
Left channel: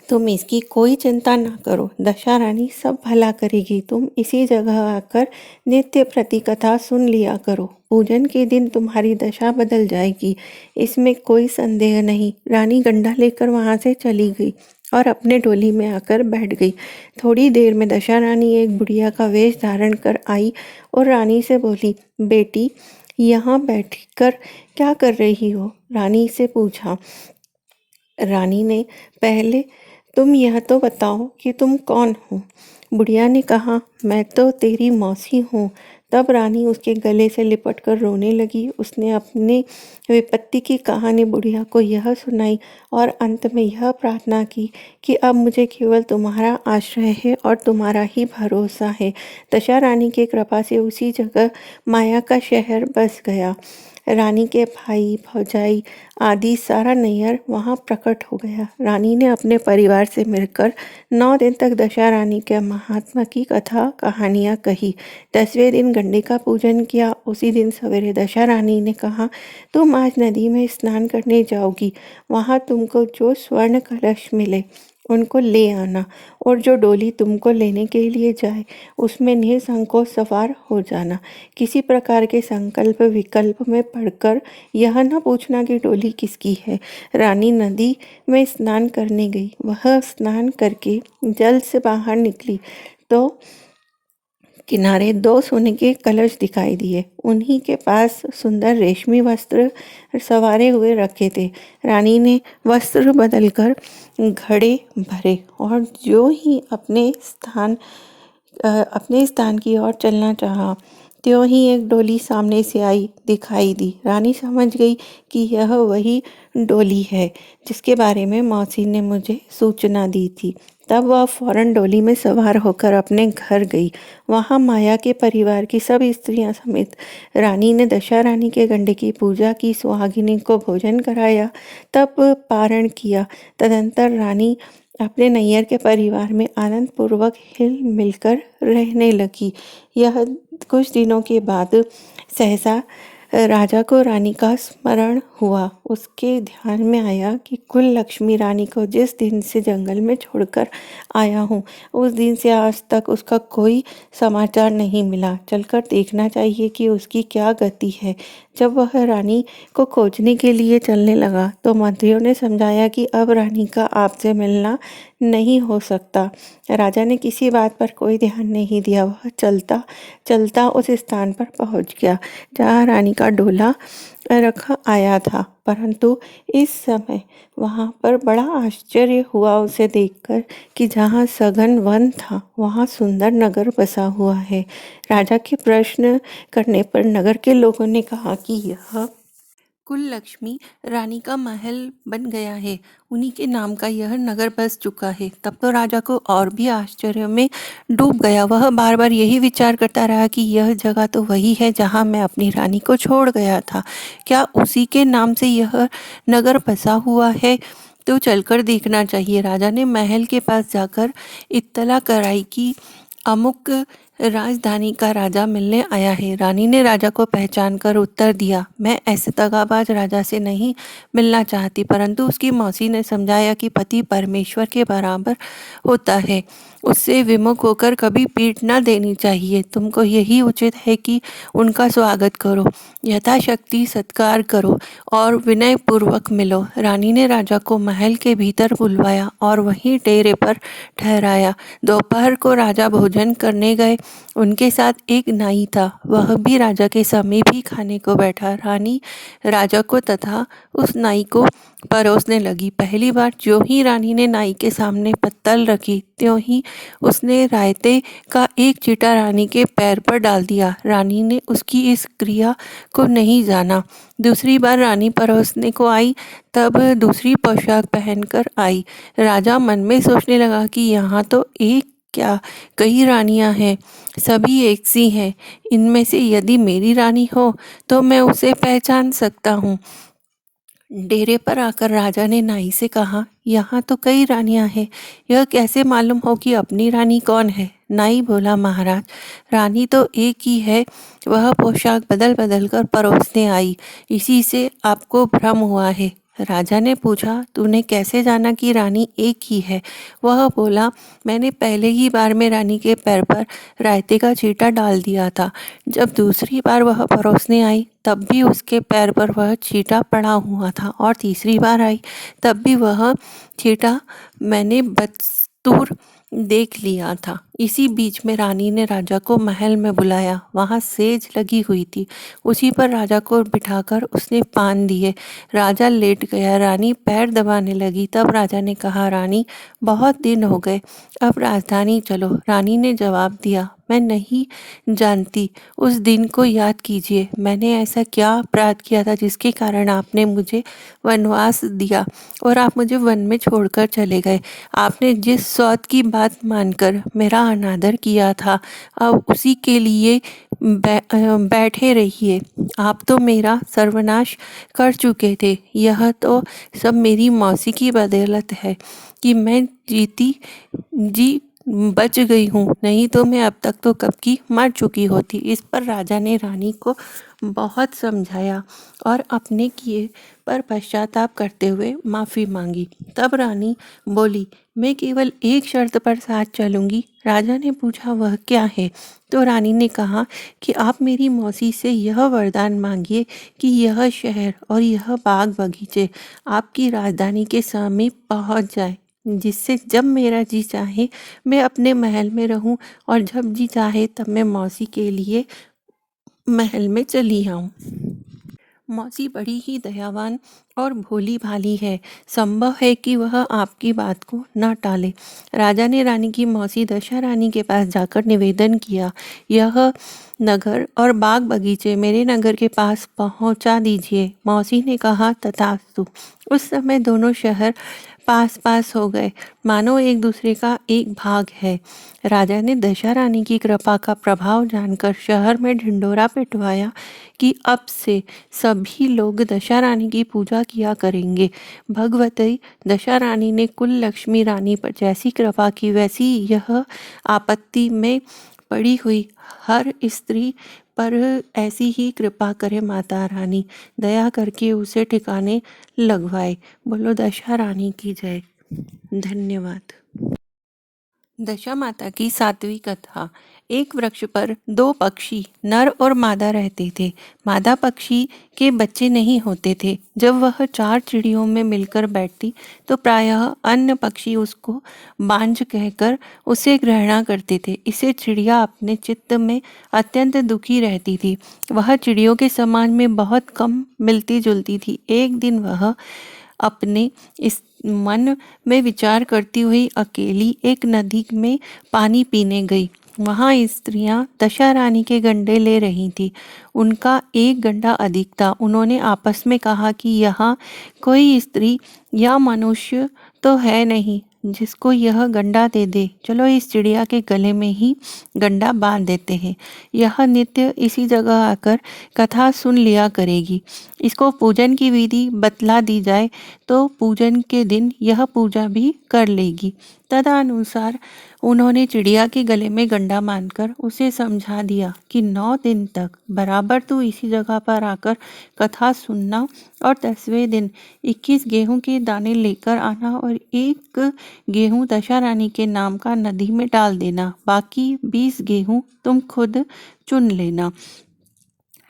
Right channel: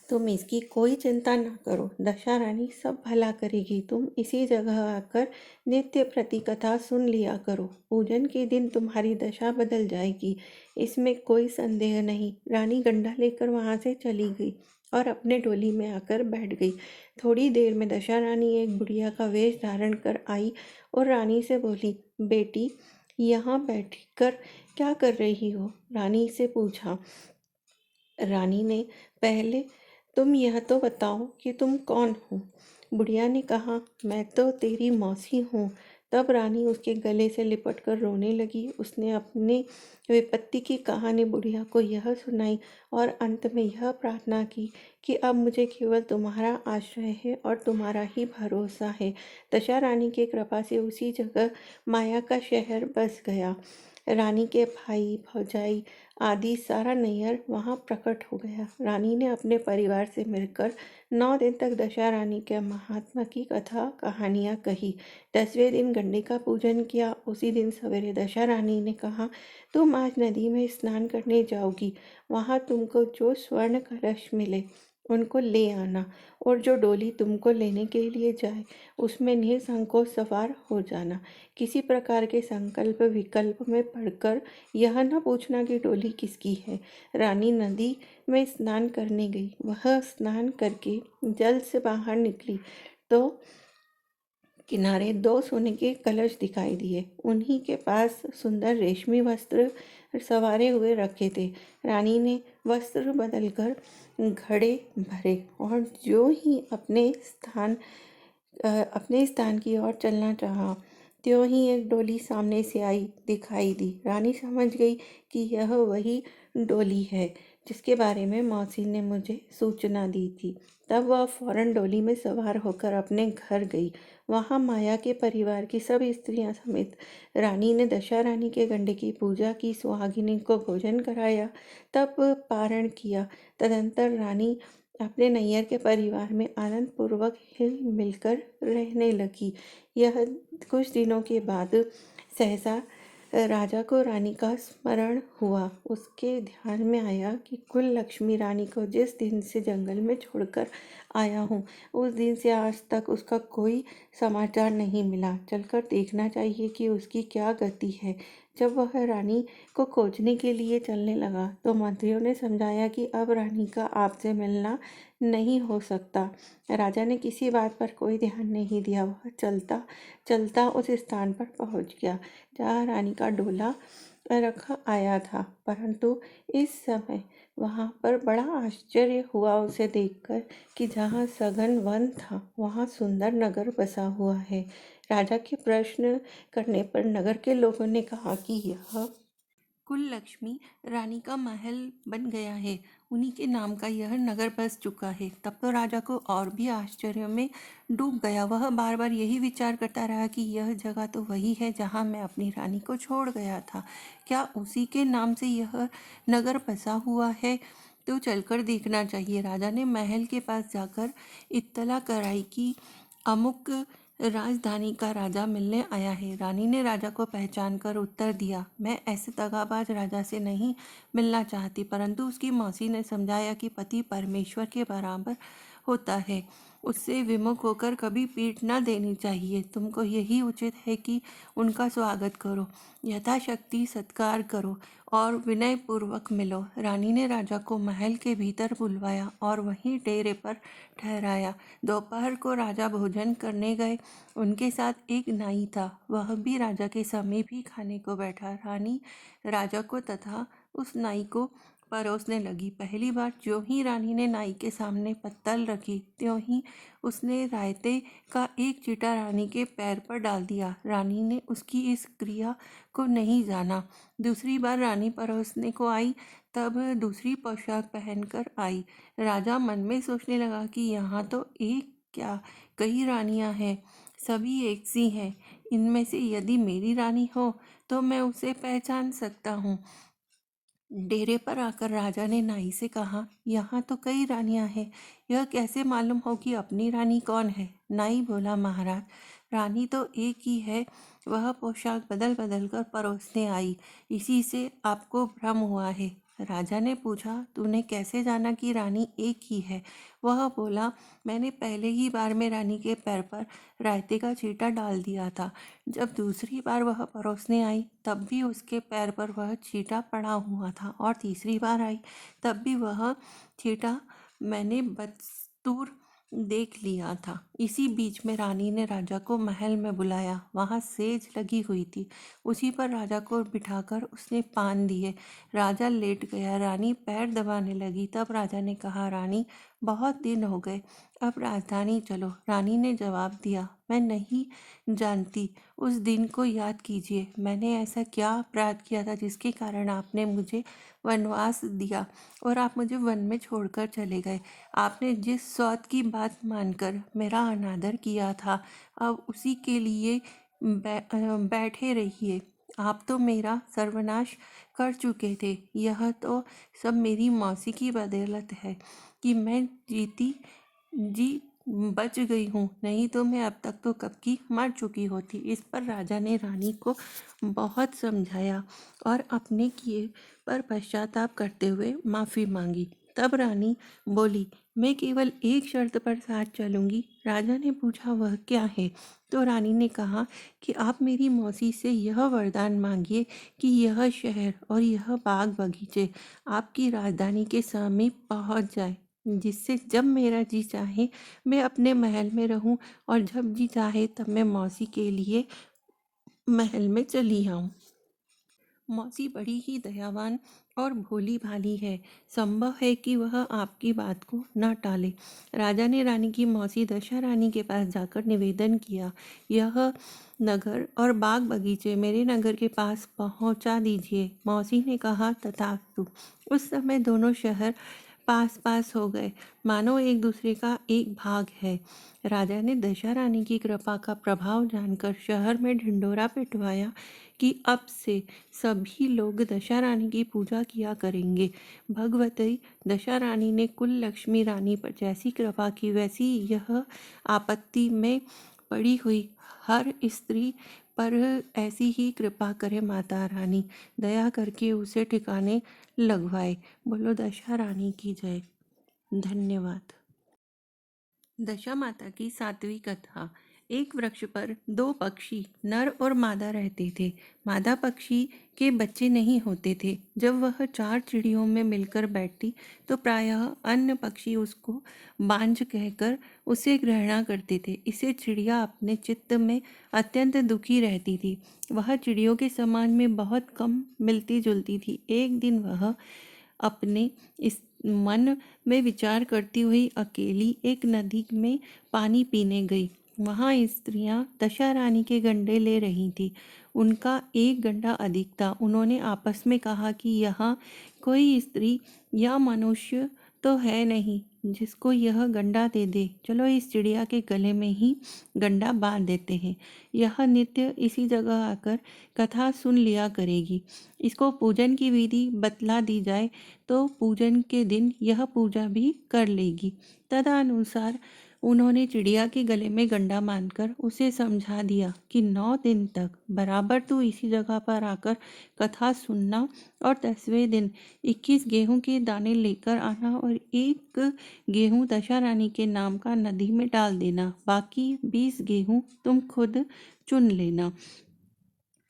तुम इसकी कोई चिंता ना करो, दशा रानी सब भला करेगी। तुम इसी जगह आकर नित्य प्रति कथा सुन लिया करो। पूजन के दिन तुम्हारी दशा बदल जाएगी, इसमें कोई संदेह नहीं। रानी गंडा लेकर वहां से चली गई और अपने डोली में आकर बैठ गई। थोड़ी देर में दशा रानी एक बुढ़िया का वेश धारण कर आई और रानी से बोली, बेटी यहाँ बैठकर क्या कर रही हो। रानी से पूछा। रानी ने, पहले तुम यह तो बताओ कि तुम कौन हो। बुढ़िया ने कहा, मैं तो तेरी मौसी हूँ। तब रानी उसके गले से लिपट कर रोने लगी। उसने अपने विपत्ति की कहानी बुढ़िया को यह सुनाई और अंत में यह प्रार्थना की कि अब मुझे केवल तुम्हारा आश्रय है और तुम्हारा ही भरोसा है। दशा रानी की कृपा से उसी जगह माया का शहर बस गया। रानी के भाई भौजाई आदि सारा नैयर वहाँ प्रकट हो गया। रानी ने अपने परिवार से मिलकर 9 दिन तक दशा रानी के महात्मा की कथा कहानियाँ कही। 10वें दिन गंडे का पूजन किया। उसी दिन सवेरे दशा रानी ने कहा, तुम आज नदी में स्नान करने जाओगी। वहाँ तुमको जो स्वर्ण कलश मिले उनको ले आना और जो डोली तुमको लेने के लिए जाए उसमें निसंकोच सवार हो जाना। किसी प्रकार के संकल्प विकल्प में पढ़कर यह न पूछना कि डोली किसकी है। रानी नदी में स्नान करने गई। वह स्नान करके जल से बाहर निकली तो किनारे 2 सोने के कलश दिखाई दिए। उन्हीं के पास सुंदर रेशमी वस्त्र सवारे हुए रखे थे। रानी ने वस्त्र बदलकर घड़े भरे और जो ही अपने स्थान की ओर चलना चाहा, त्यों ही एक डोली सामने से आई दिखाई दी। रानी समझ गई कि यह वही डोली है जिसके बारे में मौसी ने मुझे सूचना दी थी। तब वह फौरन डोली में सवार होकर अपने घर गई। वहाँ माया के परिवार की सब स्त्रियां समेत रानी ने दशा रानी के गंडे की पूजा की, सुहागिनी को भोजन कराया, तब पारण किया। तदंतर रानी अपने नैयर के परिवार में आनंद पूर्वक हिल मिलकर रहने लगी। यह कुछ दिनों के बाद सहसा राजा को रानी का स्मरण हुआ। उसके ध्यान में आया कि कुल लक्ष्मी रानी को जिस दिन से जंगल में छोड़कर आया हूँ, उस दिन से आज तक उसका कोई समाचार नहीं मिला। चलकर देखना चाहिए कि उसकी क्या गति है। जब वह रानी को खोजने के लिए चलने लगा तो मंत्रियों ने समझाया कि अब रानी का आपसे मिलना नहीं हो सकता। राजा ने किसी बात पर कोई ध्यान नहीं दिया। वह चलता चलता उस स्थान पर पहुंच गया जहाँ रानी का डोला रखा आया था, परंतु इस समय वहाँ पर बड़ा आश्चर्य हुआ उसे देखकर कि जहाँ सघन वन था वहाँ सुंदर नगर बसा हुआ है। राजा के प्रश्न करने पर नगर के लोगों ने कहा कि यह कुल लक्ष्मी रानी का महल बन गया है, उन्हीं के नाम का यह नगर बस चुका है। तब तो राजा को और भी आश्चर्य में डूब गया। वह बार बार यही विचार करता रहा कि यह जगह तो वही है जहाँ मैं अपनी रानी को छोड़ गया था। क्या उसी के नाम से यह नगर बसा हुआ है? तो चलकर देखना चाहिए। राजा ने महल के पास जाकर इत्तला कराई कि अमुक राजधानी का राजा मिलने आया है। रानी ने राजा को पहचान कर उत्तर दिया, मैं ऐसे दगाबाज राजा से नहीं मिलना चाहती। परंतु उसकी मौसी ने समझाया कि पति परमेश्वर के बराबर होता है, उससे विमुख होकर कभी पीठ न देनी चाहिए। तुमको यही उचित है कि उनका स्वागत करो, यथाशक्ति सत्कार करो और विनय पूर्वक मिलो। रानी ने राजा को महल के भीतर बुलवाया और वहीं डेरे पर ठहराया। दोपहर को राजा भोजन करने गए। उनके साथ एक नाई था, वह भी राजा के समीप ही खाने को बैठा। रानी राजा को तथा उस नाई को परोसने लगी। पहली बार जो ही रानी ने नाई के सामने पत्तल रखी, त्यों ही उसने रायते का एक चींटा रानी के पैर पर डाल दिया। रानी ने उसकी इस क्रिया को नहीं जाना। दूसरी बार रानी परोसने को आई, तब दूसरी पोशाक पहनकर आई। राजा मन में सोचने लगा कि यहाँ तो एक क्या कई रानियां हैं, सभी एक सी हैं। इनमें से यदि मेरी रानी हो तो मैं उसे पहचान सकता हूँ। डेरे पर आकर राजा ने नाई से कहा, यहाँ तो कई रानियां हैं, यह कैसे मालूम हो कि अपनी रानी कौन है? नाई बोला, महाराज, रानी तो एक ही है, वह पोशाक बदल बदल कर परोसने आई, इसी से आपको भ्रम हुआ है। राजा ने पूछा, तूने कैसे जाना कि रानी एक ही है? वह बोला, मैंने पहले ही बार में रानी के पैर पर रायते का चींटा डाल दिया था। जब दूसरी बार वह परोसने आई, तब भी उसके पैर पर वह चींटा पड़ा हुआ था, और तीसरी बार आई तब भी वह चींटा मैंने बदस्तूर देख लिया था। इसी बीच में रानी ने राजा को महल में बुलाया। वहाँ सेज लगी हुई थी, उसी पर राजा को बिठाकर उसने पान दिए। राजा लेट गया। रानी पैर दबाने लगी। तब राजा ने कहा, रानी, बहुत दिन हो गए, अब राजधानी चलो। रानी ने जवाब दिया, मैं नहीं जानती। उस दिन को याद कीजिए, मैंने ऐसा क्या अपराध किया था जिसके कारण आपने मुझे वनवास दिया और आप मुझे वन में छोड़कर चले गए। आपने जिस सौत की बात मानकर मेरा अनादर किया था, अब उसी के लिए बैठे रहिए। आप तो मेरा सर्वनाश कर चुके थे। यह तो सब मेरी मौसी की बदौलत है कि मैं जीती जी बच गई हूँ, नहीं तो मैं अब तक तो कब की मर चुकी होती। इस पर राजा ने रानी को बहुत समझाया और अपने किए पर पश्चाताप करते हुए माफ़ी मांगी। तब रानी बोली, मैं केवल एक शर्त पर साथ चलूँगी। राजा ने पूछा, वह क्या है? तो रानी ने कहा कि आप मेरी मौसी से यह वरदान मांगिए कि यह शहर और यह बाग बगीचे आपकी राजधानी के समीप पहुँच जाए, जिससे जब मेरा जी चाहे मैं अपने महल में रहूं और जब जी चाहे तब मैं मौसी के लिए महल में चली आऊं। मौसी बड़ी ही दयावान और भोली भाली है, संभव है कि वह आपकी बात को न टाले। राजा ने रानी की मौसी दशा रानी के पास जाकर निवेदन किया, यह नगर और बाग बगीचे मेरे नगर के पास पहुंचा दीजिए। मौसी ने कहा, तथास्तु। उस समय दोनों शहर पास पास हो गए, मानो एक दूसरे का एक भाग है। राजा ने दशा रानी की कृपा का प्रभाव जानकर शहर में ढिंडोरा पिटवाया कि अब से सभी लोग दशा रानी की पूजा किया करेंगे। भगवती दशा रानी ने कुल लक्ष्मी रानी पर जैसी कृपा की, वैसी यह आपत्ति में पड़ी हुई हर स्त्री पर ऐसी ही कृपा करे माता रानी, दया करके उसे ठिकाने लगवाए। बोलो दशा रानी की जय। धन्यवाद। दशा माता की सातवीं कथा। एक वृक्ष पर दो पक्षी नर और मादा रहते थे। मादा पक्षी के बच्चे नहीं होते थे। जब वह चार चिड़ियों में मिलकर बैठती तो प्रायः अन्य पक्षी उसको बांझ कहकर उसे घृणा करते थे। इससे चिड़िया अपने चित्त में अत्यंत दुखी रहती थी। वह चिड़ियों के समाज में बहुत कम मिलती जुलती थी। एक दिन वह अपने इस मन में विचार करती हुई अकेली एक नदी में पानी पीने गई। वहाँ स्त्रियां दशा रानी के गंडे ले रही थी। उनका एक गंडा अधिक था। उन्होंने आपस में कहा कि यहाँ कोई स्त्री या मनुष्य तो है नहीं जिसको यह गंडा दे दे। चलो इस चिड़िया के गले में ही गंडा बांध देते हैं। यह नित्य इसी जगह आकर कथा सुन लिया करेगी। इसको पूजन की विधि बतला दी जाए तो पूजन के दिन यह पूजा भी कर लेगी। तदनुसार उन्होंने चिड़िया के गले में गंडा बांधकर उसे समझा दिया कि 9 दिन तक बराबर तू इसी जगह पर आकर कथा सुनना और 10वें दिन 21 गेहूं के दाने लेकर आना और एक गेहूं दशा रानी के नाम का नदी में डाल देना। बाकी 20 गेहूं तुम खुद चुन लेना।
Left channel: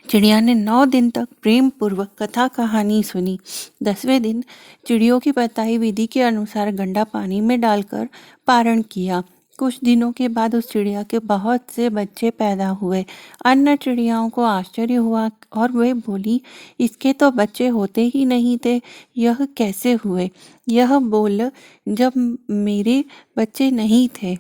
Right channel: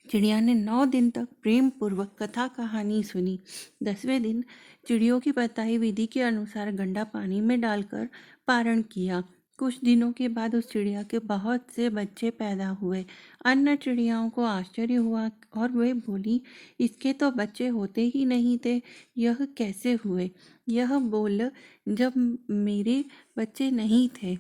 चिड़िया ने 9 दिन तक प्रेम पूर्वक कथा कहानी सुनी। 10वें दिन चिड़ियों की बताई विधि के अनुसार गंडा पानी में डालकर पारण किया। कुछ दिनों के बाद उस चिड़िया के बहुत से बच्चे पैदा हुए। अन्य चिड़ियाओं को आश्चर्य हुआ और वे बोली, इसके तो बच्चे होते ही नहीं थे, यह कैसे हुए? यह बोल, जब मेरे बच्चे नहीं थे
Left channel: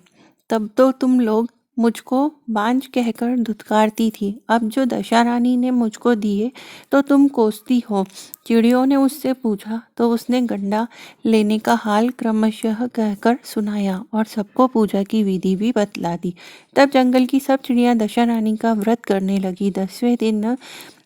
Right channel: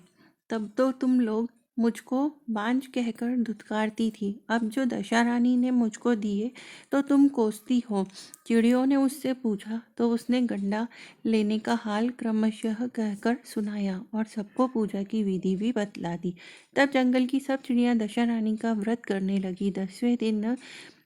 तब तो तुम लोग मुझको बांझ कहकर धुतकारती थी। अब जो दशा रानी ने मुझको दिए तो तुम कोसती हो। चिड़ियों ने उससे पूछा तो उसने गंडा लेने का हाल क्रमशः कहकर सुनाया और सबको पूजा की विधि भी बतला दी। तब जंगल की सब चिड़ियां दशा रानी का व्रत करने लगी। 10वें दिन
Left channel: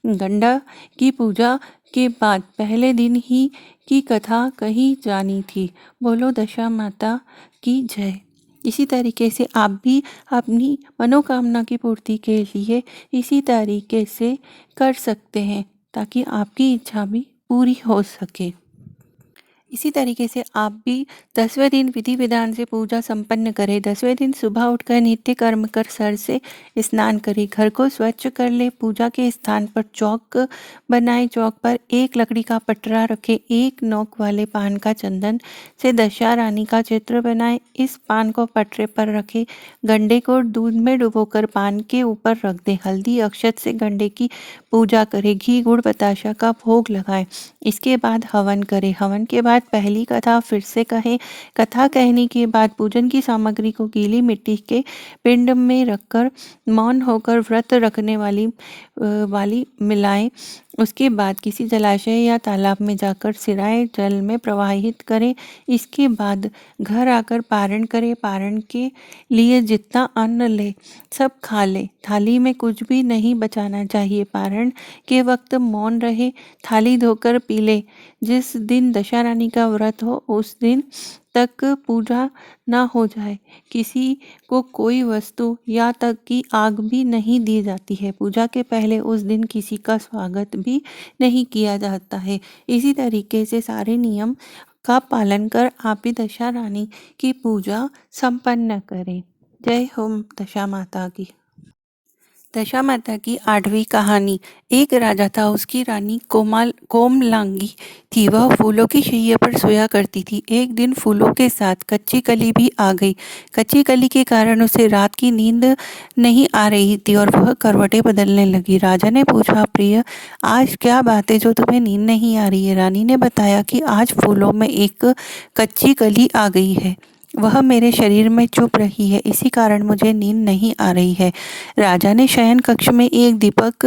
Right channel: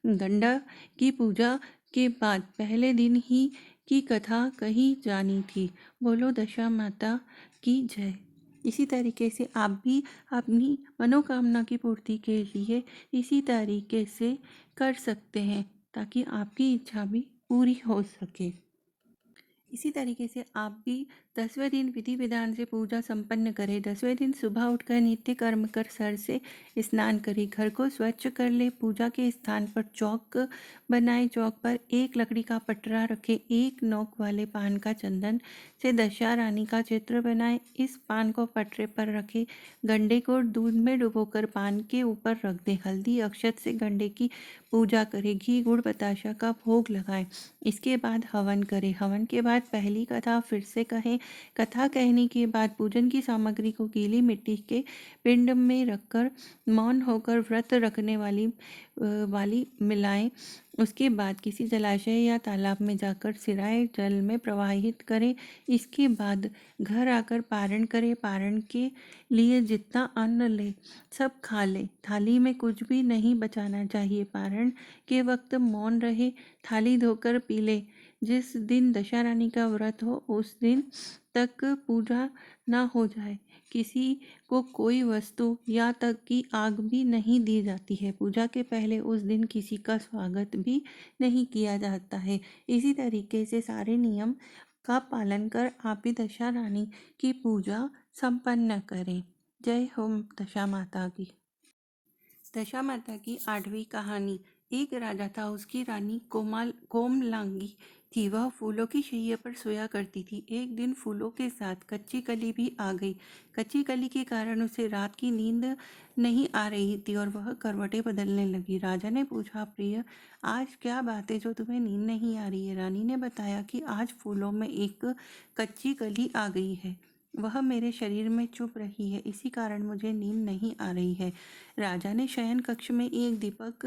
गंडा की पूजा के बाद पहले दिन ही की कथा कही जानी थी। बोलो दशा माता की जय। इसी तरीके से आप भी अपनी मनोकामना की पूर्ति के लिए इसी तरीके से कर सकते हैं ताकि आपकी इच्छा भी पूरी हो सके। इसी तरीके से आप भी 10वें दिन विधि विधान से पूजा संपन्न करें। 10वें दिन सुबह उठकर नित्य कर्म कर सर से स्नान करें, घर को स्वच्छ कर ले, पूजा के स्थान पर चौक बनाए, चौक पर एक लकड़ी का पटरा रखें, एक नोक वाले पान का चंदन से दशा रानी का चित्र बनाए, इस पान को पटरे पर रखें, गंडे को दूध में डुबोकर पान के ऊपर रख दें, हल्दी अक्षत से गंडे की पूजा करें, घी गुड़ बताशा का भोग लगाएं। इसके बाद हवन करें। हवन के बाद पहली कथा फिर से कहें। कथा कहने के बाद पूजन की सामग्री को गीली मिट्टी के पिंड में रखकर मौन होकर व्रत रखने वाली मिलाएं। उसके बाद किसी जलाशय या तालाब में जाकर सिराए जल में प्रवाहित करें। इसके बाद घर आकर पारण करें। पारण के लिए जितना अन्न ले सब खा ले, थाली में कुछ भी नहीं बचाना चाहिए। पारण के वक्त मौन रहे, थाली धोकर पी ले। जिस दिन दशा रानी का व्रत हो उस दिन तक पूजा ना हो जाए किसी को कोई वस्तु या तक की आग भी नहीं दी जाती है। पूजा के पहले उस दिन किसी का स्वागत भी नहीं किया जाता है। इसी तरीके से सारे नियम का पालन कर आप भी दशा रानी की पूजा संपन्न करें। जय हो दशा माता की। दशा माता की 8वीं कहानी। एक राजा था, उसकी रानी कोमलांगी थी। वह फूलों की शैया पर सोया करती थी। एक दिन फूलों के साथ कच्ची कली भी आ गई। कच्ची कली के कारण उसे रात की नींद नहीं आ रही थी और वह करवटें बदलने लगी। राजा ने पूछा, प्रिय, आज क्या बात है जो तुम्हें नींद नहीं आ रही है? रानी ने बताया कि आज फूलों में एक कच्ची कली आ गई है, वह मेरे शरीर में चुभ रही है, इसी कारण मुझे नींद नहीं आ रही है। राजा ने शयन कक्ष में एक दीपक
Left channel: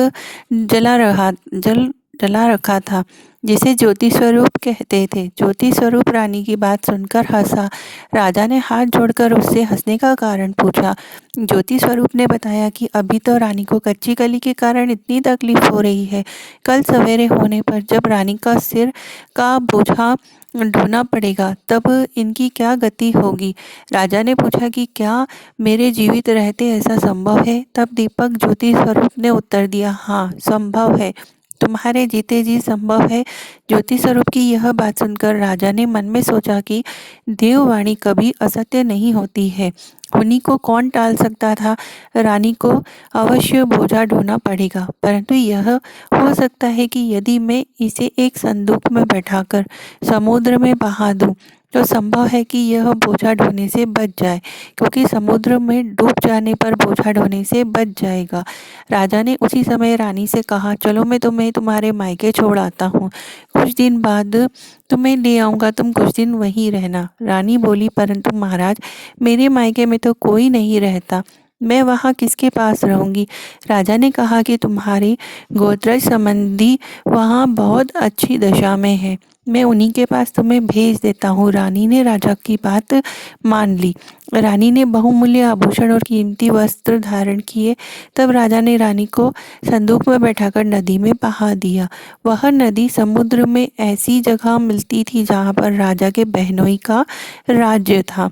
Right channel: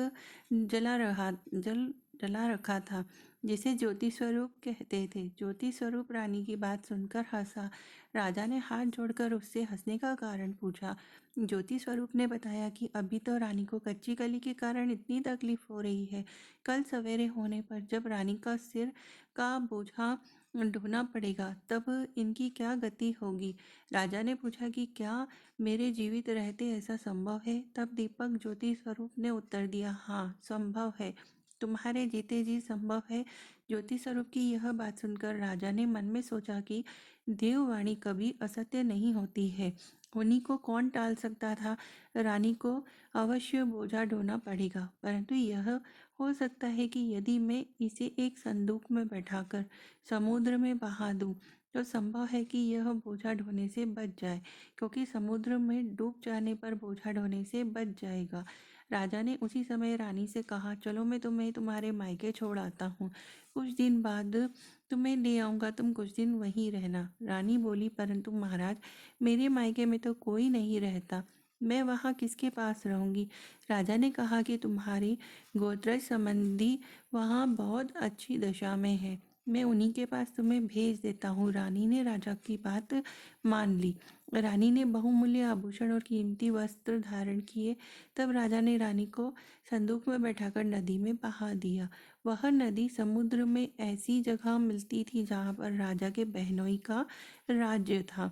जला रखा था जिसे ज्योति स्वरूप कहते थे। ज्योति स्वरूप रानी की बात सुनकर हंसा। राजा ने हाथ जोड़कर उससे हंसने का कारण पूछा। ज्योति स्वरूप ने बताया कि अभी तो रानी को कच्ची कली के कारण इतनी तकलीफ हो रही है, कल सवेरे होने पर जब रानी का सिर का बोझा ढोना पड़ेगा तब इनकी क्या गति होगी। राजा ने पूछा कि क्या मेरे जीवित रहते ऐसा संभव है? तब दीपक ज्योति स्वरूप ने उत्तर दिया, हाँ संभव है, तुम्हारे जीते जी संभव है। ज्योति स्वरूप की यह बात सुनकर राजा ने मन में सोचा कि देववाणी कभी असत्य नहीं होती है, उन्हीं को कौन टाल सकता था। रानी को अवश्य बोझा ढोना पड़ेगा, परंतु यह हो सकता है कि यदि मैं इसे एक संदूक में बैठाकर समुद्र में बहा दूं तो संभव है कि यह बोझा ढोने से बच जाए, क्योंकि समुद्र में डूब जाने पर बोझा ढोने से बच जाएगा। राजा ने उसी समय रानी से कहा, चलो मैं तुम्हें तुम्हारे मायके छोड़ आता हूँ, कुछ दिन बाद तुम्हें ले आऊँगा, तुम कुछ दिन वहीं रहना। रानी बोली, परंतु महाराज, मेरे मायके में तो कोई नहीं रहता, मैं वहाँ किसके पास रहूँगी? राजा ने कहा कि तुम्हारे गोत्रज संबंधी वहाँ बहुत अच्छी दशा में है, मैं उन्हीं के पास तुम्हें भेज देता हूँ। रानी ने राजा की बात मान ली। रानी ने बहुमूल्य आभूषण और कीमती वस्त्र धारण किए। तब राजा ने रानी को संदूक में बैठाकर नदी में बहा दिया। वह नदी समुद्र में ऐसी जगह मिलती थी जहाँ पर राजा के बहनोई का राज्य था।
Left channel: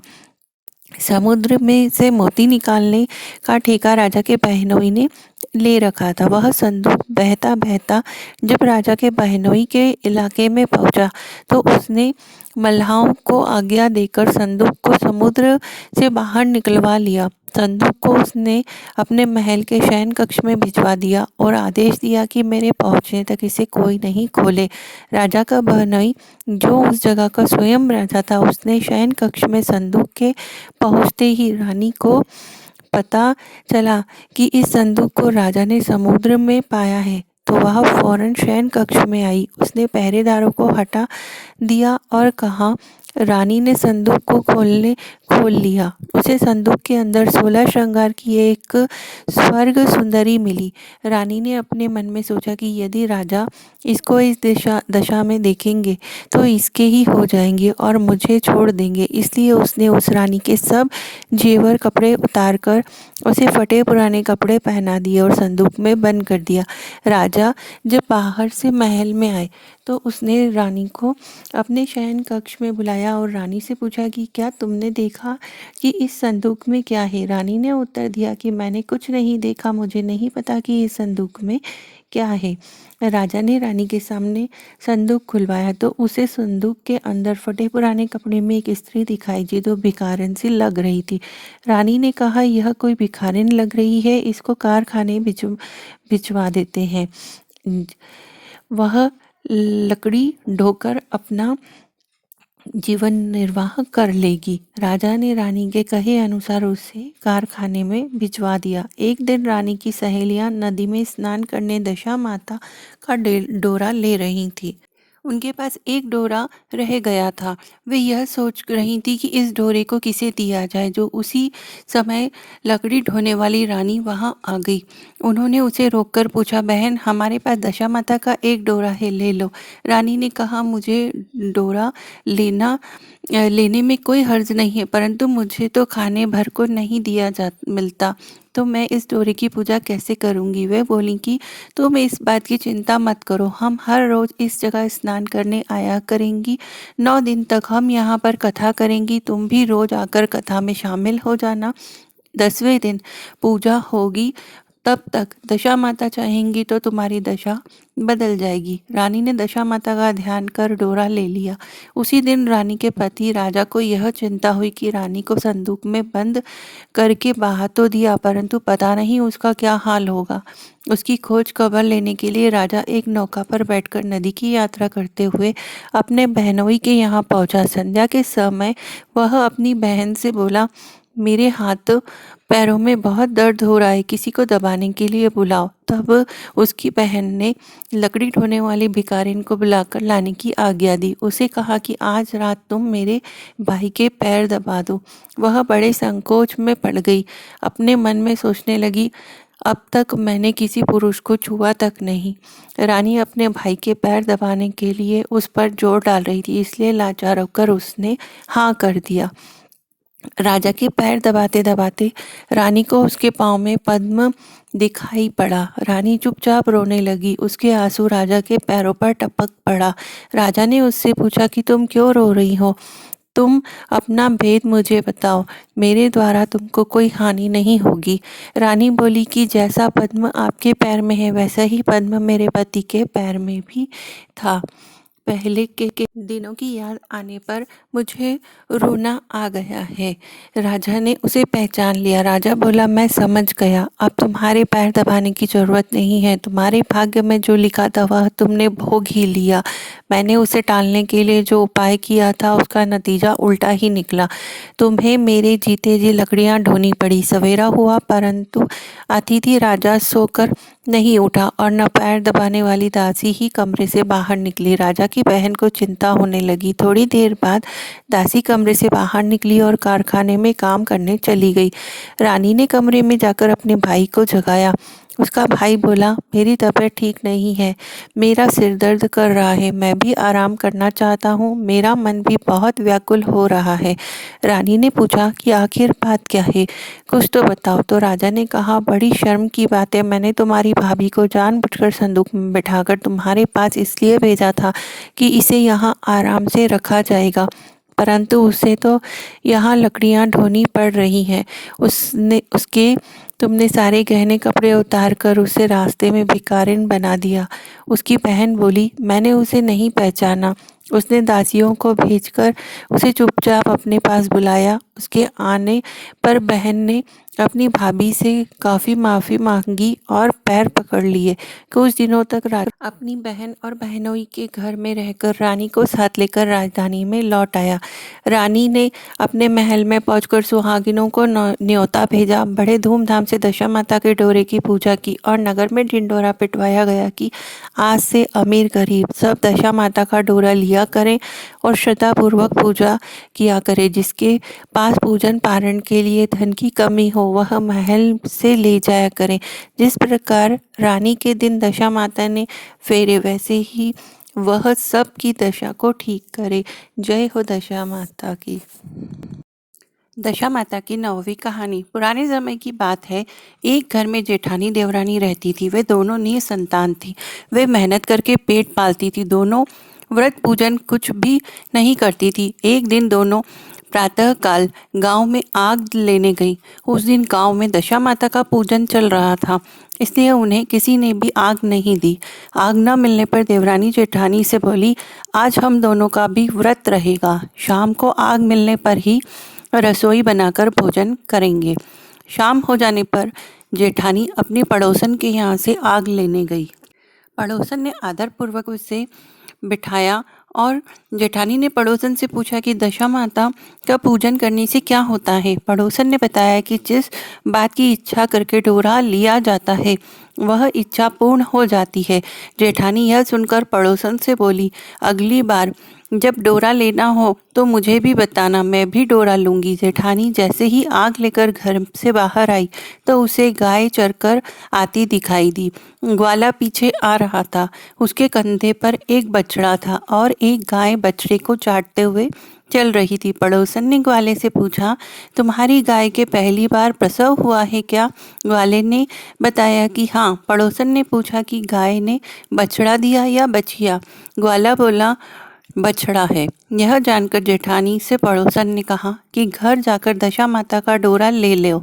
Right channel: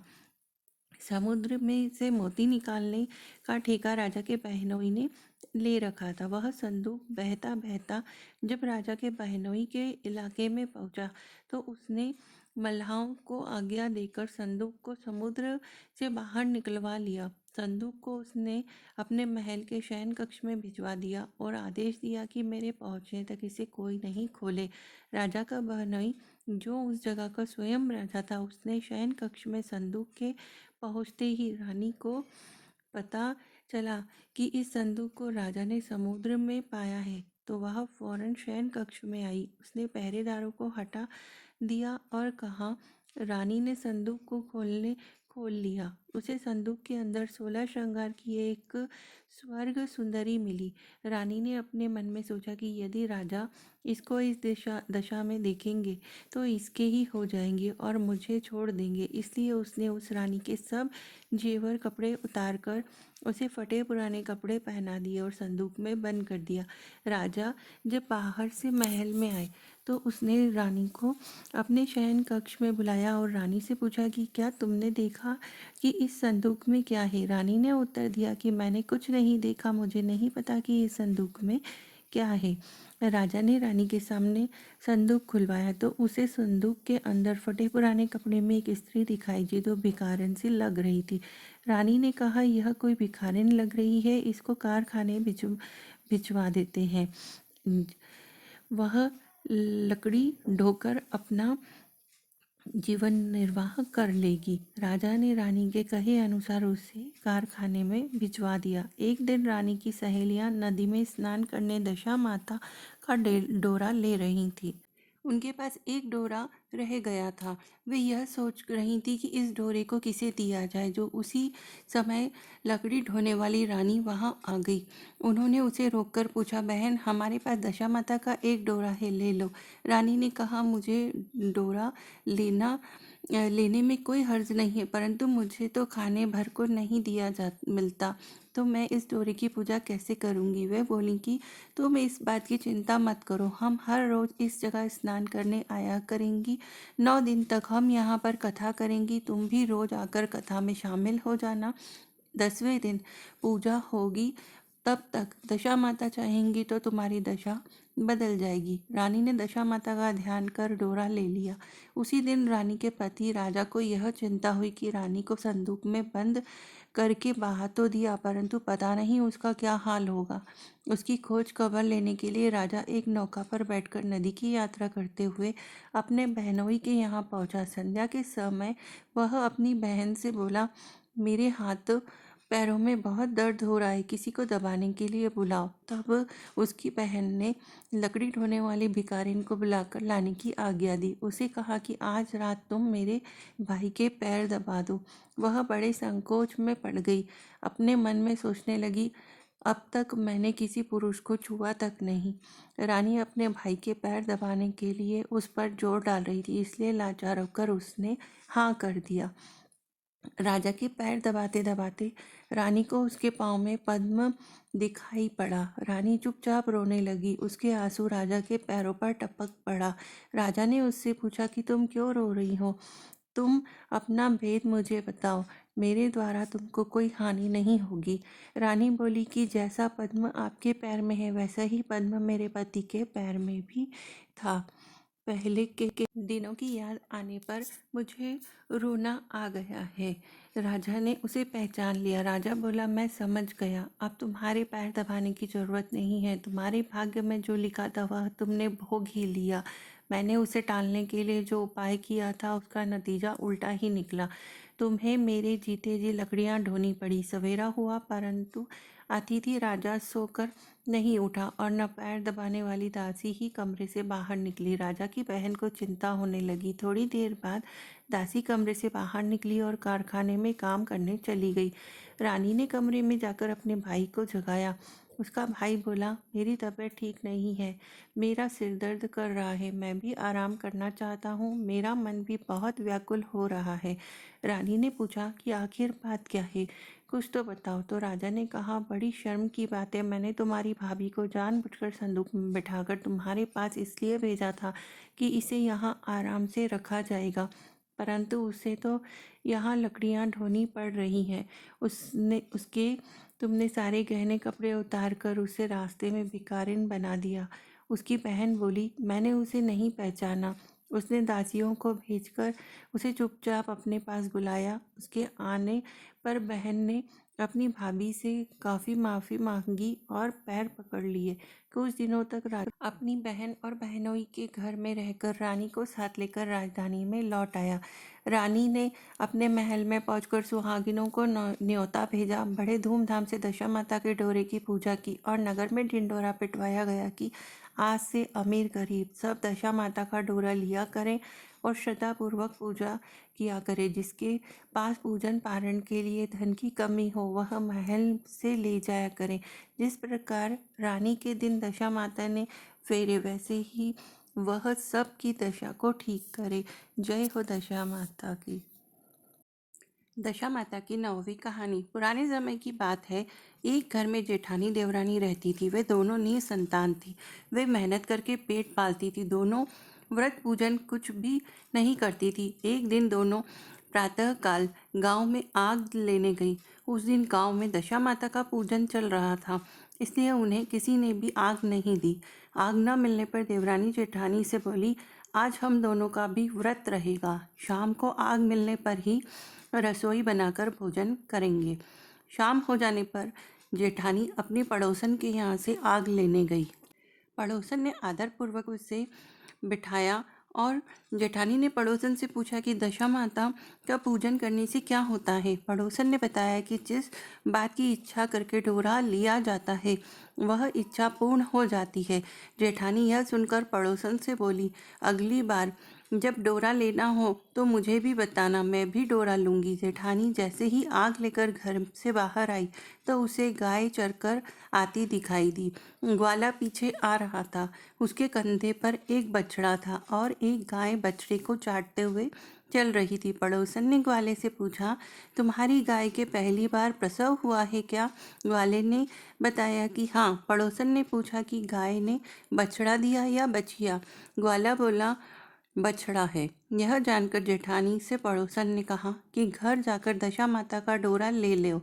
समुद्र में से मोती निकालने का ठेका राजा के बहनोई ने ले रखा था। वह संदूक बहता बहता जब राजा के बहनोई के इलाके में पहुंचा तो उसने मल्लाहों को आज्ञा देकर संदूक को समुद्र से बाहर निकलवा लिया। संदूक को उसने अपने महल के शयन कक्ष में भिजवा दिया और आदेश दिया कि मेरे पहुंचने तक इसे कोई नहीं खोले। राजा का बहनोई, जो उस जगह का स्वयं राजा था, उसने शयन कक्ष में संदूक के पहुंचते ही रानी को पता चला कि इस संदूक को राजा ने समुद्र में पाया है, तो वह फौरन शयन कक्ष में आई। उसने पहरेदारों को हटा दिया और कहा, रानी ने संदूक को खोल लिया। उसे संदूक के अंदर 16 श्रृंगार की एक स्वर्ग सुंदरी मिली। रानी ने अपने मन में सोचा कि यदि राजा इसको इस दशा में देखेंगे तो इसके ही हो जाएंगे और मुझे छोड़ देंगे। इसलिए उसने उस रानी के सब जेवर कपड़े उतार कर उसे फटे पुराने कपड़े पहना दिए और संदूक में बंद कर दिया। राजा जब बाहर से महल में आए तो उसने रानी को अपने शयन कक्ष में बुलाया और रानी से पूछा कि क्या तुमने देखा कि इस संदूक में क्या है? रानी ने उत्तर दिया कि मैंने कुछ नहीं देखा, मुझे नहीं पता कि इस संदूक में क्या है। राजा ने रानी के सामने संदूक खुलवाया तो उसे संदूक के अंदर फटे पुराने कपड़े में एक स्त्री दिखाई दी जो भिखारिन सी लग रही थी। रानी ने कहा, यह कोई भिखारिन लग रही है, इसको कारखाने भिजवा देते हैं, वह लकड़ी ढोकर अपना जीवन निर्वाह कर लेगी। राजा ने रानी के कहे अनुसार उसे कारखाने में भिजवा दिया। एक दिन रानी की सहेलियां नदी में स्नान करने दशा माता का डोरा ले रही थी। उनके पास एक डोरा रह गया था। वे यह सोच रही थी कि इस डोरे को किसे दिया जाए। जो उसी समय लकड़ी ढोने वाली रानी वहां आ गई। उन्होंने उसे रोककर पूछा, बहन, हमारे पास दशा माता का एक डोरा है, ले लो। रानी ने कहा, मुझे डोरा लेने में कोई हर्ज नहीं है, परंतु मुझे तो खाने भर को नहीं मिलता, तो मैं इस डोरे की पूजा कैसे करूंगी। वे बोली कि तुम इस बात की चिंता मत करो, हम हर रोज इस जगह स्नान करने आया करेंगी। 9 दिन तक हम यहाँ पर कथा करेंगी, तुम भी रोज आकर कथा में शामिल हो जाना। 10वें दिन पूजा होगी, तब तक दशा माता चाहेंगी तो तुम्हारी दशा बदल जाएगी। रानी ने दशा माता का ध्यान कर डोरा ले लिया। उसी दिन रानी के पति राजा को यह चिंता हुई कि रानी को संदूक में बंद करके बाहर तो दिया, परंतु पता नहीं उसका क्या हाल होगा। उसकी खोज खबर लेने के लिए राजा एक नौका पर बैठकर नदी की यात्रा करते हुए अपने बहनोई के यहाँ पहुंचा। संध्या के समय वह अपनी बहन से बोला, मेरे हाथ पैरों में बहुत दर्द हो रहा है, किसी को दबाने के लिए बुलाओ। तब उसकी बहन ने लकड़ी ढोने वाली भिखारिन को बुलाकर लाने की आज्ञा दी। उसे कहा कि आज रात तुम मेरे भाई के पैर दबा दो। वह बड़े संकोच में पड़ गई। अपने मन में सोचने लगी, अब तक मैंने किसी पुरुष को छुआ तक नहीं। रानी अपने भाई के पैर दबाने के लिए उस पर जोर डाल रही थी, इसलिए लाचार होकर उसने हाँ कर दिया। राजा के पैर दबाते दबाते रानी को उसके पाँव में पद्म दिखाई पड़ा। रानी चुपचाप रोने लगी। उसके आंसू राजा के पैरों पर टपक पड़ा। राजा ने उससे पूछा कि तुम क्यों रो रही हो? तुम अपना भेद मुझे बताओ, मेरे द्वारा तुमको कोई हानि नहीं होगी। रानी बोली कि जैसा पद्म आपके पैर में है वैसा ही पद्म मेरे पति के पैर में भी था। पहले के दिनों की याद आने पर मुझे रोना आ गया है। राजा ने उसे पहचान लिया। राजा बोला, मैं समझ गया, अब तुम्हारे पैर दबाने की जरूरत नहीं है। तुम्हारे भाग्य में जो लिखा था वह तुमने भोग ही लिया। मैंने उसे टालने के लिए जो उपाय किया था उसका नतीजा उल्टा ही निकला। तुम्हें मेरे जीते जी लकड़ियां ढोनी पड़ी। सवेरा हुआ परंतु अतिथि राजा सोकर नहीं उठा और न पैर दबाने वाली दासी ही कमरे से बाहर निकली। राजा की बहन को चिंता होने लगी। थोड़ी देर बाद दासी कमरे से बाहर निकली और कारखाने में काम करने चली गई। रानी ने कमरे में जाकर अपने भाई को जगाया। उसका भाई बोला, मेरी तबीयत ठीक नहीं है, मेरा सिर दर्द कर रहा है, मैं भी आराम करना चाहता हूँ, मेरा मन भी बहुत व्याकुल हो रहा है। रानी ने पूछा कि आखिर बात क्या है, कुछ तो बताओ। तो राजा ने कहा, बड़ी शर्म की बात है, मैंने तुम्हारी भाभी को जानबूझकर संदूक में बिठाकर तुम्हारे पास इसलिए भेजा था कि इसे यहाँ आराम से रखा जाएगा, परंतु उसे तो यहाँ लकड़ियाँ ढोनी पड़ रही हैं। उसने उसके तुमने सारे गहने कपड़े उतार कर उसे रास्ते में भिखारिन बना दिया। उसकी बहन बोली, मैंने उसे नहीं पहचाना। उसने दासियों को भेजकर उसे चुपचाप अपने पास बुलाया। उसके आने पर बहन ने अपनी भाभी से काफ़ी माफ़ी मांगी और पैर पकड़ लिए। कुछ दिनों तक अपनी बहन और बहनोई के घर में रहकर रानी को साथ लेकर राजधानी में लौट आया। रानी ने अपने महल में पहुंचकर सुहागिनों को न्योता भेजा। बड़े धूमधाम से दशा माता के डोरे की पूजा की और नगर में ढिंडोरा पिटवाया गया कि आज से अमीर गरीब सब दशा माता का डोरा लिया करें और श्रद्धापूर्वक पूजा किया करें। जिसके पास पूजन पारण के लिए धन की कमी हो वह महल से ले जाया करें। जिस प्रकार रानी के दिन दशा माता ने फेरे वैसे ही वह सब की दशा को ठीक करे। जय हो दशा माता की। दशा माता की 9वीं कहानी। पुराने समय की बात है। एक घर में जेठानी देवरानी रहती थी। वे दोनों निसंतान थी। वे मेहनत करके पेट पालती थी। दोनों व्रत पूजन कुछ भी नहीं करती थी। एक दिन दोनों प्रातःकाल गांव में आग लेने गई। उस दिन गांव में दशा माता का पूजन चल रहा था, इसलिए उन्हें किसी ने भी आग नहीं दी। आग न मिलने पर देवरानी जेठानी से बोली, आज हम दोनों का भी व्रत रहेगा। शाम को आग मिलने पर ही रसोई बनाकर भोजन करेंगे। शाम हो जाने पर जेठानी अपनी पड़ोसन के यहाँ से आग लेने गई। पड़ोसन ने आदरपूर्वक उसे बिठाया और जेठानी ने पड़ोसन से पूछा कि दशा माता का पूजन करने से क्या होता है। पड़ोसन ने बताया कि जिस बात की इच्छा करके डोरा लिया जाता है वह इच्छा पूर्ण हो जाती है। जेठानी यह सुनकर पड़ोसन से बोली, अगली बार जब डोरा लेना हो तो मुझे भी बताना, मैं भी डोरा लूंगी। जेठानी जैसे ही आग लेकर घर से बाहर आई तो उसे गाय चरकर आती दिखाई दी। ग्वाला पीछे आ रहा था। उसके कंधे पर एक बछड़ा था और एक गाय बछड़े को चाटते हुए चल रही थी। पड़ोसन ने ग्वाले से पूछा, तुम्हारी गाय के पहली बार प्रसव हुआ है क्या? ग्वाले ने बताया कि हाँ। पड़ोसन ने पूछा कि गाय ने बछड़ा दिया या बछिया? ग्वाला बोला, बछड़ा है। यह जानकर जेठानी से पड़ोसन ने कहा कि घर जाकर दशा माता का डोरा ले लो।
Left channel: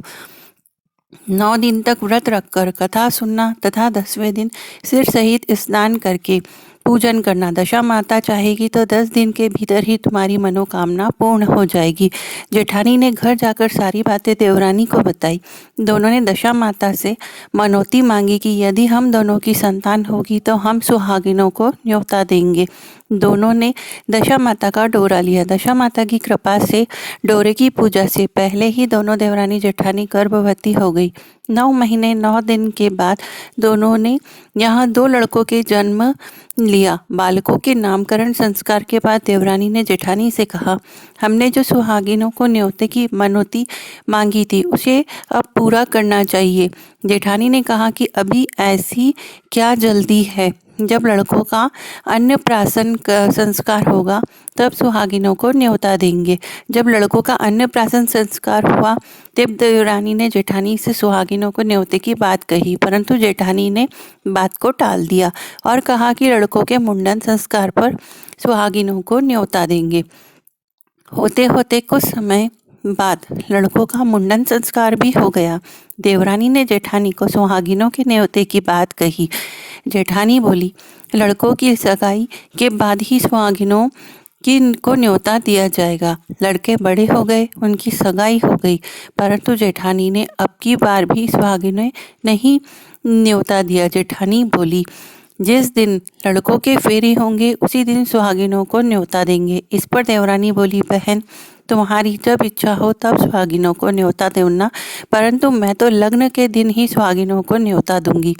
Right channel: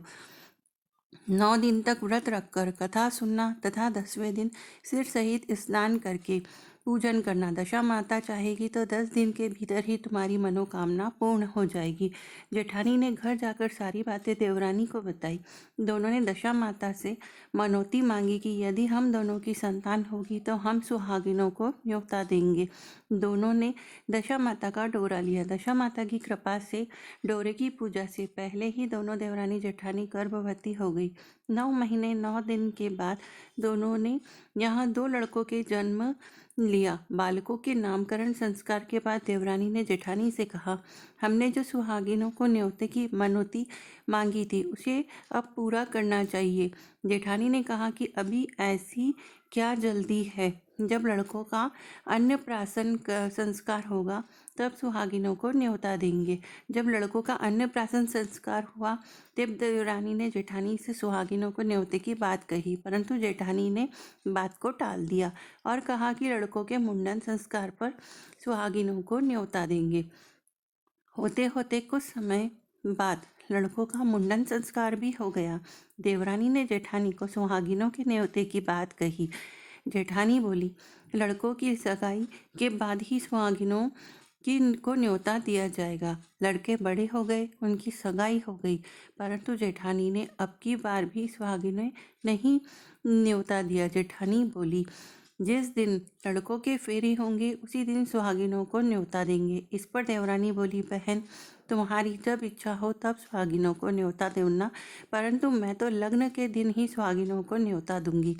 9 दिन तक व्रत रखकर कथा सुनना तथा 10वें दिन सिर सहित स्नान करके पूजन करना। दशा माता चाहेगी तो 10 दिन के भीतर ही तुम्हारी मनोकामना पूर्ण हो जाएगी। जेठानी ने घर जाकर सारी बातें देवरानी को बताई। दोनों ने दशा माता से मनौती मांगी कि यदि हम दोनों की संतान होगी तो हम सुहागिनों को न्योता देंगे। दोनों ने दशा माता का डोरा लिया। दशा माता की कृपा से डोरे की पूजा से पहले ही दोनों देवरानी जेठानी गर्भवती हो गई। 9 महीने 9 दिन के बाद दोनों ने यहाँ 2 लड़कों के जन्म लिया। बालकों के नामकरण संस्कार के बाद देवरानी ने जेठानी से कहा, हमने जो सुहागिनों को न्योते की मनौती मांगी थी उसे अब पूरा करना चाहिए। जेठानी ने कहा कि अभी ऐसी क्या जल्दी है, जब लड़कों का अन्नप्राशन का संस्कार होगा तब सुहागिनों को न्योता देंगे। जब लड़कों का अन्नप्राशन संस्कार हुआ तब देवरानी ने जेठानी से सुहागिनों को न्योते की बात कही, परंतु जेठानी ने बात को टाल दिया और कहा कि लड़कों के मुंडन संस्कार पर सुहागिनों को न्योता देंगे। होते होते कुछ समय बाद लड़कों का मुंडन संस्कार भी हो गया। देवरानी ने जेठानी को सुहागिनों के न्योते की बात कही। जेठानी बोली, लड़कों की सगाई के बाद ही सुहागिनों की को न्योता दिया जाएगा। लड़के बड़े हो गए, उनकी सगाई हो गई, परंतु जेठानी ने अब की बार भी सुहागिनें नहीं न्योता दिया। जेठानी बोली, जिस दिन लड़कों के फेरे होंगे उसी दिन सुहागिनों को न्योता देंगे। इस पर देवरानी बोली, बहन तुम्हारी जब इच्छा हो तब सुहागिनों को न्योता देना, परंतु मैं तो लग्न के दिन ही सुहागिनों को न्योता दूंगी।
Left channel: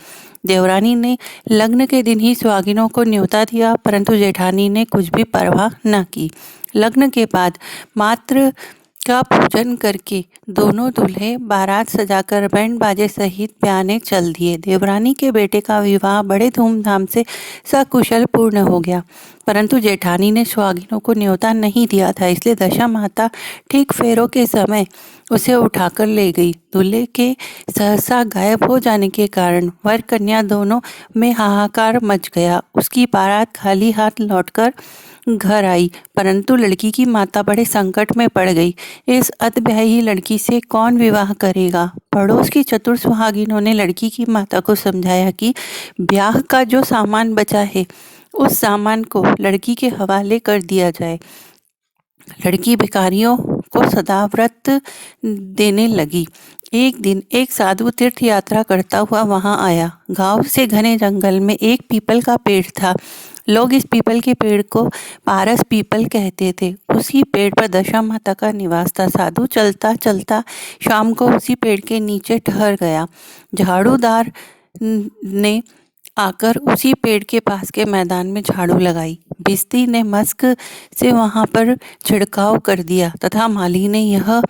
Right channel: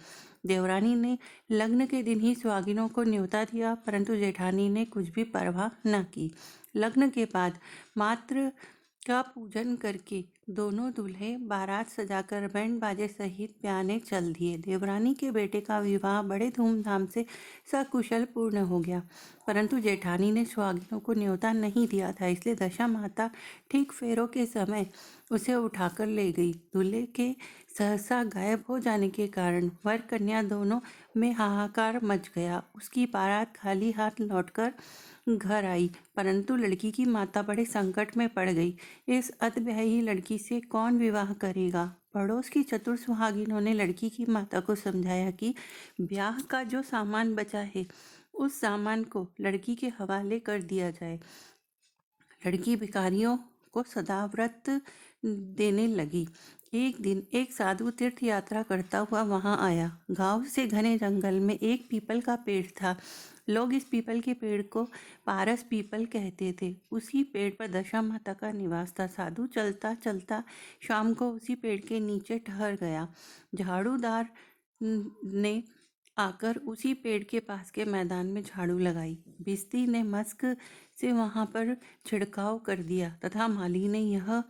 देवरानी ने लग्न के दिन ही सुहागिनों को न्योता दिया, परंतु जेठानी ने कुछ भी परवाह न की। लग्न के बाद मात्र का पूजन करके दोनों दूल्हे बारात सजाकर बैंड बाजे सहित ब्याने चल दिए। देवरानी के बेटे का विवाह बड़े धूमधाम से सकुशल पूर्ण हो गया, परंतु जेठानी ने सुहागिनों को न्योता नहीं दिया था, इसलिए दशा माता ठीक फेरों के समय उसे उठाकर ले गई। दूल्हे के सहसा गायब हो जाने के कारण वर कन्या दोनों में हाहाकार मच गया। उसकी बारात खाली हाथ लौटकर घर आई, परंतु लड़की की माता बड़े संकट में पड़ गई। इस अतब्याही लड़की से कौन विवाह करेगा? पड़ोस की चतुर सुहागिनों ने लड़की की माता को समझाया कि ब्याह का जो सामान बचा है उस सामान को लड़की के हवाले कर दिया जाए। लड़की भिखारियों को सदाव्रत देने लगी। एक दिन एक साधु तीर्थ यात्रा करता हुआ वहां आया। गांव से घने जंगल में एक पीपल का पेड़ था। लोग इस पीपल के पेड़ को पारस पीपल कहते थे। उसी पेड़ पर दशा माता का निवास था। साधु चलता चलता शाम को उसी पेड़ के नीचे ठहर गया। झाड़ूदार ने आकर उसी पेड़ के पास के मैदान में झाड़ू लगाई। भिस्ती ने मस्क से वहां पर छिड़काव कर दिया तथा माली ने यह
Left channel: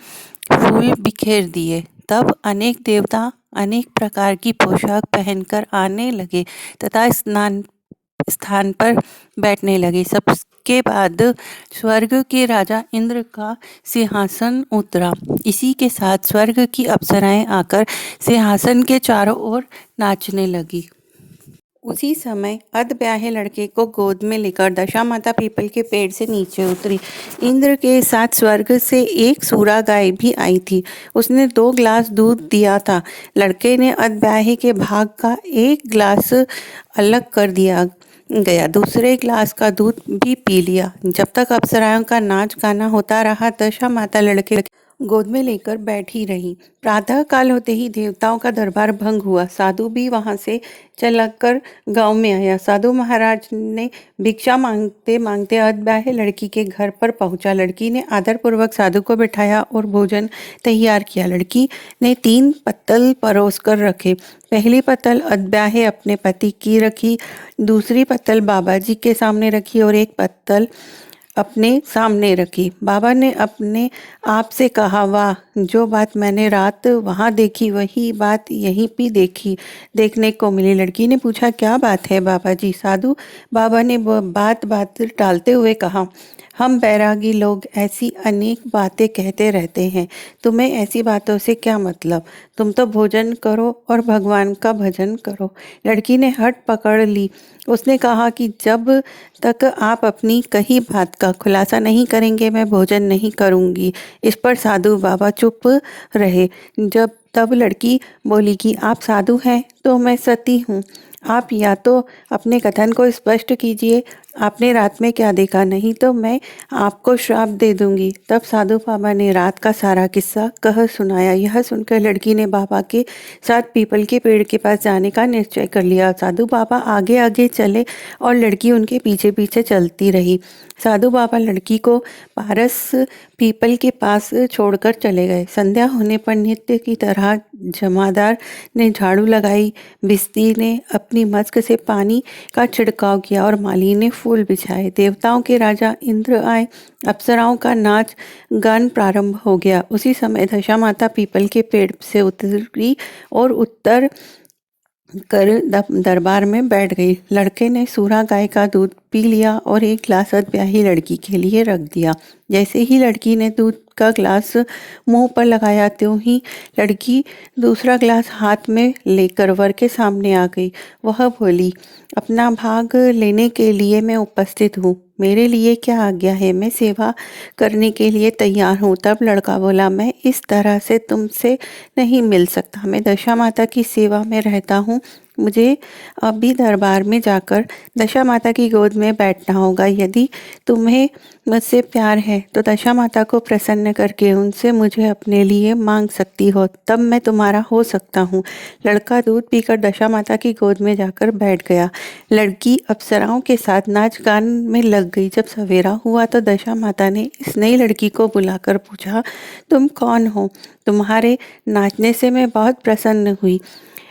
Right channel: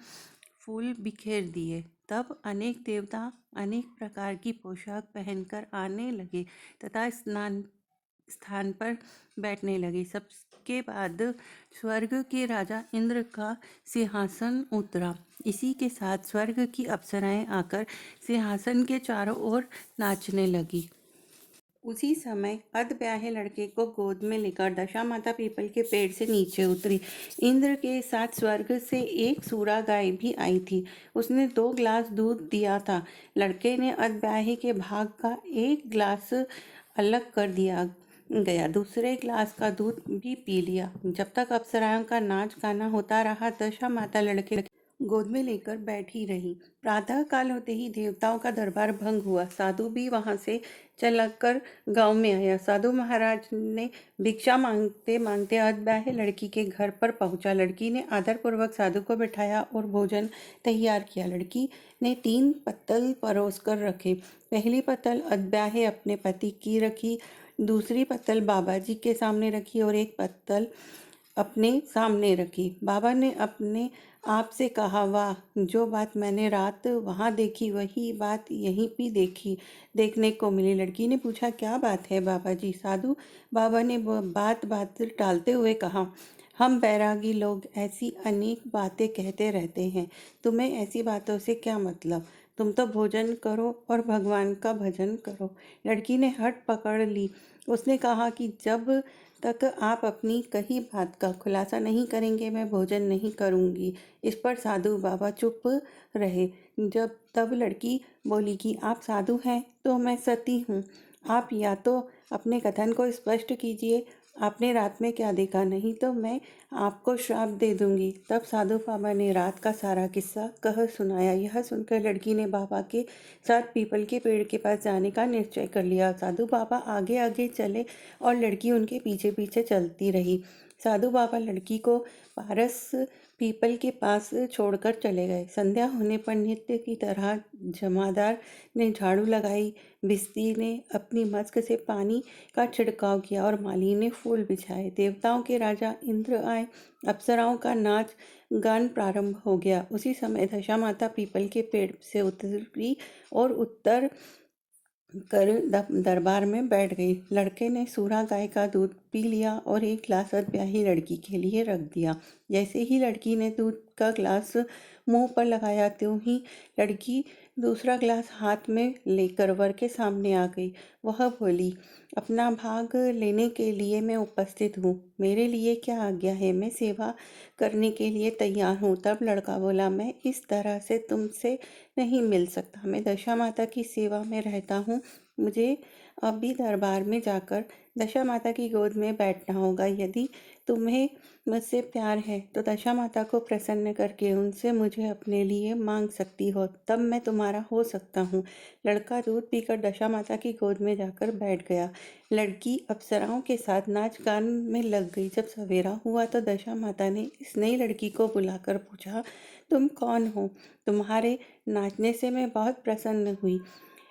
फूल बिखेर दिए। तब अनेक देवता अनेक प्रकार की पोशाक पहनकर आने लगे तथा स्थान पर बैठने लगे। सबके बाद स्वर्ग के राजा इंद्र का सिंहासन उतरा। इसी के साथ स्वर्ग की अप्सराएं आकर सिंहासन के चारों ओर नाचने लगी। उसी समय अधब्याहे लड़के को गोद में लेकर दशा माता पीपल के पेड़ से नीचे उतरी। इंद्र के साथ स्वर्ग से एक सूरा गाय भी आई थी। उसने 2 गिलास दूध दिया था। लड़के ने अधब्याहे के भाग का 1 गिलास अलग कर दिया गया। दूसरे गिलास का दूध भी पी लिया। जब तक अप्सराओं का नाच गाना होता रहा, दशा माता लड़के गोद में लेकर बैठी रही। प्रातः काल होते ही देवताओं का दरबार भंग हुआ। साधु भी वहां से चलकर गांव में आया। साधु महाराज ने भिक्षा मांगते मांगते अधब्याहे लड़की के घर पर पहुंचा। लड़की ने आदरपूर्वक साधु को बिठाया और भोजन तैयार किया। लड़की ने 3 पत्तल परोस कर रखे। पहली पत्तल अधब्याहे अपने पति की रखी, दूसरी पत्तल बाबा जी के सामने रखी और एक पत्तल अपने सामने रखी। बाबा ने अपने आप से कहा, वाह, जो बात मैंने रात वहाँ देखी वही बात यहीं भी देखने को मिली। लड़की ने पूछा, क्या बात है बाबा जी? साधु बाबा ने बात टालते हुए कहा, हम बैरागी लोग ऐसी अनेक बातें कहते रहते हैं। तुम्हें ऐसी बातों से क्या मतलब? तुम तो भोजन करो और भगवान का भजन करो। लड़की ने हट पकड़ ली। उसने कहा कि जब तक आप अपनी कही बात का खुलासा नहीं करेंगे मैं भोजन नहीं करूंगी। इस पर साधु बाबा चुप रहे। तब लड़की बोली कि आप साधु हैं तो मैं सती हूँ। आप या तो अपने कथन को स्पष्ट कीजिए, आपने रात में क्या देखा, नहीं तो मैं आपको श्राप दे दूंगी। तब साधु बाबा ने रात का सारा किस्सा कह सुनाया। यह सुनकर लड़की ने बाबा के साथ पीपल के पेड़ के पास जाने का निश्चय कर लिया। साधु बाबा आगे आगे चले और लड़की उनके पीछे पीछे चलती रही। साधु बाबा लड़की को पारस पीपल के पास छोड़कर चले गए। संध्या होने पर नित्य की तरह जमादार ने झाड़ू लगाई, भिस्ती ने अपनी मस्क से पानी का छिड़काव किया और माली ने फूल बिछाए। देवताओं के राजा इंद्र आए। अप्सराओं का नाच गान प्रारंभ हो गया। उसी समय दशा माता पीपल के पेड़ से उतरी और उत्तर कर दरबार में बैठ गई। लड़के ने सूरा गाय का दूध पी लिया और एक गिलास अधब्याही लड़की के लिए रख दिया। जैसे ही लड़की ने दूध का गिलास मुंह पर लगाया त्यों ही लड़की दूसरा गिलास हाथ में लेकर वर के सामने आ गई। वह बोली, अपना भाग लेने के लिए मैं उपस्थित हूँ। मेरे लिए क्या आज्ञा है? मैं सेवा करने के लिए तैयार हूँ। तब लड़का बोला, मैं इस तरह से तुमसे नहीं मिल सकता। मैं दशा माता की सेवा में रहता हूँ। मुझे अभी दरबार में जाकर दशा माता की गोद में बैठना होगा। यदि तुम्हें मुझसे प्यार है तो दशा माता को प्रसन्न करके उनसे मुझे अपने लिए मांग सकती हो, तब मैं तुम्हारा हो सकता हूँ। लड़का दूध पीकर दशा माता की गोद में जाकर बैठ गया। लड़की अप्सराओं के साथ नाच गान में लग गई। जब सवेरा हुआ तो दशा माता ने इस नई लड़की को बुलाकर पूछा, तुम कौन हो? तुम्हारे नाचने से मैं बहुत प्रसन्न हुई।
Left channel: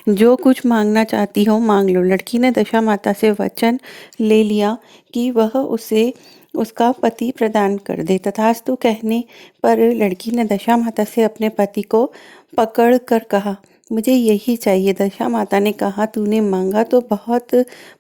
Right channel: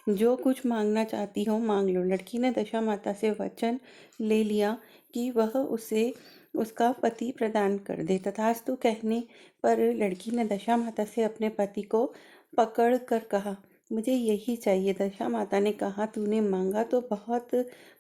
जो कुछ मांगना चाहती हो मांग लो। लड़की ने दशा माता से वचन ले लिया कि वह उसे उसका पति प्रदान कर दे। तथास्तु कहने पर लड़की ने दशा माता से अपने पति को पकड़ कर कहा, मुझे यही चाहिए। दशा माता ने कहा, तूने मांगा तो बहुत,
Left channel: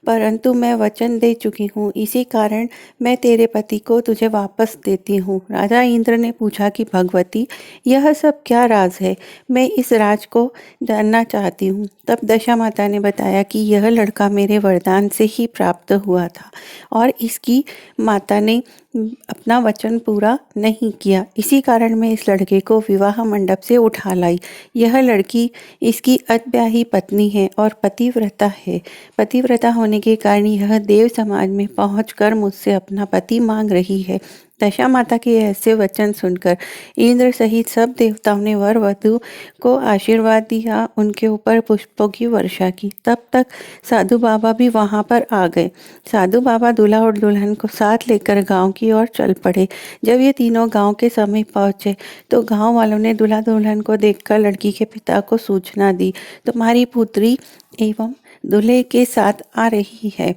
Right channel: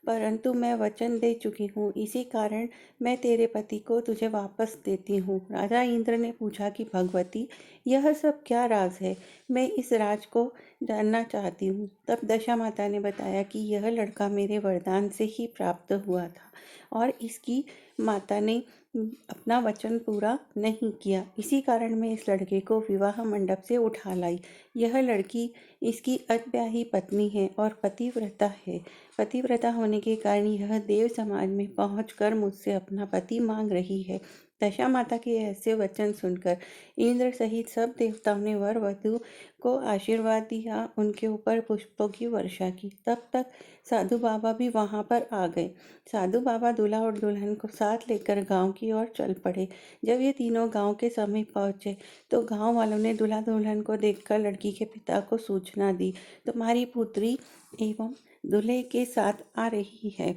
परंतु मैं वचन दे चुकी हूँ, इसी कारण मैं तेरे पति को तुझे वापस देती हूँ। राजा इंद्र ने पूछा कि भगवती, यह सब क्या राज है? मैं इस राज को जानना चाहती हूँ। तब दशा माता ने बताया कि यह लड़का मेरे वरदान से ही प्राप्त हुआ था और इसकी माता ने अपना वचन पूरा नहीं किया, इसी कारण मैं इस लड़के को विवाह मंडप से उठा लाई। यह लड़की इसकी अतब्याही पत्नी है और पतिव्रता है। पतिव्रता होने के कारण यह देव समाज में पहुंचकर मुझसे अपना पति मांग रही है। दशा माता के ऐसे वचन सुनकर इंद्र सहित सब देवताओं ने वर वधु को आशीर्वाद दिया, उनके ऊपर पुष्पों की वर्षा की। तब तक साधु बाबा भी वहां पर आ गए। साधु बाबा दूल्हा और दुल्हन को साथ लेकर गांव की ओर चल पड़े। जब ये तीनों गांव के समीप पहुंचे तो गांव वालों ने दूल्हा दुल्हन को देखकर लड़की के पिता को सूचना दी, तुम्हारी पुत्री एवं दूल्हे के साथ आ रही है।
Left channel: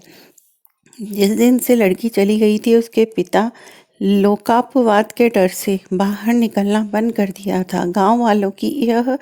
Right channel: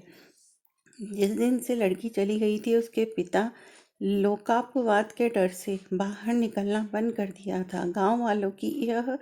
जिस दिन से लड़की चली गई थी उसके पिता लोकापवाद के डर से बाहर निकलना बंद कर दिया था। गांव वालों की यह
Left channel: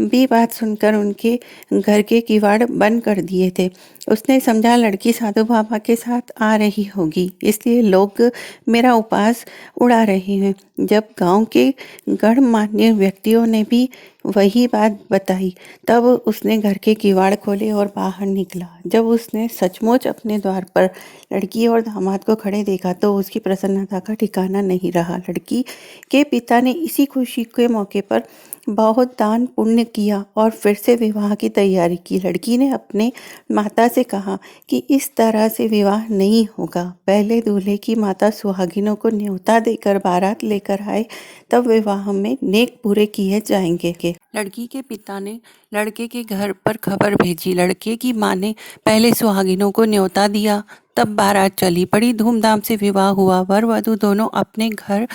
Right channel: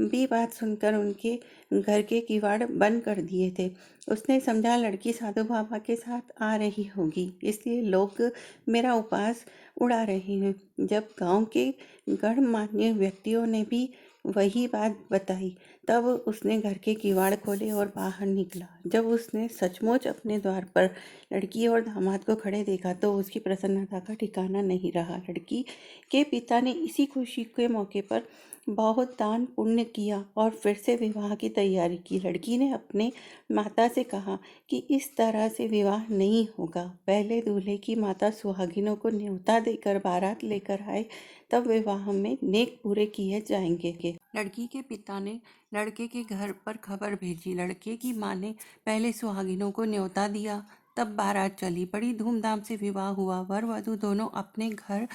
भी बात सुनकर उनके घर के किवाड़ बंद कर दिए थे। उसने समझा लड़की साधु बाबा के साथ आ रही होगी, इसलिए लोग मेरा उपवास उड़ा रहे हैं। जब गांव के गणमान्य व्यक्तियों ने भी वही बात बताई, तब उसने घर के किवाड़ खोले और बाहर निकला। जब उसने सचमुच अपने द्वार पर लड़की और दामाद को खड़े देखा तो उसकी प्रसन्नता का ठिकाना नहीं रहा। लड़की के पिता ने इसी खुशी के मौके पर बहुत दान पुण्य किया और फिर से विवाह की तैयारी की। लड़की ने अपने माता से कहा कि इस तरह से विवाह नहीं होगा। पहले दूल्हे की माता सुहागिनों को न्योता देकर बारात लेकर आए, तब विवाह में नेक पूरे किए जाएंगे। लड़की के पिता ने लड़के के घर पर खबर भेजी। लड़के की माँ ने पहले सुहागिनों को न्योता दिया, तब बारात चली। बड़ी धूमधाम से विवाह हुआ। वर वधु दोनों अपने घर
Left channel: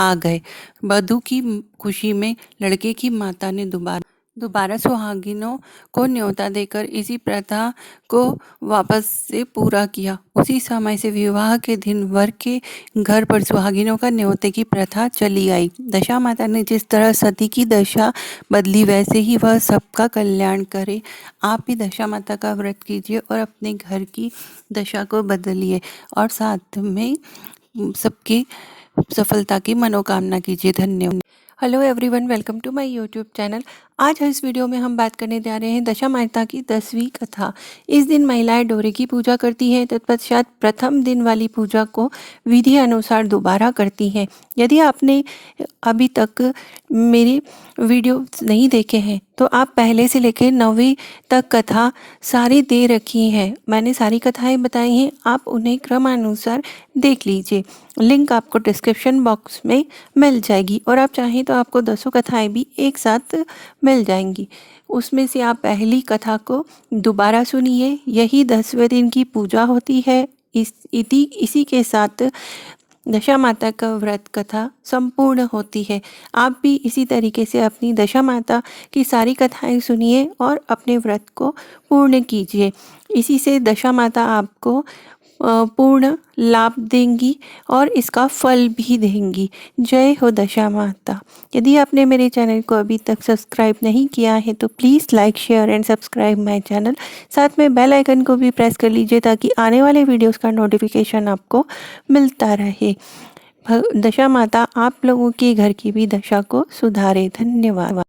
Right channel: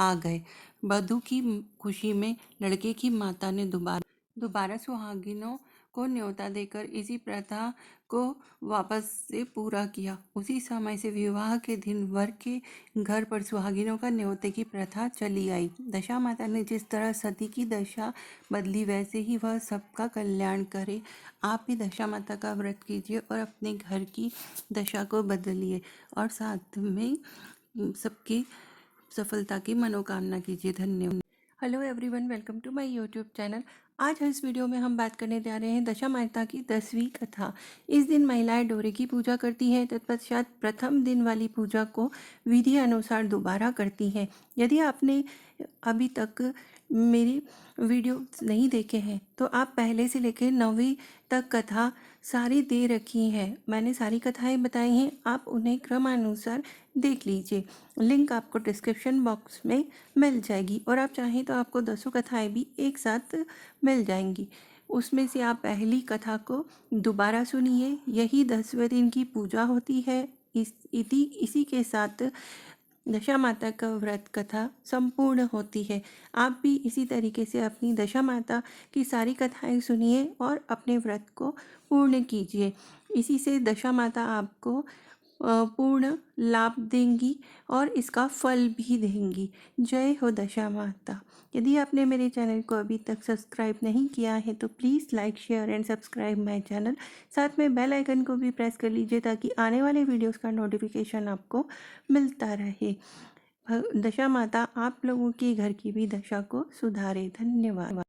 आ गए। वधु की खुशी में लड़के की माता ने दोबारा सुहागिनों को न्योता देकर इसी प्रथा को वापस से पूरा किया। उसी समय से विवाह के दिन वर के घर पर सुहागिनों का न्योते की प्रथा चली आई। दशा माता ने जिस तरह सती की दशा बदली, वैसे ही वह सबका कल्याण करे। आप भी दशा माता का व्रत कीजिए और अपने घर की दशा को बदलिए और साथ में सबकी सफलता की मनोकामना कीजिए। धन्यवाद। Hello everyone, welcome to my YouTube channel. आज इस वीडियो में हम बात करने जा रहे हैं दशा माता की 10वीं कथा। इस दिन महिलाएं डोरे की पूजा करती हैं, तत्पश्चात प्रथम दिन वाली पूजा को विधि अनुसार दोबारा करती हैं। यदि आपने अभी तक मेरे वीडियो नहीं देखे हैं तो आप पहले से लेकर 9वीं तक कथा सारी दे रखी हैं। मैंने सारी कथाएं बताई हैं, आप उन्हें क्रमानुसार देख लीजिए। लिंक आपको डिस्क्रिप्शन बॉक्स में मिल जाएगी और आप चाहें तो आपको 10 कथाएं भी एक साथ मिल जाएंगी। उसमें से आप पहली कथा को दोबारा सुनिए। यही 10वें दिन की पूजा होती है। इसी के साथ दशा माता का व्रत कथा संपूर्ण होती है। आप भी इसी तरीके से अपनी दशा माता की सारी कथाएं सुनिए और अपने व्रत को पूर्ण कीजिए। इसी से दशा माता आपको पूर्ण लाभ देंगी और इसका फल भी देंगी। जय हो दशा माता। यदि आपने मेरे चैनल को अभी तक सब्सक्राइब नहीं किया है तो please like share and subscribe my channel. साथ में बेल आइकन को भी प्रेस कर लीजिए ताकि आने वाले वीडियोस का नोटिफिकेशन आपको मिलता रहे। दशा माता आप लोगों के घर की भी दशा को सुधारे। धन्यवाद।